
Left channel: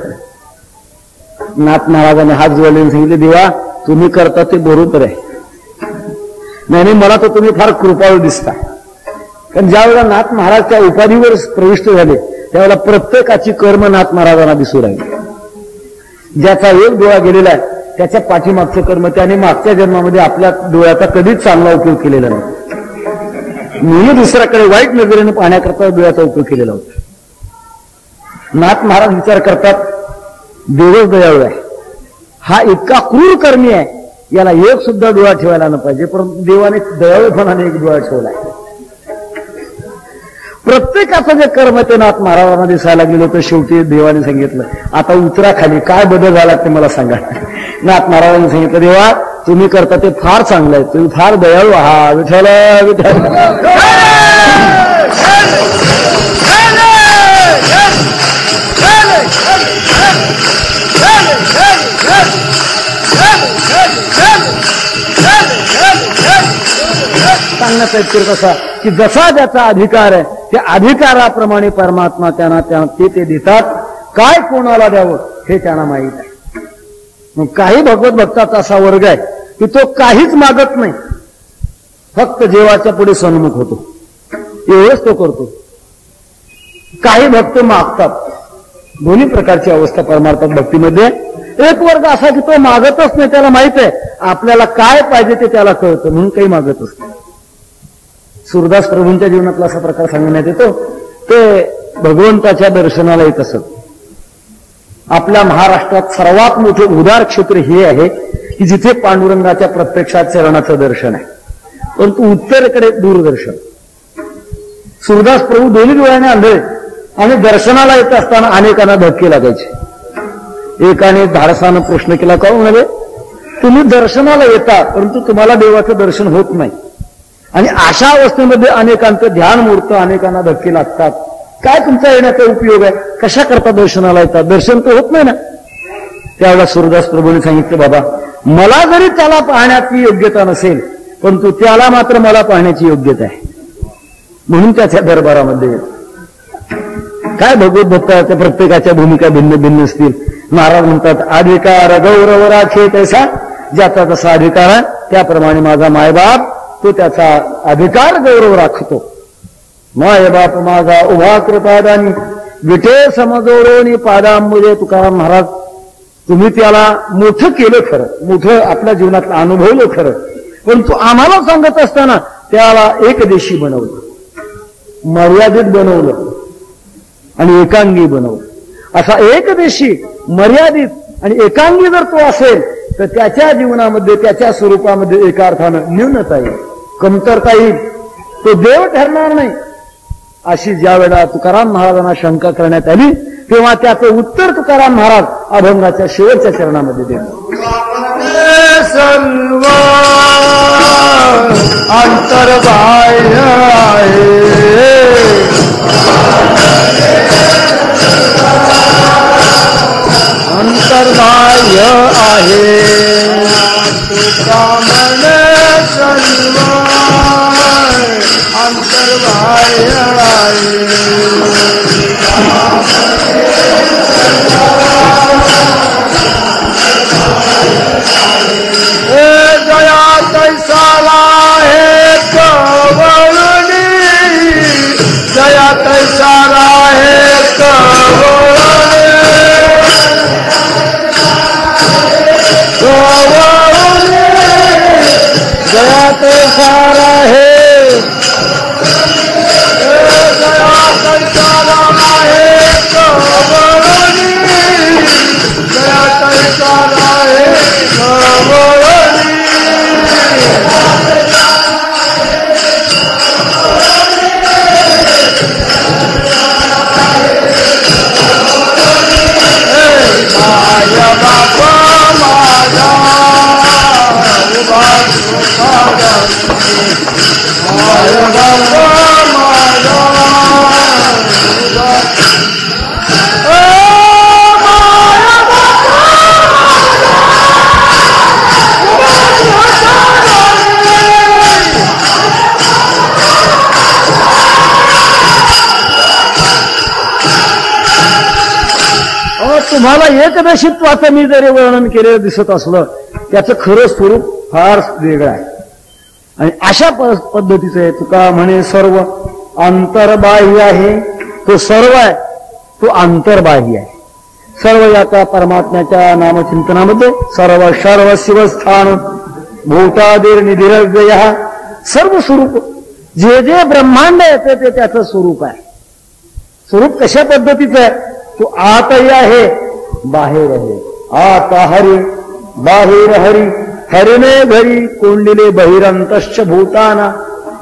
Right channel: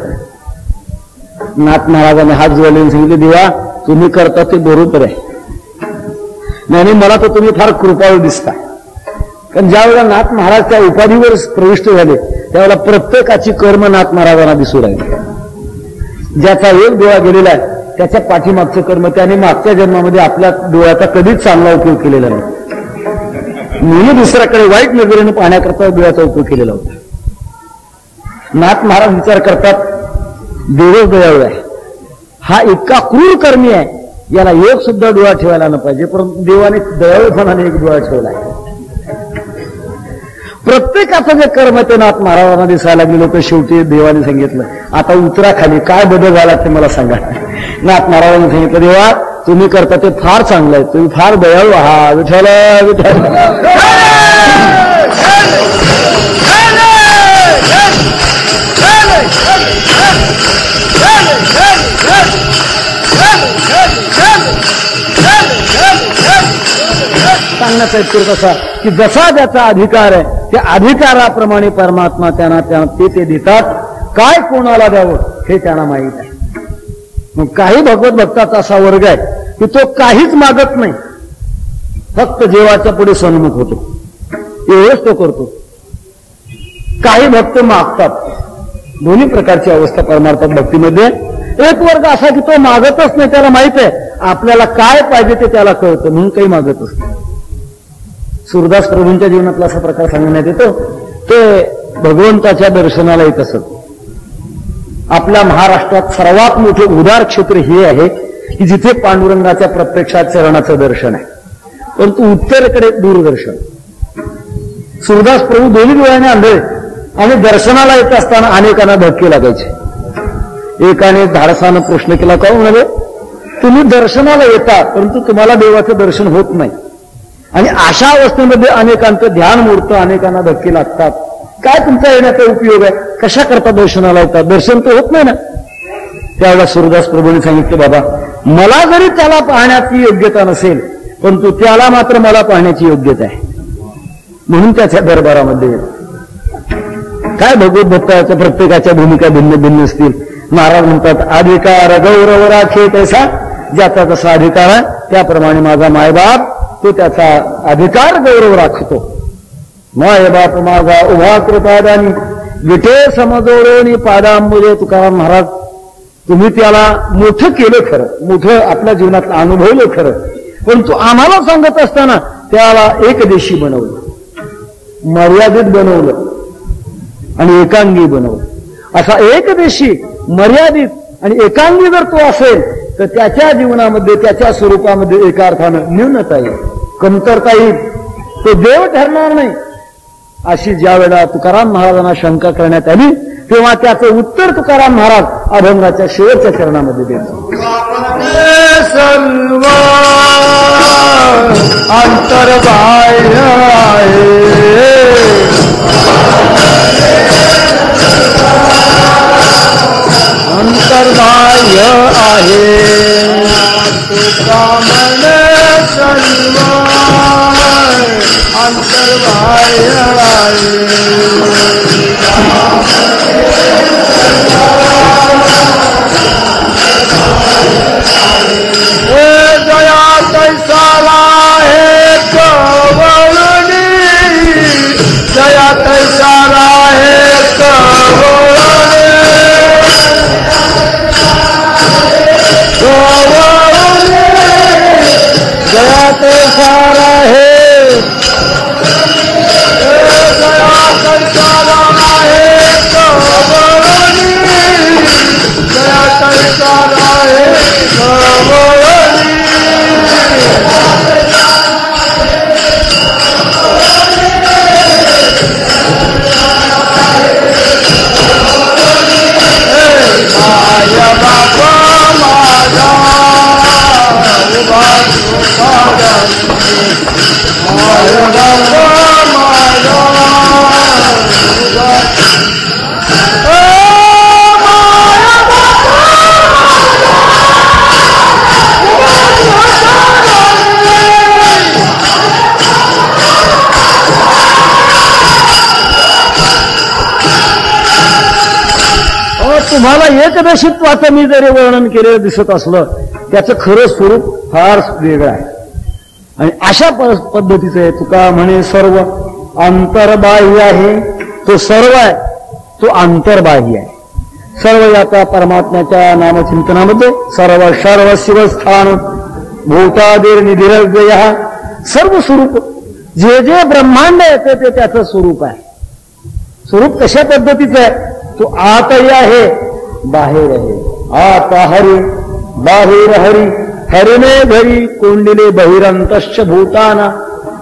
नाथ महाराजांनी हात जोडले सांगितले, देवा तुम्ही करता ते बरोबर आहे. नाही, मला तर तुम्ही फार कृपाळू दिसता. कारण ज्यावेळेला नाथ महाराज त्या उपाधीवर प्रविष्ट झाले त्यावेळेला प्रत्येकाची कर्म नाथ महाराजांना दिसू लागली. ज्याचा एक डोळा गेलेला आहे त्याच्या पाठीमागचे कर्म त्याने मागच्या जन्मामध्ये आपल्या डोळ्याचा कधीच चांगला उपयोग केलेला नाही. मी दुसऱ्याकडे वाईट नजरेने पाहण्याकरता डोळ्याचा उपयोग केलेला होता. नाथ महाराज विचार करतात, देवच दयाळू आहे, हा इतका क्रूर कर्मी आहे, याला एक सुद्धा डोळा ठेवायला न पाहिजे, परंतु देवाने दयाळूपणाने एक डोळा ठेवला आहे. प्रत्येकाचं जे कर्म ते नाथ महाराजांना दिसायला लागलेलं होतं. शेवटी देवाने सांगितलं, आता उतरा खाली, काय बदल झाला ते मला सांगा. नाथ महाराजांनी सांगितलं, देवा तुम्ही करता ते फार चांगलं आहे, तुम्ही फार दयाळू आहात. विठ्ठल विठ्ठल. सांगण्याचा इतके कसा की जसा ज्याचा अधिकार आहे त्या अधिकाराप्रमाणे परमात्मा त्यांना ते देतात. काय कोणाला द्यावं हे त्यांना माहीत आहे. मग काही भगवत भक्ताचा असा वर्ग आहे की तो काहीच मागत नाही, फक्त देवाच्या पुढे सन्मुख होतो, एवढंच तो करतो. काही भक्त मागतात. दोन्ही प्रकारची अवस्था परमार्थात भक्तीमध्ये. एक वर्ग असा की तो मागतच नाही, त्याला माहित आहे आपल्याला काय पाहिजे ते त्याला कळतं म्हणून काही मागतच नाही. सूरदास प्रभूंच्या जीवनातला असा प्रकार सांगण्यात येतो. ते भगवंताच्या दर्शनाला येत असत. आपल्या महाराष्ट्रात सर्वात मोठे उदार क्षेत्र हे आहे की जिथे पांडुरंगाच्या प्रत्यक्षात चरणाचं दर्शन आहे, परंतु उत्तरेकडे दूरदर्शन. सूरदास प्रभू दोन्ही डोळ्याने आंधळे आणि दर्शनाला येत असताना अनेकांना धक्के लागायचे. एकाने धाडसानं प्रश्न केला, काय म्हणाले, तुम्ही दर्शनाला येता परंतु तुम्हाला देवाचं दर्शन होत नाही, आणि अशा अवस्थेमध्ये अनेकांचं ध्यान मोडतं, अनेकांना धक्के लागतात, काय तुमचा येण्याचा उपयोग आहे, कशा करता दर्शनाला येतात, दर्शन तर होत नाही ना. त्यावेळेला सूरदास प्रभूंनी सांगितलं, बाबा मला जरी त्याला पाहण्याची योग्यता नसेल परंतु त्याला मात्र मला पाहण्याची योग्यता आहे. म्हणून त्याच्या दरबारामध्ये काय भगवत भक्ताच्या प्रत्येकाच्या भूमिका भिन्न भिन्न असतील. नारायण म्हणतात अधिकार गौरव राखे तसा, ज्याचा जसा अधिकार आहे त्याप्रमाणे माझा मायबाप तो त्याचा अधिकार गौरव राखतो. मायबाप माझा उभा कृपादानी विटे समजोरोनी पादांबुजे. तुकाराम महाराज तुम्ही त्याला मोठं केलं खरं, मोठं आपल्या जीवनात अनुभवलं खरं, पण तू आम्हाला सांगत असताना त्याला एकदेशी बनवलं, मर्यादित बनवलं आणि एकांगी बनवलं. असा एकदेशी मर्यादित आणि एकांगी जर तो असेल तर त्याच्या जीवनामध्ये त्याच्या स्वरूपामध्ये एका अर्थानं न्यूनता येईल, कमतरता येईल, तो देव ठरणार नाही. अशी ज्या वेळेला तुकाराम महाराजांना शंका करण्यात आली तेव्हा त्याचं उत्तर तुकाराम महाराज अभंगाच्या शेवटच्या चरणामध्ये देतात. सर्व अंतर्बाह्य आहे, अंतर्बाह्य आहे, तुका मन सर्व अंतर्बाह्य आहे. तुम्हाला एकदशित्वाचं मी जरी वर्णन केलेलं दिसत असलं त्याचं खरं स्वरूप फार वेगळं आहे. आणि अशा पद्धतीचं आहे. तुका म्हणे सर्व अंतर्बाह्य आहे, तो सर्व आहे तो अंतर्बाह्य आहे. सर्व याचा परमात्म्याच्या नामचिंतनामध्ये सर्व सर्व शिवस्थान भूतादीर निधिरव्यय, सर्व स्वरूप जे जे ब्रह्मांड येतं ते त्याचं स्वरूप आहे. स्वरूप कशा पद्धतीचं आहे? तो आतही आहे बाहेर आहे. आत हरी बाहेर हरी, हरिणे घरी कोंडिले बहिरंतश्च भूताना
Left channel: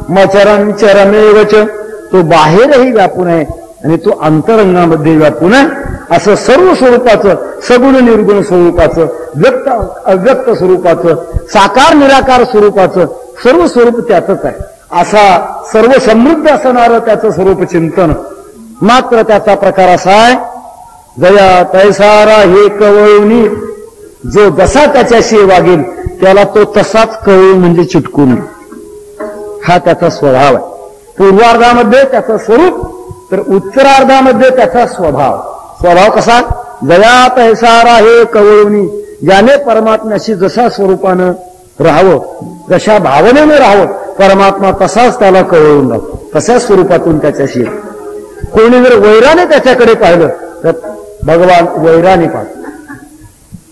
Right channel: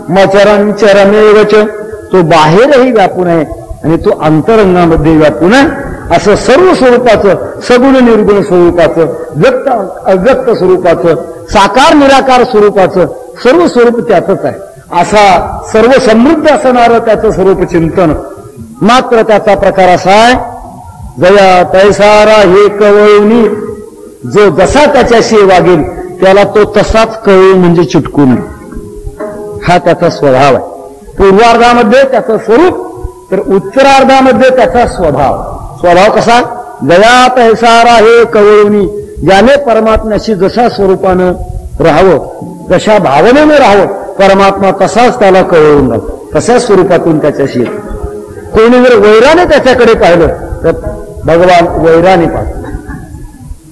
मचरं चरमेगच. तो बाहेरही व्यापून आहे आणि तो अंतरंगामध्ये व्यापून आहे. असं सर्व स्वरूपाचं, सगुण निर्गुण स्वरूपाचं, व्यक्त अव्यक्त स्वरूपाचं, साकार निराकार स्वरूपाचं सर्व स्वरूप त्याचंच आहे. असा सर्व समृद्ध असणारं त्याचं स्वरूप चिंतन. मात्र त्याचा प्रकार असा आहे, जया तैसारा हे कवळणी, जो जसा त्याच्याशी वागेल त्याला तो तसाच कळेल म्हणजे चिटकून. हा त्याचा स्वभाव आहे. पूर्वार्धामध्ये त्याचं स्वरूप, तर उत्तरार्धामध्ये त्याचा स्वभाव. स्वभाव कसा? जया तैसारा हे कवळणी, ज्याने परमात्म्याशी जशा स्वरूपानं राहावं, जशा भावनेनं राहावं, परमात्मा तसाच त्याला कळवून जातो, तशाच स्वरूपातून त्याच्याशी. कोणी जर वैराने त्याच्याकडे पाहिलं तर भगवान वैराने पाहिलं,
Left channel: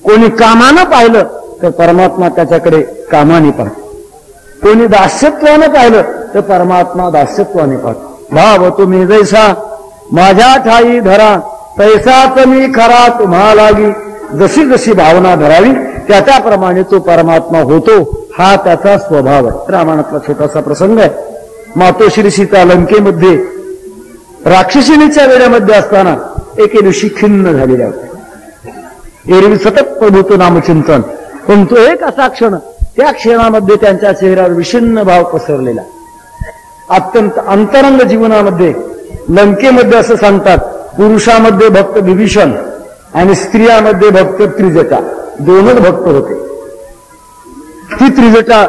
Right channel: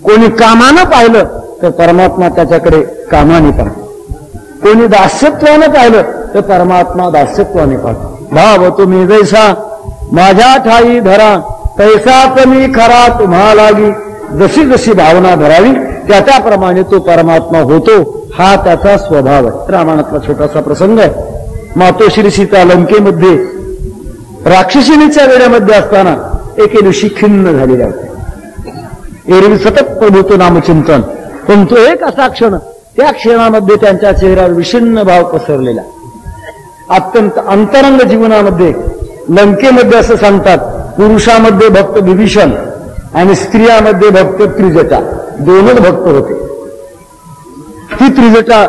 कोणी कामानं पाहिलं तर परमात्मा त्याच्याकडे कामाने पाहिलं, कोणी दास्यत्वानं पाहिलं तर परमात्मा दास्यत्वाने पाहिलं. भाव तुम्ही जैसा माझ्या ठाई धरा, तैसाच मी खरा तुम्हा लागी. जशी जशी भावना धरावी त्याप्रमाणे तो परमात्मा होतो. हा त्याचा स्वभाव आहे. रामायणातला छोटासा प्रसंग आहे. मातोश्री सीता लंकेमध्ये राक्षसिणीच्या वेळेमध्ये असताना एके दिवशी खिन्न झालेल्या होत्या. एरवी सतत प्रभूचं नामचिंतन, पण तो एक असा क्षण, त्या क्षणामध्ये त्यांच्या चेहऱ्यावर विषण्ण भाव पसरलेला. अत्यंत अंतरंग जीवनामध्ये लंकेमध्ये असं सांगतात, पुरुषामध्ये भक्त विभीषण आणि स्त्रियामध्ये भक्त त्रिजटा, दोनच भक्त होते. ती त्रिजटा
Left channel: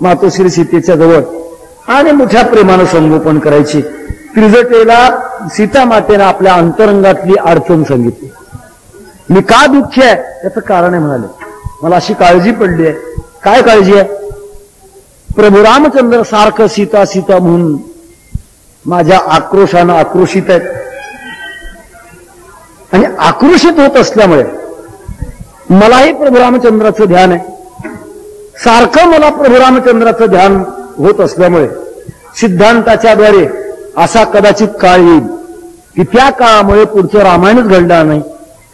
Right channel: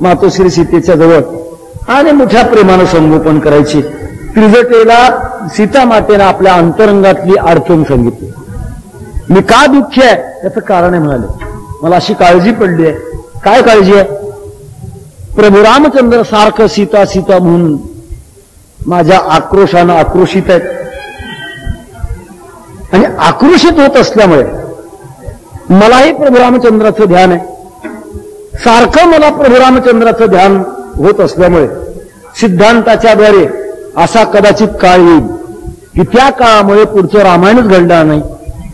मातोश्री सीतेच्या जवळ आणि मोठ्या प्रेमानं संगोपन करायची. त्रिजटेला सीता मातेनं आपल्या अंतरंगातली अडचण सांगितली. मी का दुःखी आहे याचं कारण आहे म्हणाले. मला अशी काळजी पडली आहे. काय काळजी आहे? प्रभू रामचंद्र सारखं सीता सीता म्हणून माझ्या आक्रोशानं आक्रोशित आहेत. आणि आक्रोशित होत असल्यामुळे मलाही प्रभू रामचंद्राचं ध्यान आहे. सारखं मला प्रभू रामचंद्राचं ध्यान होत असल्यामुळे सिद्धांताच्या द्वारे असा कदाचित काळ येईल की त्या काळामुळे पुढचं रामायणच घडणार नाही.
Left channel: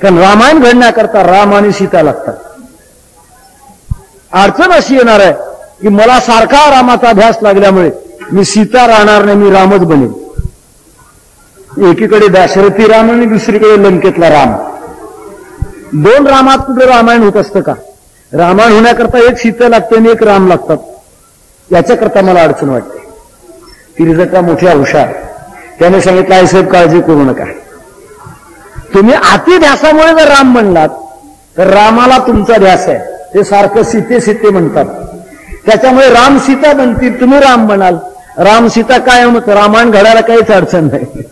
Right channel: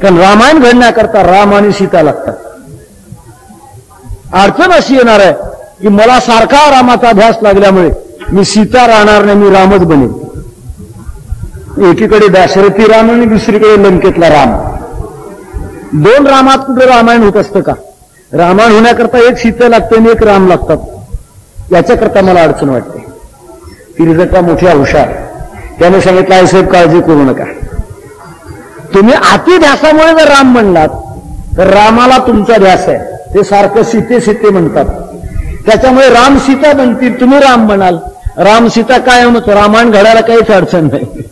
कारण रामायण घडण्याकरता राम आणि सीता लागतात. अडचण अशी येणार आहे की मला सारखा रामाचा ध्यास लागल्यामुळे मी सीता राहणार नाही, मी रामच बनेल. एकीकडे दाशरथी राम आणि दुसरीकडे लंकेतला राम. दोन रामात कुठे रामायण होत असतं का? रामायण होण्याकरता एक सीता लागते आणि एक राम लागतात. याच्याकरता मला अडचण वाटते. तिरजटा मोठी हुशार त्याने सांगितलं आहे साहेब काळजी करू नका. तुम्ही अति ध्यासामुळे जर राम म्हणलात तर रामाला तुमचा ध्यास आहे. ते सारखं सीते सीते म्हणतात. त्याच्यामुळे राम सीता बनतील, तुम्ही राम म्हणाल. राम सीता काय म्हणतो? रामायण घडायला काहीच अडचण नाही.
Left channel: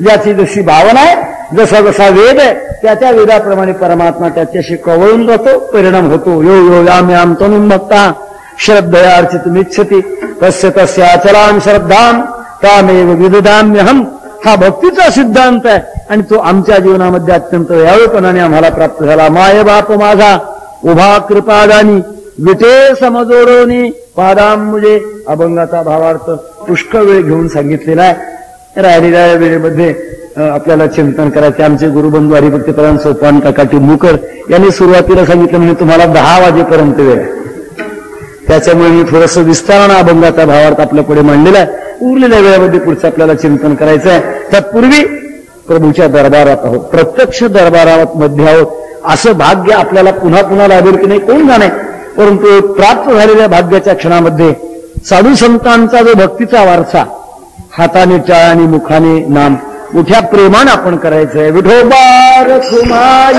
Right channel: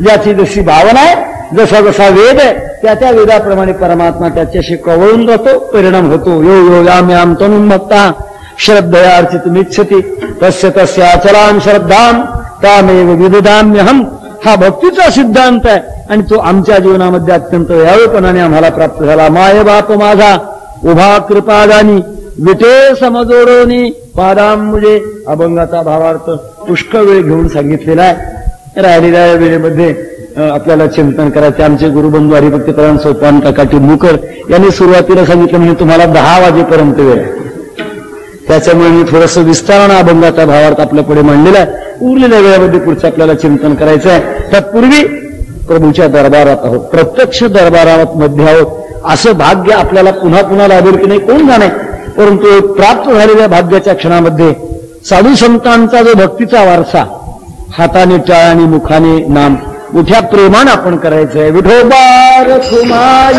ज्याची जशी भावना आहे, जसा जसा वेद आहे त्या त्या वेदाप्रमाणे परमात्मा त्याच्याशी कवळून जातो, परिणाम होतो. यो योगाम्याम तनुमत्ता श्रद्धया अर्चितुमिच्छति तस्य तस्य अचलां श्रद्धां त्यामेव विदधाम्यहम. हा भक्तीचा सिद्धांत आहे आणि तो आमच्या जीवनामध्ये अत्यंत व्यापकपणाने आम्हाला प्राप्त झाला. माय बाप माझा उभा कृपादानी विटे समजोरोनी पादांमुळे अभंगाचा भावार्थ पुष्कळ वेळ घेऊन सांगितलेला आहे. राहिलेल्या वेळेमध्ये आपल्याला चिंतन करायचे. आमचे गुरुबंधू हरिभक्तपरायण सोपान काका टिंबूकर यांनी सुरुवातीला सांगितलं म्हणजे तुम्हाला 10 वाजेपर्यंत वेळ आहे. त्याच्यामुळे मी थोडंसं विस्तारानं अभंगाचा भावार्थ आपल्या पुढे मांडलेला आहे. उरलेल्या वेळेमध्ये पुढचं आपल्याला चिंतन करायचं आहे. त्यापूर्वी प्रभूच्या दरबारात आहोत, प्रत्यक्ष दरबारात मध्ये आहोत. असं भाग्य आपल्याला पुन्हा पुन्हा लाभेल की नाही कोण जाणे. परंतु प्राप्त झालेल्या भाग्याच्या क्षणामध्ये साधू संतांचा जो भक्तीचा वारसा हाताने टाळ आणि मुखाने नाम मोठ्या प्रेमानं आपण करायचं आहे. विठोबा रखुमाई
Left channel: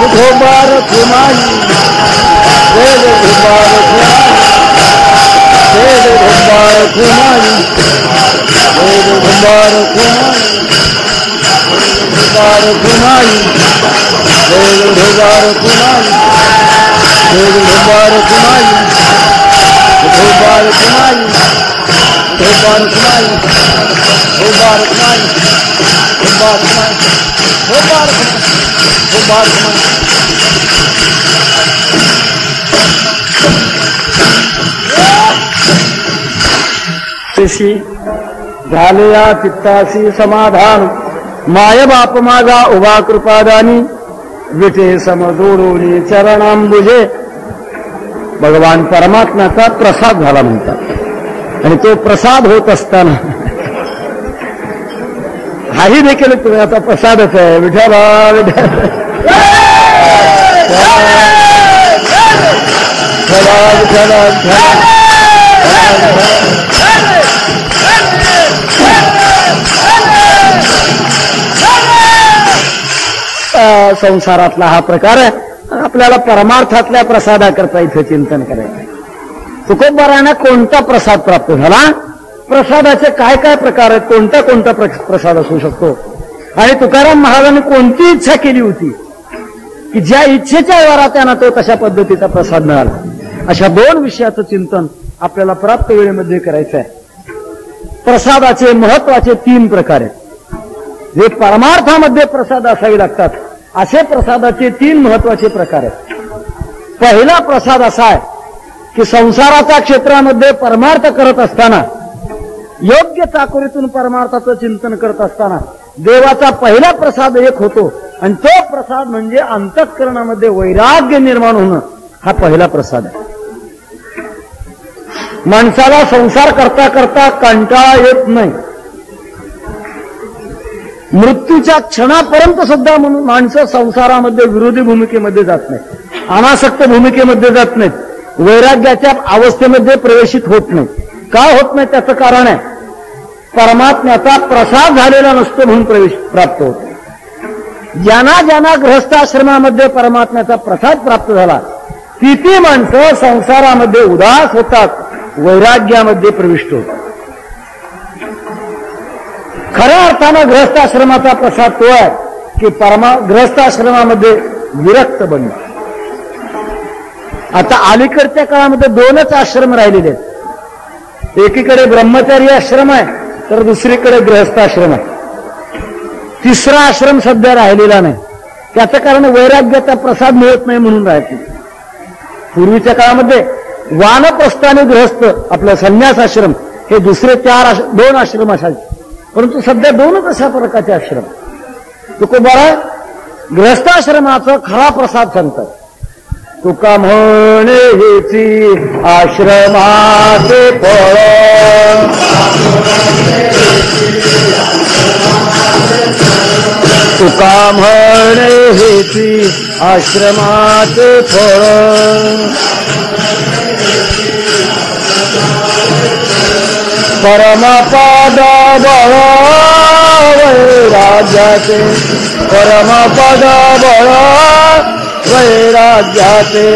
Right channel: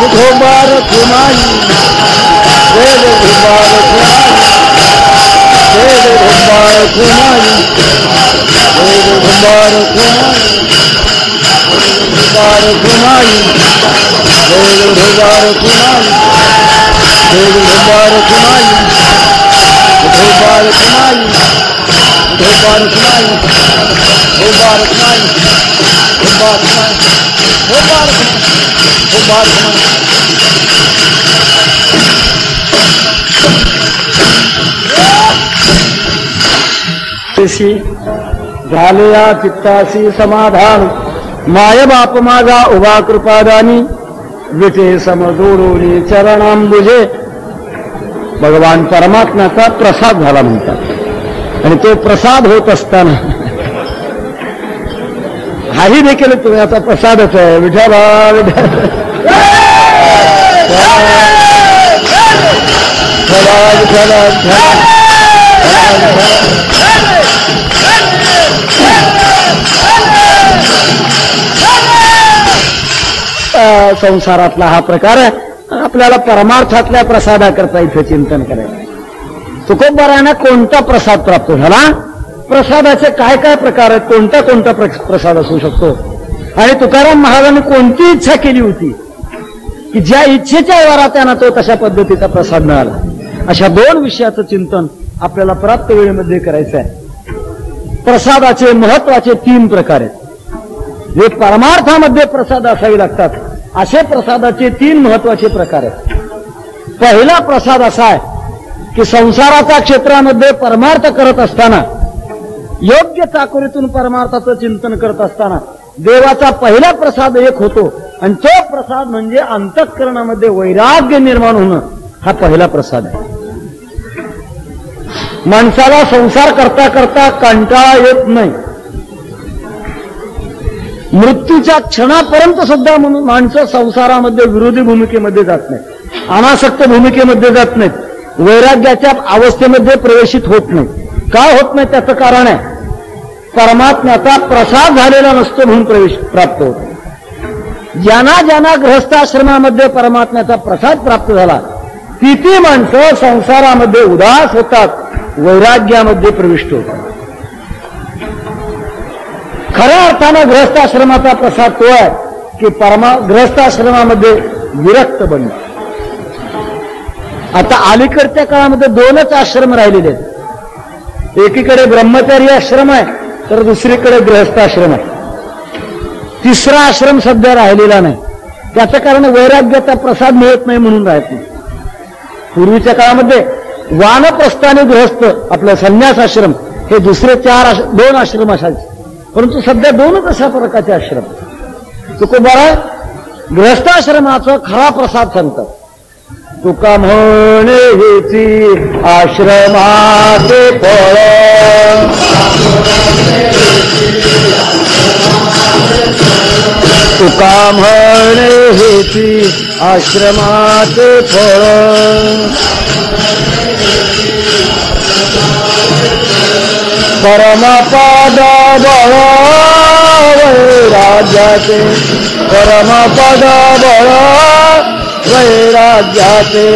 विठोबा रखुमाई जय विठोबा रखुमाई जय विठोबा रखुमाई जय विठोबा रखुमाई विठोबा रखुमाई जय विठोबा रखुमाई जय विठोबा रखुमाई विठोबा रखुमाई विठोबा रखुमाई विठोबा रखुमाई विठोबा रखुमाई विठोबा रखुमाई. झाले या चित्ताशी समाधान माय बाप माझा उभा कृपादानी विटे समजोरोनी चरणांबुजे. भगवान परमात्म्याचा प्रसाद झाला म्हणतात. आणि तो प्रसाद होत असताना हाही देखील तुम्हाला प्रसादच आहे. विठ्ठला विठ्ठल संसारातला हा प्रकार आहे. आपल्याला परमार्थातल्या प्रसादाकरता इथे चिंतन करायचं. तुकोबारांना कोणता प्रसाद प्राप्त झाला, प्रसादाचे काय काय प्रकार आहेत, कोणता कोणता प्रसाद असू शकतो, आणि तुकाराम महाराजांनी कोणती इच्छा केली होती की ज्या इच्छेच्या वारा त्यांना तो कशा पद्धतीचा प्रसाद मिळाला. अशा 2 विषयाचं चिंतन आपल्याला प्राप्त वेळेमध्ये करायचं आहे. प्रसादाचे महत्वाचे 3 प्रकार आहेत. जे परमार्थामध्ये प्रसाद असावे लागतात असे प्रसादाचे 3 महत्वाचे प्रकार आहेत. पहिला प्रसाद असा आहे की संसाराच्या क्षेत्रामध्ये परमार्थ करत असताना, योग्य चाकोरीतून परमार्थाचं चिंतन करत असताना देवाचा पहिला प्रसाद एक होतो, आणि तो प्रसाद म्हणजे अंतःकरणामध्ये वैराग्य निर्माण होणं. हा पहिला प्रसाद आहे. माणसाला संसार करता करता कंटाळा येत नाही. मृत्यूच्या क्षणापर्यंत सुद्धा माणसं संसारामध्ये विरोधी भूमिकेमध्ये जात नाहीत, अनासक्त भूमिकेमध्ये जात नाहीत, वैराग्याच्या अवस्थेमध्ये प्रवेशित होत नाही. काय होत नाही त्याचं कारण आहे, परमात्म्याचा प्रसाद झालेला नसतो म्हणून प्रवेश प्राप्त होतो. ज्यांना ज्यांना गृहस्थाश्रमामध्ये परमात्म्याचा प्रसाद प्राप्त झाला ती माणसं संसारामध्ये उदास होतात, वैराग्यामध्ये प्रविष्ट होतात. खऱ्या अर्थानं गृहस्थाश्रमाचा प्रसाद तो आहे की गृहस्थाश्रमामध्ये विरक्त बनणं. आता अलीकडच्या काळामध्ये 2च आश्रम राहिलेले आहेत. एकीकडे ब्रह्मचारी आश्रम आहे तर दुसरीकडे गृहस्थाश्रम आहे. तिसरा आश्रम सध्या राहिलेला नाही. त्याचं कारण वैराग्याचा प्रसाद मिळत नाही म्हणून राहत नाही. पूर्वीच्या काळामध्ये वानप्रस्थ आणि गृहस्थ आपलं संन्यास आश्रम हे दुसरे 2 आश्रम असायचे, परंतु सध्या 2च अशा प्रकारचे आश्रम. तुकोबारा गृहस्थाश्रमाचा खरा प्रसाद सांगतात. तुका म्हणे हेची आश्रमाचे फळ, तुका म्हणे हेची आश्रमाचे फळ, परमपद बळ वैराग्याचे, परमपद बळ वैराग्याचे.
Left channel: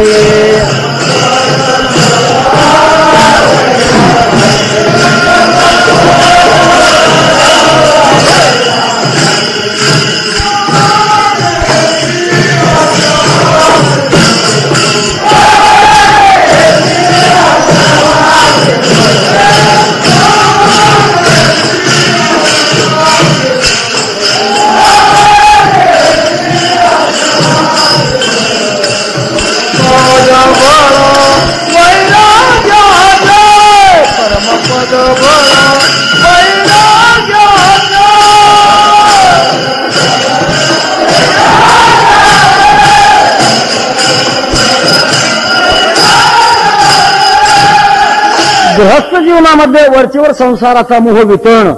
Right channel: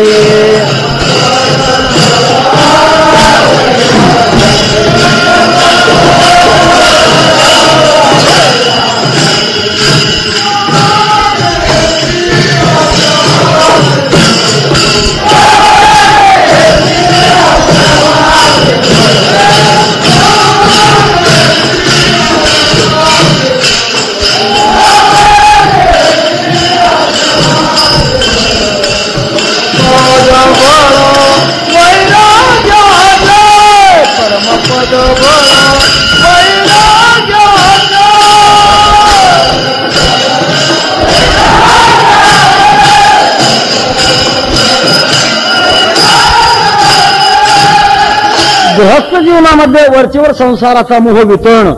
गृहस्थ जीवनामध्ये वरचेवर संसाराचा मोह वितळणं,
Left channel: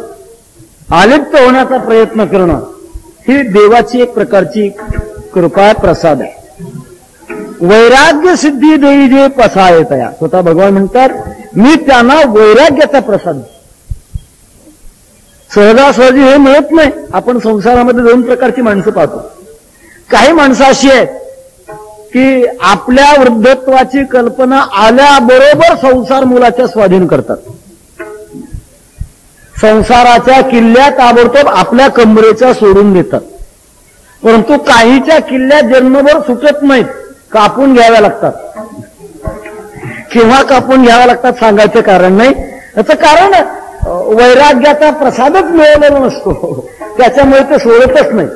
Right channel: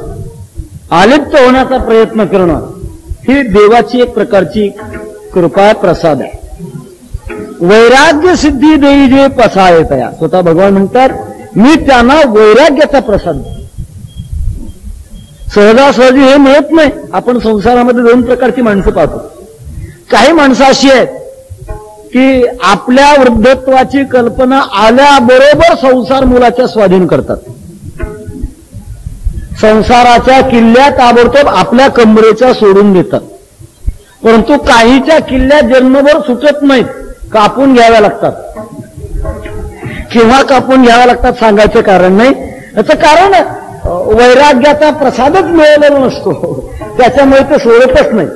आलिप्त होण्याचा प्रयत्न करणं ही देवाची एक प्रकारची कृपा प्रसाद आहे. वैराग्य सिद्धी देई जे पसाय तया, स्वतः भगवान म्हणतात मी त्यांना वैराग्याचा प्रसाद. सहजासहजी हे मिळत नाही. आपण संसारामध्ये 2 प्रकारची माणसं पाहतो. काही माणसं अशी आहेत की आपल्या वृद्धत्वाची कल्पना आल्याबरोबर संसार मुलाच्या स्वाधीन करतात. संसाराच्या किल्ल्या ताबडतोब आपल्या कमरेच्या सोडून देतात. परंतु काहीच्या किल्ल्या जन्मभर सुटत नाहीत, कापून घ्याव्या लागतात. केव्हा कापून घ्याव्या लागतात सांगायचं कारण नाही. याचं कारण वैराग्याचा प्रसादच मिळवलेला नसतो, त्याच्यामुळे ते सोडतच नाही.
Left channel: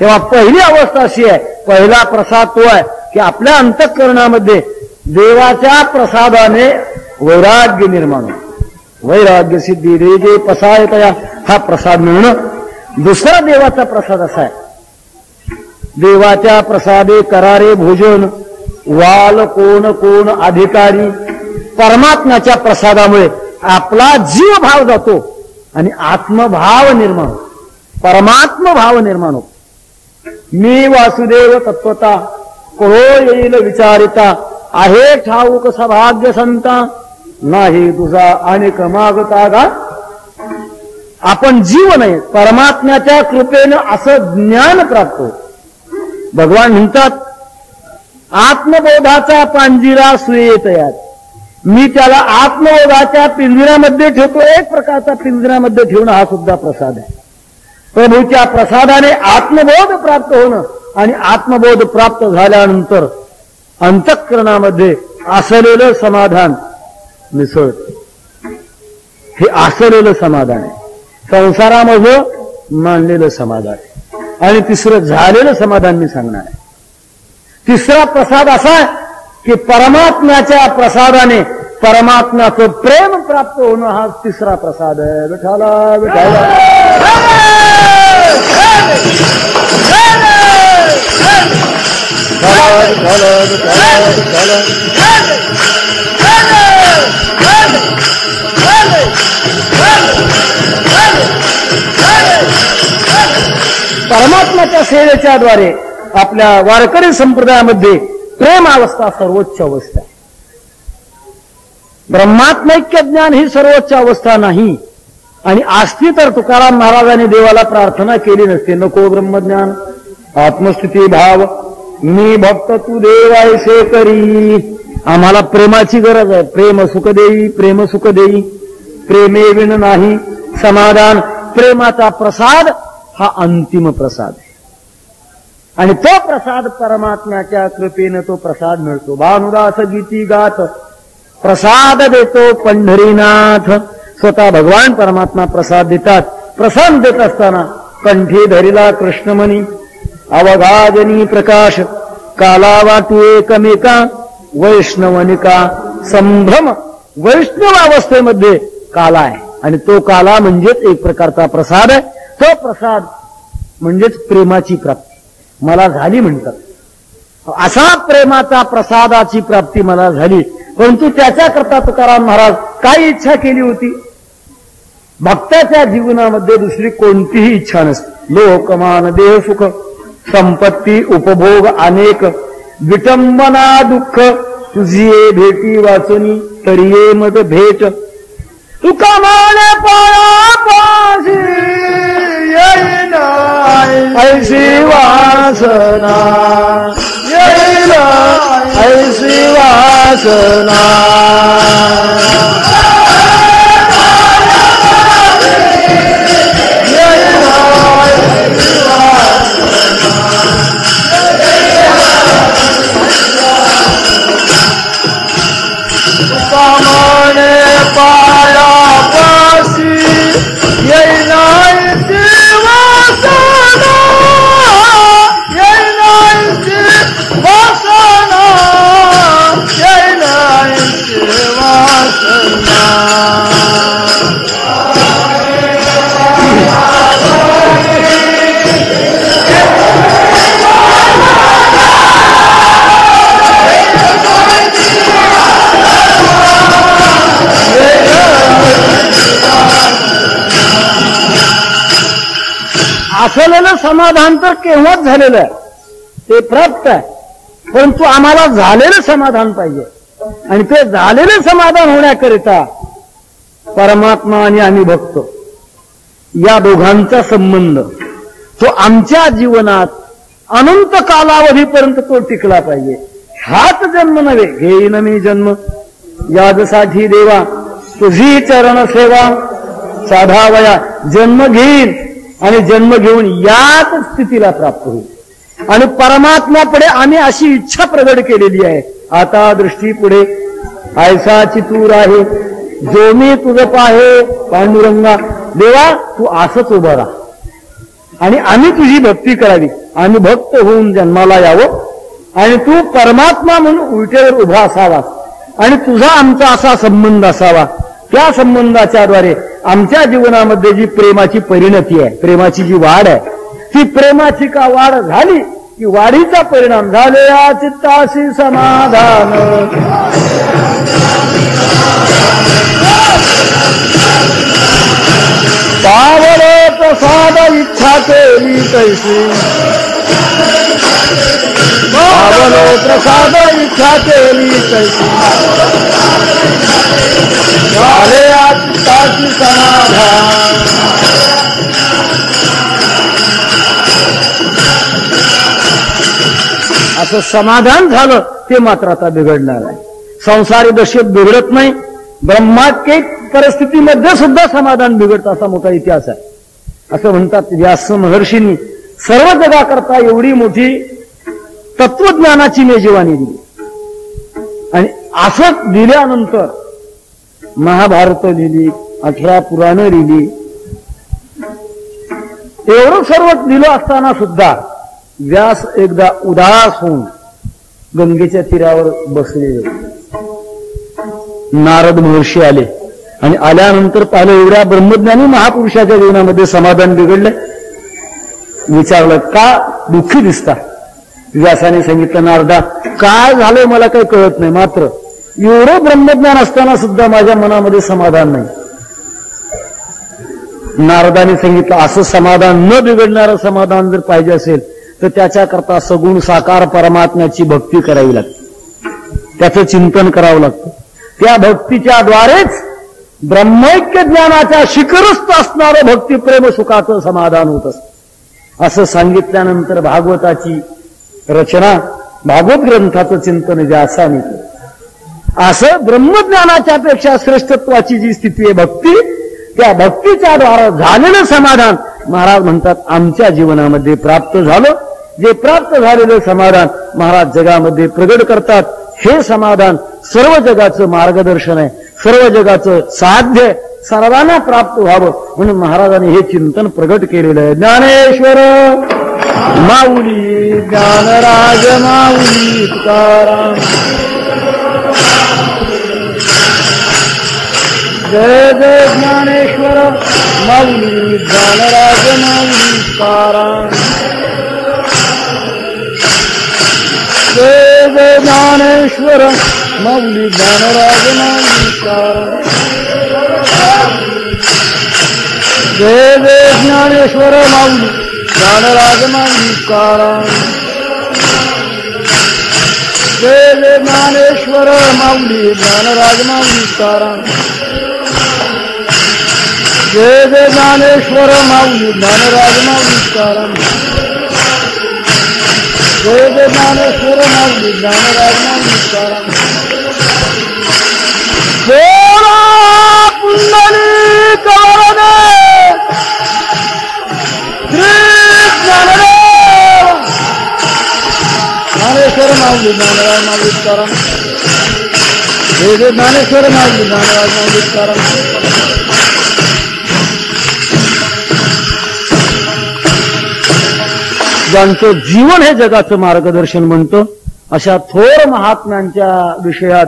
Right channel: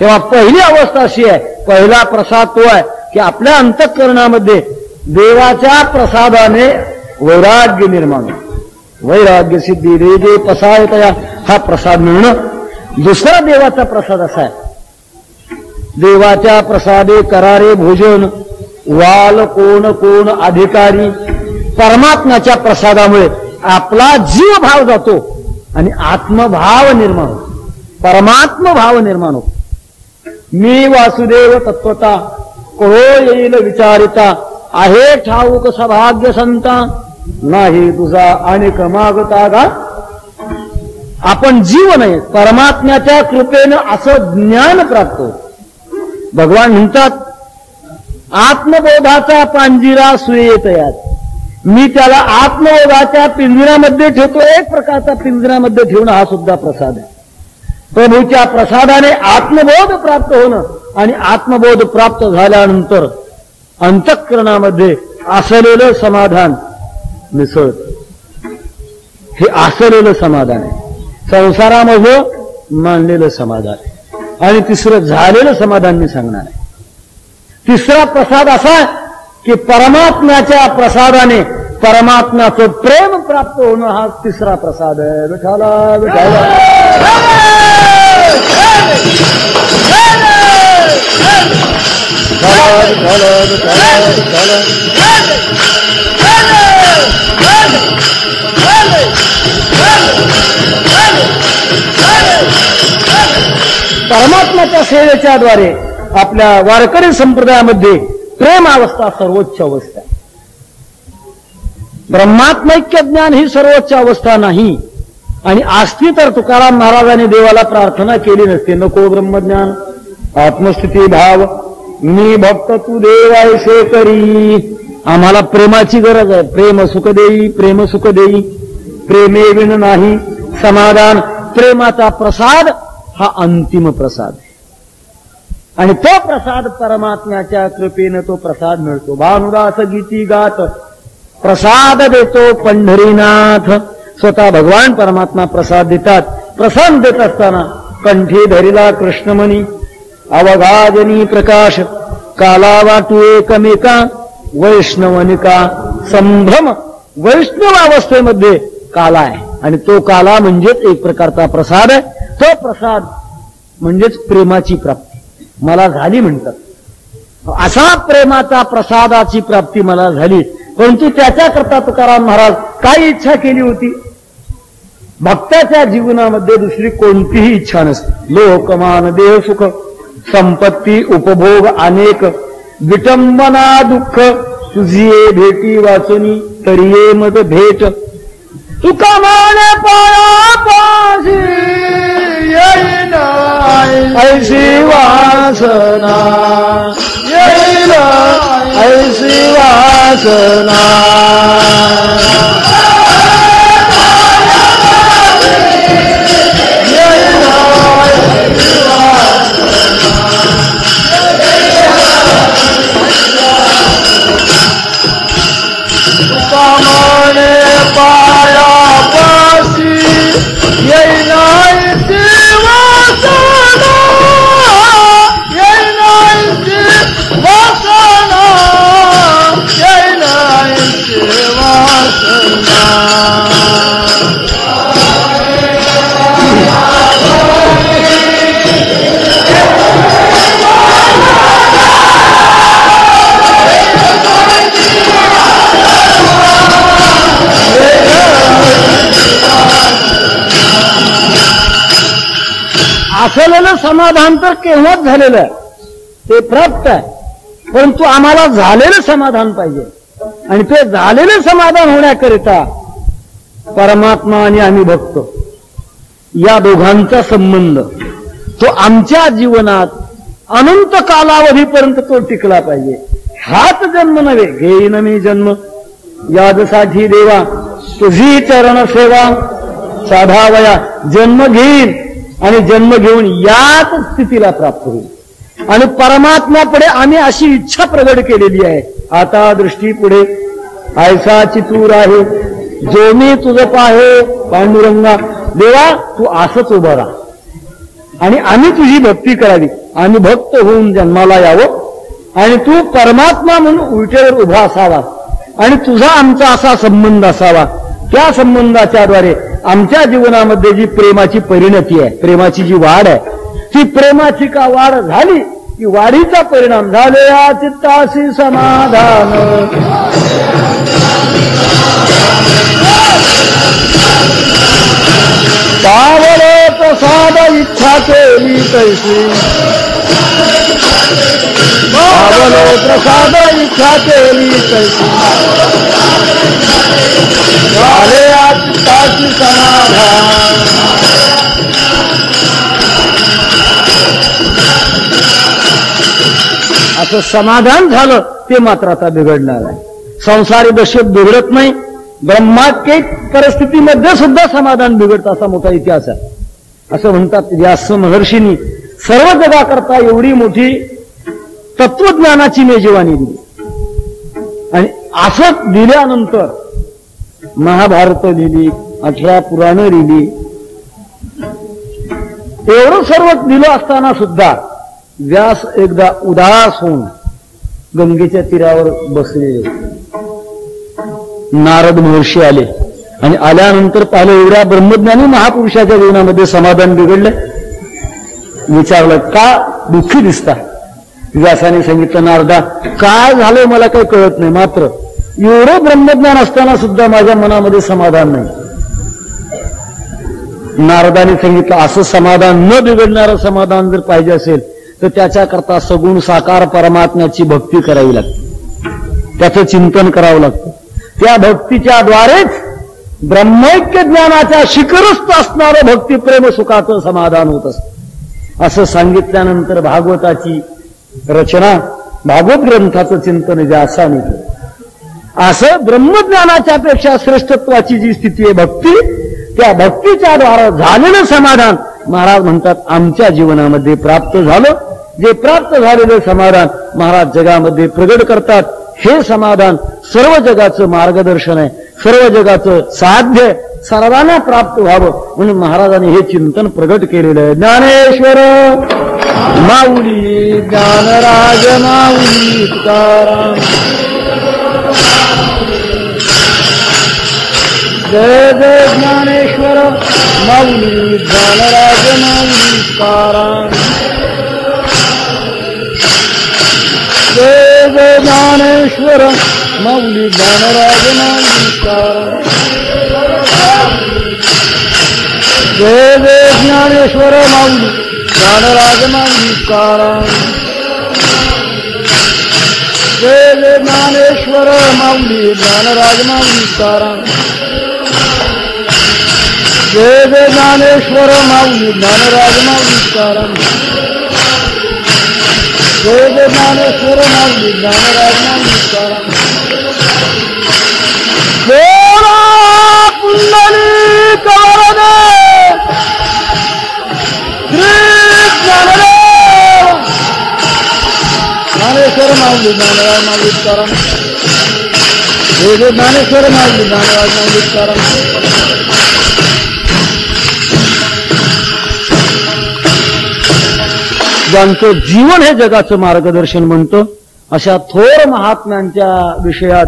तेव्हा पहिली अवस्था अशी आहे, पहिला प्रसाद तो आहे की आपल्या अंतःकरणामध्ये देवाच्या प्रसादाने वैराग्य निर्माण होतं. वैराग्य सिद्धी रे जे पसायतया, हा प्रसाद मिळणं. दुसरा देवाचा प्रसाद असा आहे, देवाच्या प्रसादे करारे भोजन, वाल कोण कोण अधिकारी. परमात्म्याच्या प्रसादामुळे आपला जीव भाव जातो आणि आत्मभाव निर्माण होतो, परमात्म भाव निर्माण होतो. मी वासुदेव तत्वता कहो येईल विचारिता, आहे ठाऊक सभाग्य संता, नाही तुझा अनेक मागता गा. आपण जीव नाही, परमात्म्याच्या कृपेनं असं ज्ञान प्राप्त होतं. भगवान म्हणतात आत्मबोधाचा पांजिरा सुयेतयात. मी त्याला आत्मबोधाच्या पिंजऱ्यामध्ये ठेवतो. एक प्रकारचा पिंजऱ्यामध्ये ठेवणं हा सुद्धा प्रसाद आहे. प्रभूच्या प्रसादाने आत्मबोध प्राप्त होणं आणि आत्मबोध प्राप्त झाल्यानंतर अंतःकरणामध्ये असलेलं समाधान मिसळत. हे असलेलं समाधान आहे, संसारामध्ये मानलेलं समाधान. आणि तिसरं झालेलं समाधान मी सांगणार आहे. तिसरा प्रसाद असा की परमात्म्याच्या प्रसादाने परमात्म्याचं प्रेम प्राप्त होणं हा तिसरा प्रसाद आहे. विठाला विठाला परमात्म्याच्या सेवेच्या द्वारे आपल्या वारकरी संप्रदायामध्ये प्रेम अवस्था सर्वोच्च अवस्था. ब्रह्मात्मैक्य ज्ञान ही सर्वोच्च अवस्था नाही. आणि असती तर तुकाराम महाराजांनी देवाला प्रार्थना केली नसते, नको ब्रह्मज्ञान आत्मस्थिती भाव मी भक्त तू देव ऐसे करी. आम्हाला प्रेमाची गरज आहे. प्रेम सुख देई, प्रेम सुख देई, प्रेमे विण नाही समाधान. प्रेमाचा प्रसाद हा अंतिम प्रसाद आहे आणि तो प्रसाद परमात्म्याच्या कृपेनं तो प्रसाद मिळतो. भानुदास गीती गात प्रसाद देतो पंढरीनाथ. स्वतः भगवान परमात्मा प्रसाद देतात. प्रसाद देत असताना कंठी धरिला कृष्णमणी अवघाजनी प्रकाश काला वाटू एकमेका वैष्णवनिका संभ्रम. वैष्णव अवस्थेमध्ये काला आहे आणि तो काला म्हणजेच एक प्रकारचा प्रसाद आहे. तो प्रसाद म्हणजेच प्रेमाची प्राप्ती मला झाली म्हणतात. अशा प्रेमाचा प्रसादाची प्राप्ती मला झाली. परंतु त्याच्याकरता तुकाराम महाराज काय इच्छा केली होती? भक्ताच्या जीवनामध्ये दुसरी कोणतीही इच्छा नसते. लोकमान देह सुख संपत्ती उपभोग अनेक विटंबना दुःख तुझी भेटी वाचनी तरी ये मग भेट. तुका मान पाशी येईन ऐशी वासना येईन ऐशी वासना. असलेलं समाधान तर केव्हाच झालेलं आहे, ते प्राप्त आहे. परंतु आम्हाला झालेलं समाधान पाहिजे आणि ते झालेलं समाधान होण्याकरिता परमात्मा आणि आम्ही भक्त या दोघांचा संबंध तो आमच्या जीवनात अनंत कालावधीपर्यंत तो टिकला पाहिजे. हाच जन्म नव्हे घेईन मी जन्म यादसाठी देवा तुझी चरण सेवा साधावया. जन्म घेईन आणि जन्म घेऊन याच स्थितीला प्राप्त होईल आणि परमात्म्यापुढे आम्ही अशी इच्छा प्रगट केलेली आहे. आता दृष्टी पुढे ऐसा चितूर आहे जो मी तुझं पाहे पांडुरंगा. देवा तू असंच उभा राहा आणि आम्ही तुझी भक्ती करावी. आम्ही भक्त होऊन जन्माला यावं आणि तू परमात्मा म्हणून उलटेवर उभा असावा आणि तुझा आमचा असा संबंध असावा. त्या संबंधाच्याद्वारे आमच्या जीवनामध्ये जी प्रेमाची परिणती आहे, प्रेमाची जी वाढ आहे, ती प्रेमाची का वाढ झाली की वाढीचा परिणाम झाले या चित्ताशी समाधान. पावले प्रसाद इच्छा केली तैसी पावले प्रसाद इच्छा केली तैसी झाले या चित्ताशी समाधान. असं समाधान झालं ते मात्र आता बिघडणार आहे. संसारी दशेत बिघडत नाही, ब्रह्मात्मिक परिस्थितीमध्ये सुद्धा समाधान बिघडतं असा मोठा इतिहास आहे. असं म्हणतात व्यास महर्षींनी सर्व जगाकरता एवढी मोठी तत्वज्ञानाची मेजवानी दिली आणि असं दिल्यानंतर महाभारत लिहिली, 18 पुराणं लिहिली. एवढं सर्व दिलं असताना सुद्धा व्यास एकदा उदास होऊन गंगेच्या तीरावर बसले. नारद महर्षी आले आणि आल्यानंतर पाहिलं एवढ्या ब्रह्मज्ञानी महापुरुषाच्या जीवनामध्ये समाधान बिघडलं. विचारलं का दुःखी दिसता? व्यासाने सांगितलं नारदा काय झालंय मला काही कळत नाही, मात्र एवढं ब्रह्मज्ञान असताना सुद्धा माझ्या मनामध्ये समाधान नाही. नारदाने सांगितलं असं समाधान न बिघडणारं समाधान जर पाहिजे असेल तर त्याच्याकरता सगुण साकार परमात्म्याची भक्ती करावी लागते, त्याचं चिंतन करावं लागतं. त्या भक्तीच्या द्वारेच ब्रह्मैक्य ज्ञानाच्या शिखरस्थ असणारं भक्तिप्रेम सुखाचं समाधान होत असतं. असं सांगितल्यानंतर भागवताची रचना, भागवत ग्रंथाचं चिंतन जे असं होतं. असं ब्रह्मज्ञानाच्या पेक्षा श्रेष्ठत्वाची जी स्थिती आहे भक्ती, त्या भक्तीच्या द्वारा झालेलं समाधान महाराज म्हणतात आमच्या जीवनामध्ये प्राप्त झालं. जे प्राप्त झालेलं समाधान महाराज जगामध्ये प्रगट करतात. हे समाधान सर्व जगाचं मार्गदर्शन आहे, सर्व जगाचं साध्य, सर्वांना प्राप्त व्हावं म्हणून महाराजांनी हे चिंतन प्रगट केलेलं आहे. ज्ञानेश्वर माऊली, ज्ञानराज माऊली तुकाराम, जय जय ज्ञानेश्वर माऊली, ज्ञानराज माऊली तुकाराम, जय जय ज्ञानेश्वर माऊली, ज्ञानराज माऊली तुकाराम, जय जय ज्ञानेश्वर माऊली, ज्ञानराज माऊली तुकाराम, जय जय ज्ञानेश्वर माऊली, ज्ञानराज माऊली तुकाराम, जय जय ज्ञानेश्वर माऊली, ज्ञानराज माऊली तुकाराम, जय जय ज्ञानेश्वर माऊली, ज्ञानराज माऊली तुकाराम. ज्ञानेश्वर माऊली, ज्ञानराज माऊली तुकाराम, जय जय ज्ञानेश्वर माऊली, ज्ञानराज माऊली तुकाराम. ज्यांचं जीवन हे जगाचं मार्गदर्शन म्हणतं अशा थोर महात्म्यांच्या विषयात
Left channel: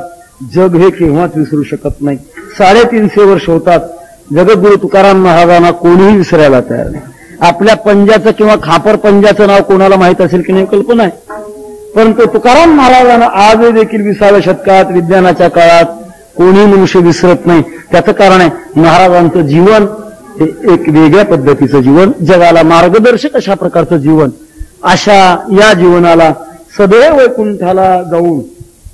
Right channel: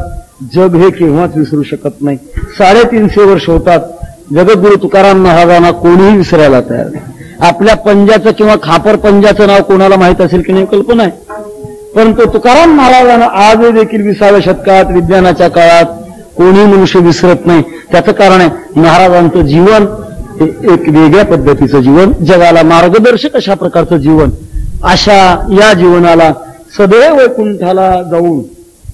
जग हे केव्हाच विसरू शकत नाही. 350 वर्ष होतात, जगद्गुरु तुकाराम महाराजांना कोणीही विसरायला तयार नाही. आपल्या पंजाचं किंवा खापर पंजाचं नाव कोणाला माहित असेल की नाही कल्पना आहे, परंतु तुकाराम महाराजांना आज देखील 20व्या शतकात विज्ञानाच्या काळात कोणी मनुष्य विसरत नाही. त्याचं कारण आहे महाराजांचं जीवन हे एक वेगळ्या पद्धतीचं जीवन, जगाला मार्गदर्शक अशा प्रकारचं जीवन. अशा या जीवनाला सदैव वैकुंठाला जाऊन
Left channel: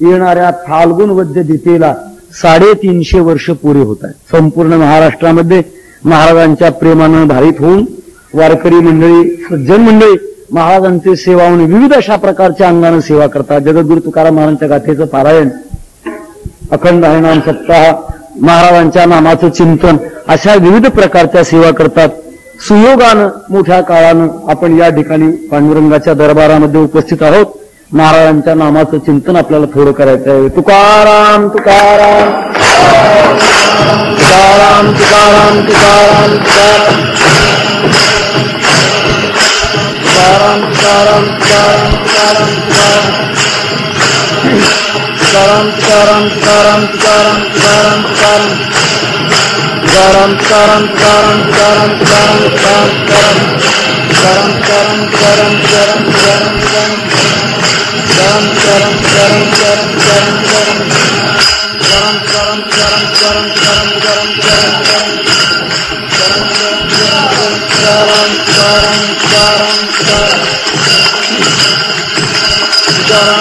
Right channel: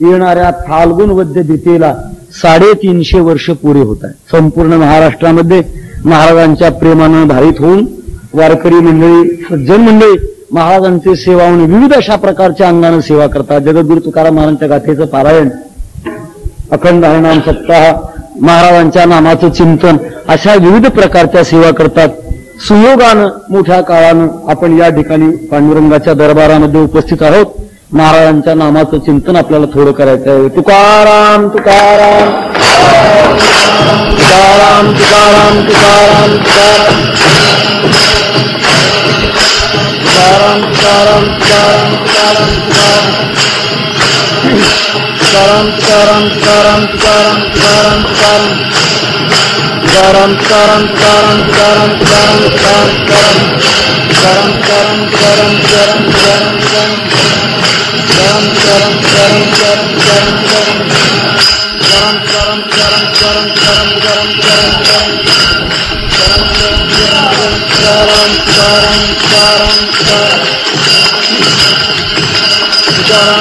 येणाऱ्या फाल्गुन वद्य दितेला 350 वर्ष पुरे होत आहेत. संपूर्ण महाराष्ट्रामध्ये महाराजांच्या प्रेमाने भारित होऊन वारकरी मंडळी, सज्जन मंडळी महाराजांचे सेवा म्हणून विविध अशा प्रकारच्या अंगाने सेवा करतात. जगद्गुरु तुकाराम महाराजांच्या गाथेचं पारायण, अखंड हरिनाम सप्ताह, महाराजांच्या नामाचं चिंतन अशा विविध प्रकारच्या सेवा करतात. सुयोगानं मोठ्या काळानं आपण या ठिकाणी पांडुरंगाच्या दरबारामध्ये उपस्थित आहोत. महाराजांच्या नामाचं चिंतन आपल्याला थोडं करायचं आहे. तुकाराम तुकाराम तुकाराम तुकाराम तुकाराम तुकाराम तुकाराम तुकाराम तुकाराम तुकाराम तुकाराम तुकाराम तुकाराम तुकाराम तुकाराम तुकाराम तुकाराम तुकाराम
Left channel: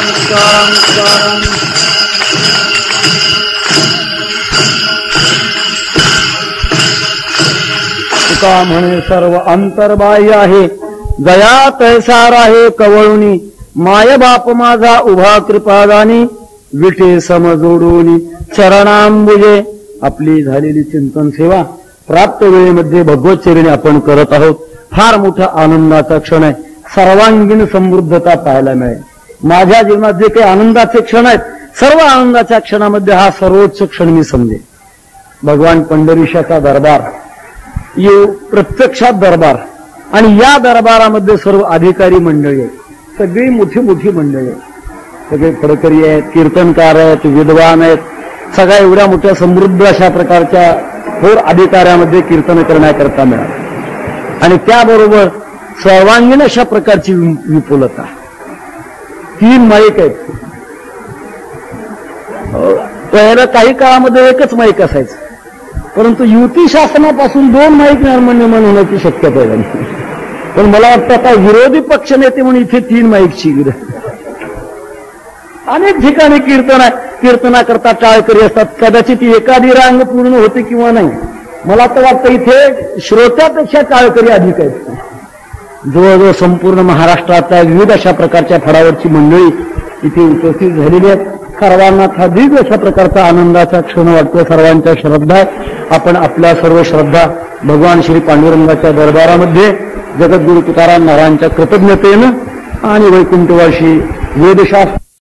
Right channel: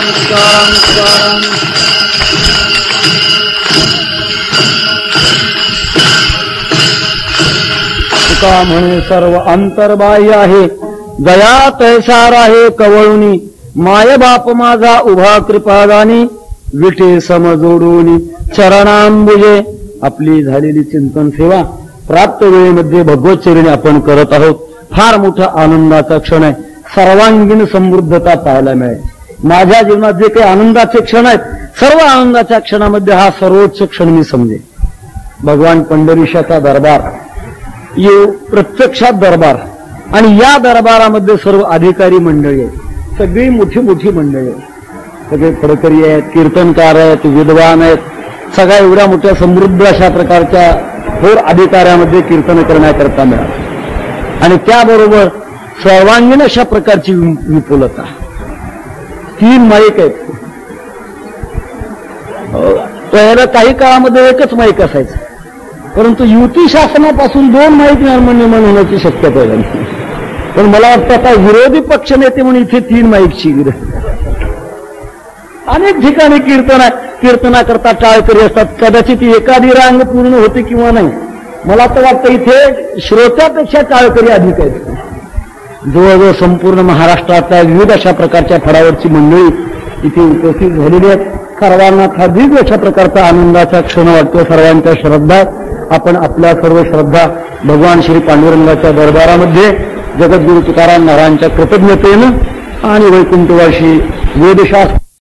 तुकाराम तुका म्हणे सर्व अंतर्बाह्य आहे, दया तैसार आहे कवळुनी, माय बाप माझा उभा कृपादानी, विठे समजोडूनी चरणांबुजे. आपली झालेली चिंतन सेवा प्राप्त वेळेमध्ये भगवतचरणी आपण करत आहोत. फार मोठा आनंदाचा क्षण आहे. सर्वांगीण समृद्धता पाहायला मिळेल. माझ्या जीवनात जे काही आनंदाचे क्षण आहेत, सर्व आनंदाच्या क्षणामध्ये हा सर्वोच्च क्षण मी समजे. भगवान पंढरीशाचा दरबार, ये प्रत्यक्षात दरबार, आणि या दरबारामध्ये सर्व अधिकारी मंडळी आहेत, सगळी मोठी मोठी मंडळी आहेत, सगळे फडकरी आहेत, कीर्तनकार आहेत, विद्वान आहेत, सगळ्या एवढ्या मोठ्या समृद्ध अशा प्रकारच्या थोर अधिकाऱ्यामध्ये कीर्तन करण्याकरता मिळाले. आणि त्याबरोबर सर्वांगीण अशा प्रकारची विपुलता. 3 माईक आहेत. पहिल्या काही काळामध्ये एकच माईक असायचं, परंतु युती शासनापासून 2 माईक निर्माण होण्याची शक्यता आहे. पण मला वाटतं आता विरोधी पक्ष नेते म्हणून इथे 3 माईकची अनेक ठिकाणी कीर्तनाकरता टाळकरी असतात. कदाचित एखादी रांग पूर्ण होते किंवा नाही. मला तर वाटतं इथे श्रोत्यापेक्षा टाळकरी अधिक आहेत. जवळजवळ संपूर्ण महाराष्ट्रातल्या विविध अशा प्रकारच्या फडावरची मंडळी इथे उपस्थित झालेली आहेत. सर्वांना अधिक अशा प्रकारचा आनंदाचा क्षण वाटतो. सर्वांच्या श्रद्धा आपण आपल्या सर्व श्रद्धा भगवान श्री पांडुरंगाच्या दरबारामध्ये जगद्गुरु तुकाराम महाराजांच्या कृतज्ञतेनं आणि वैकुंठवासी वेदशास्त्र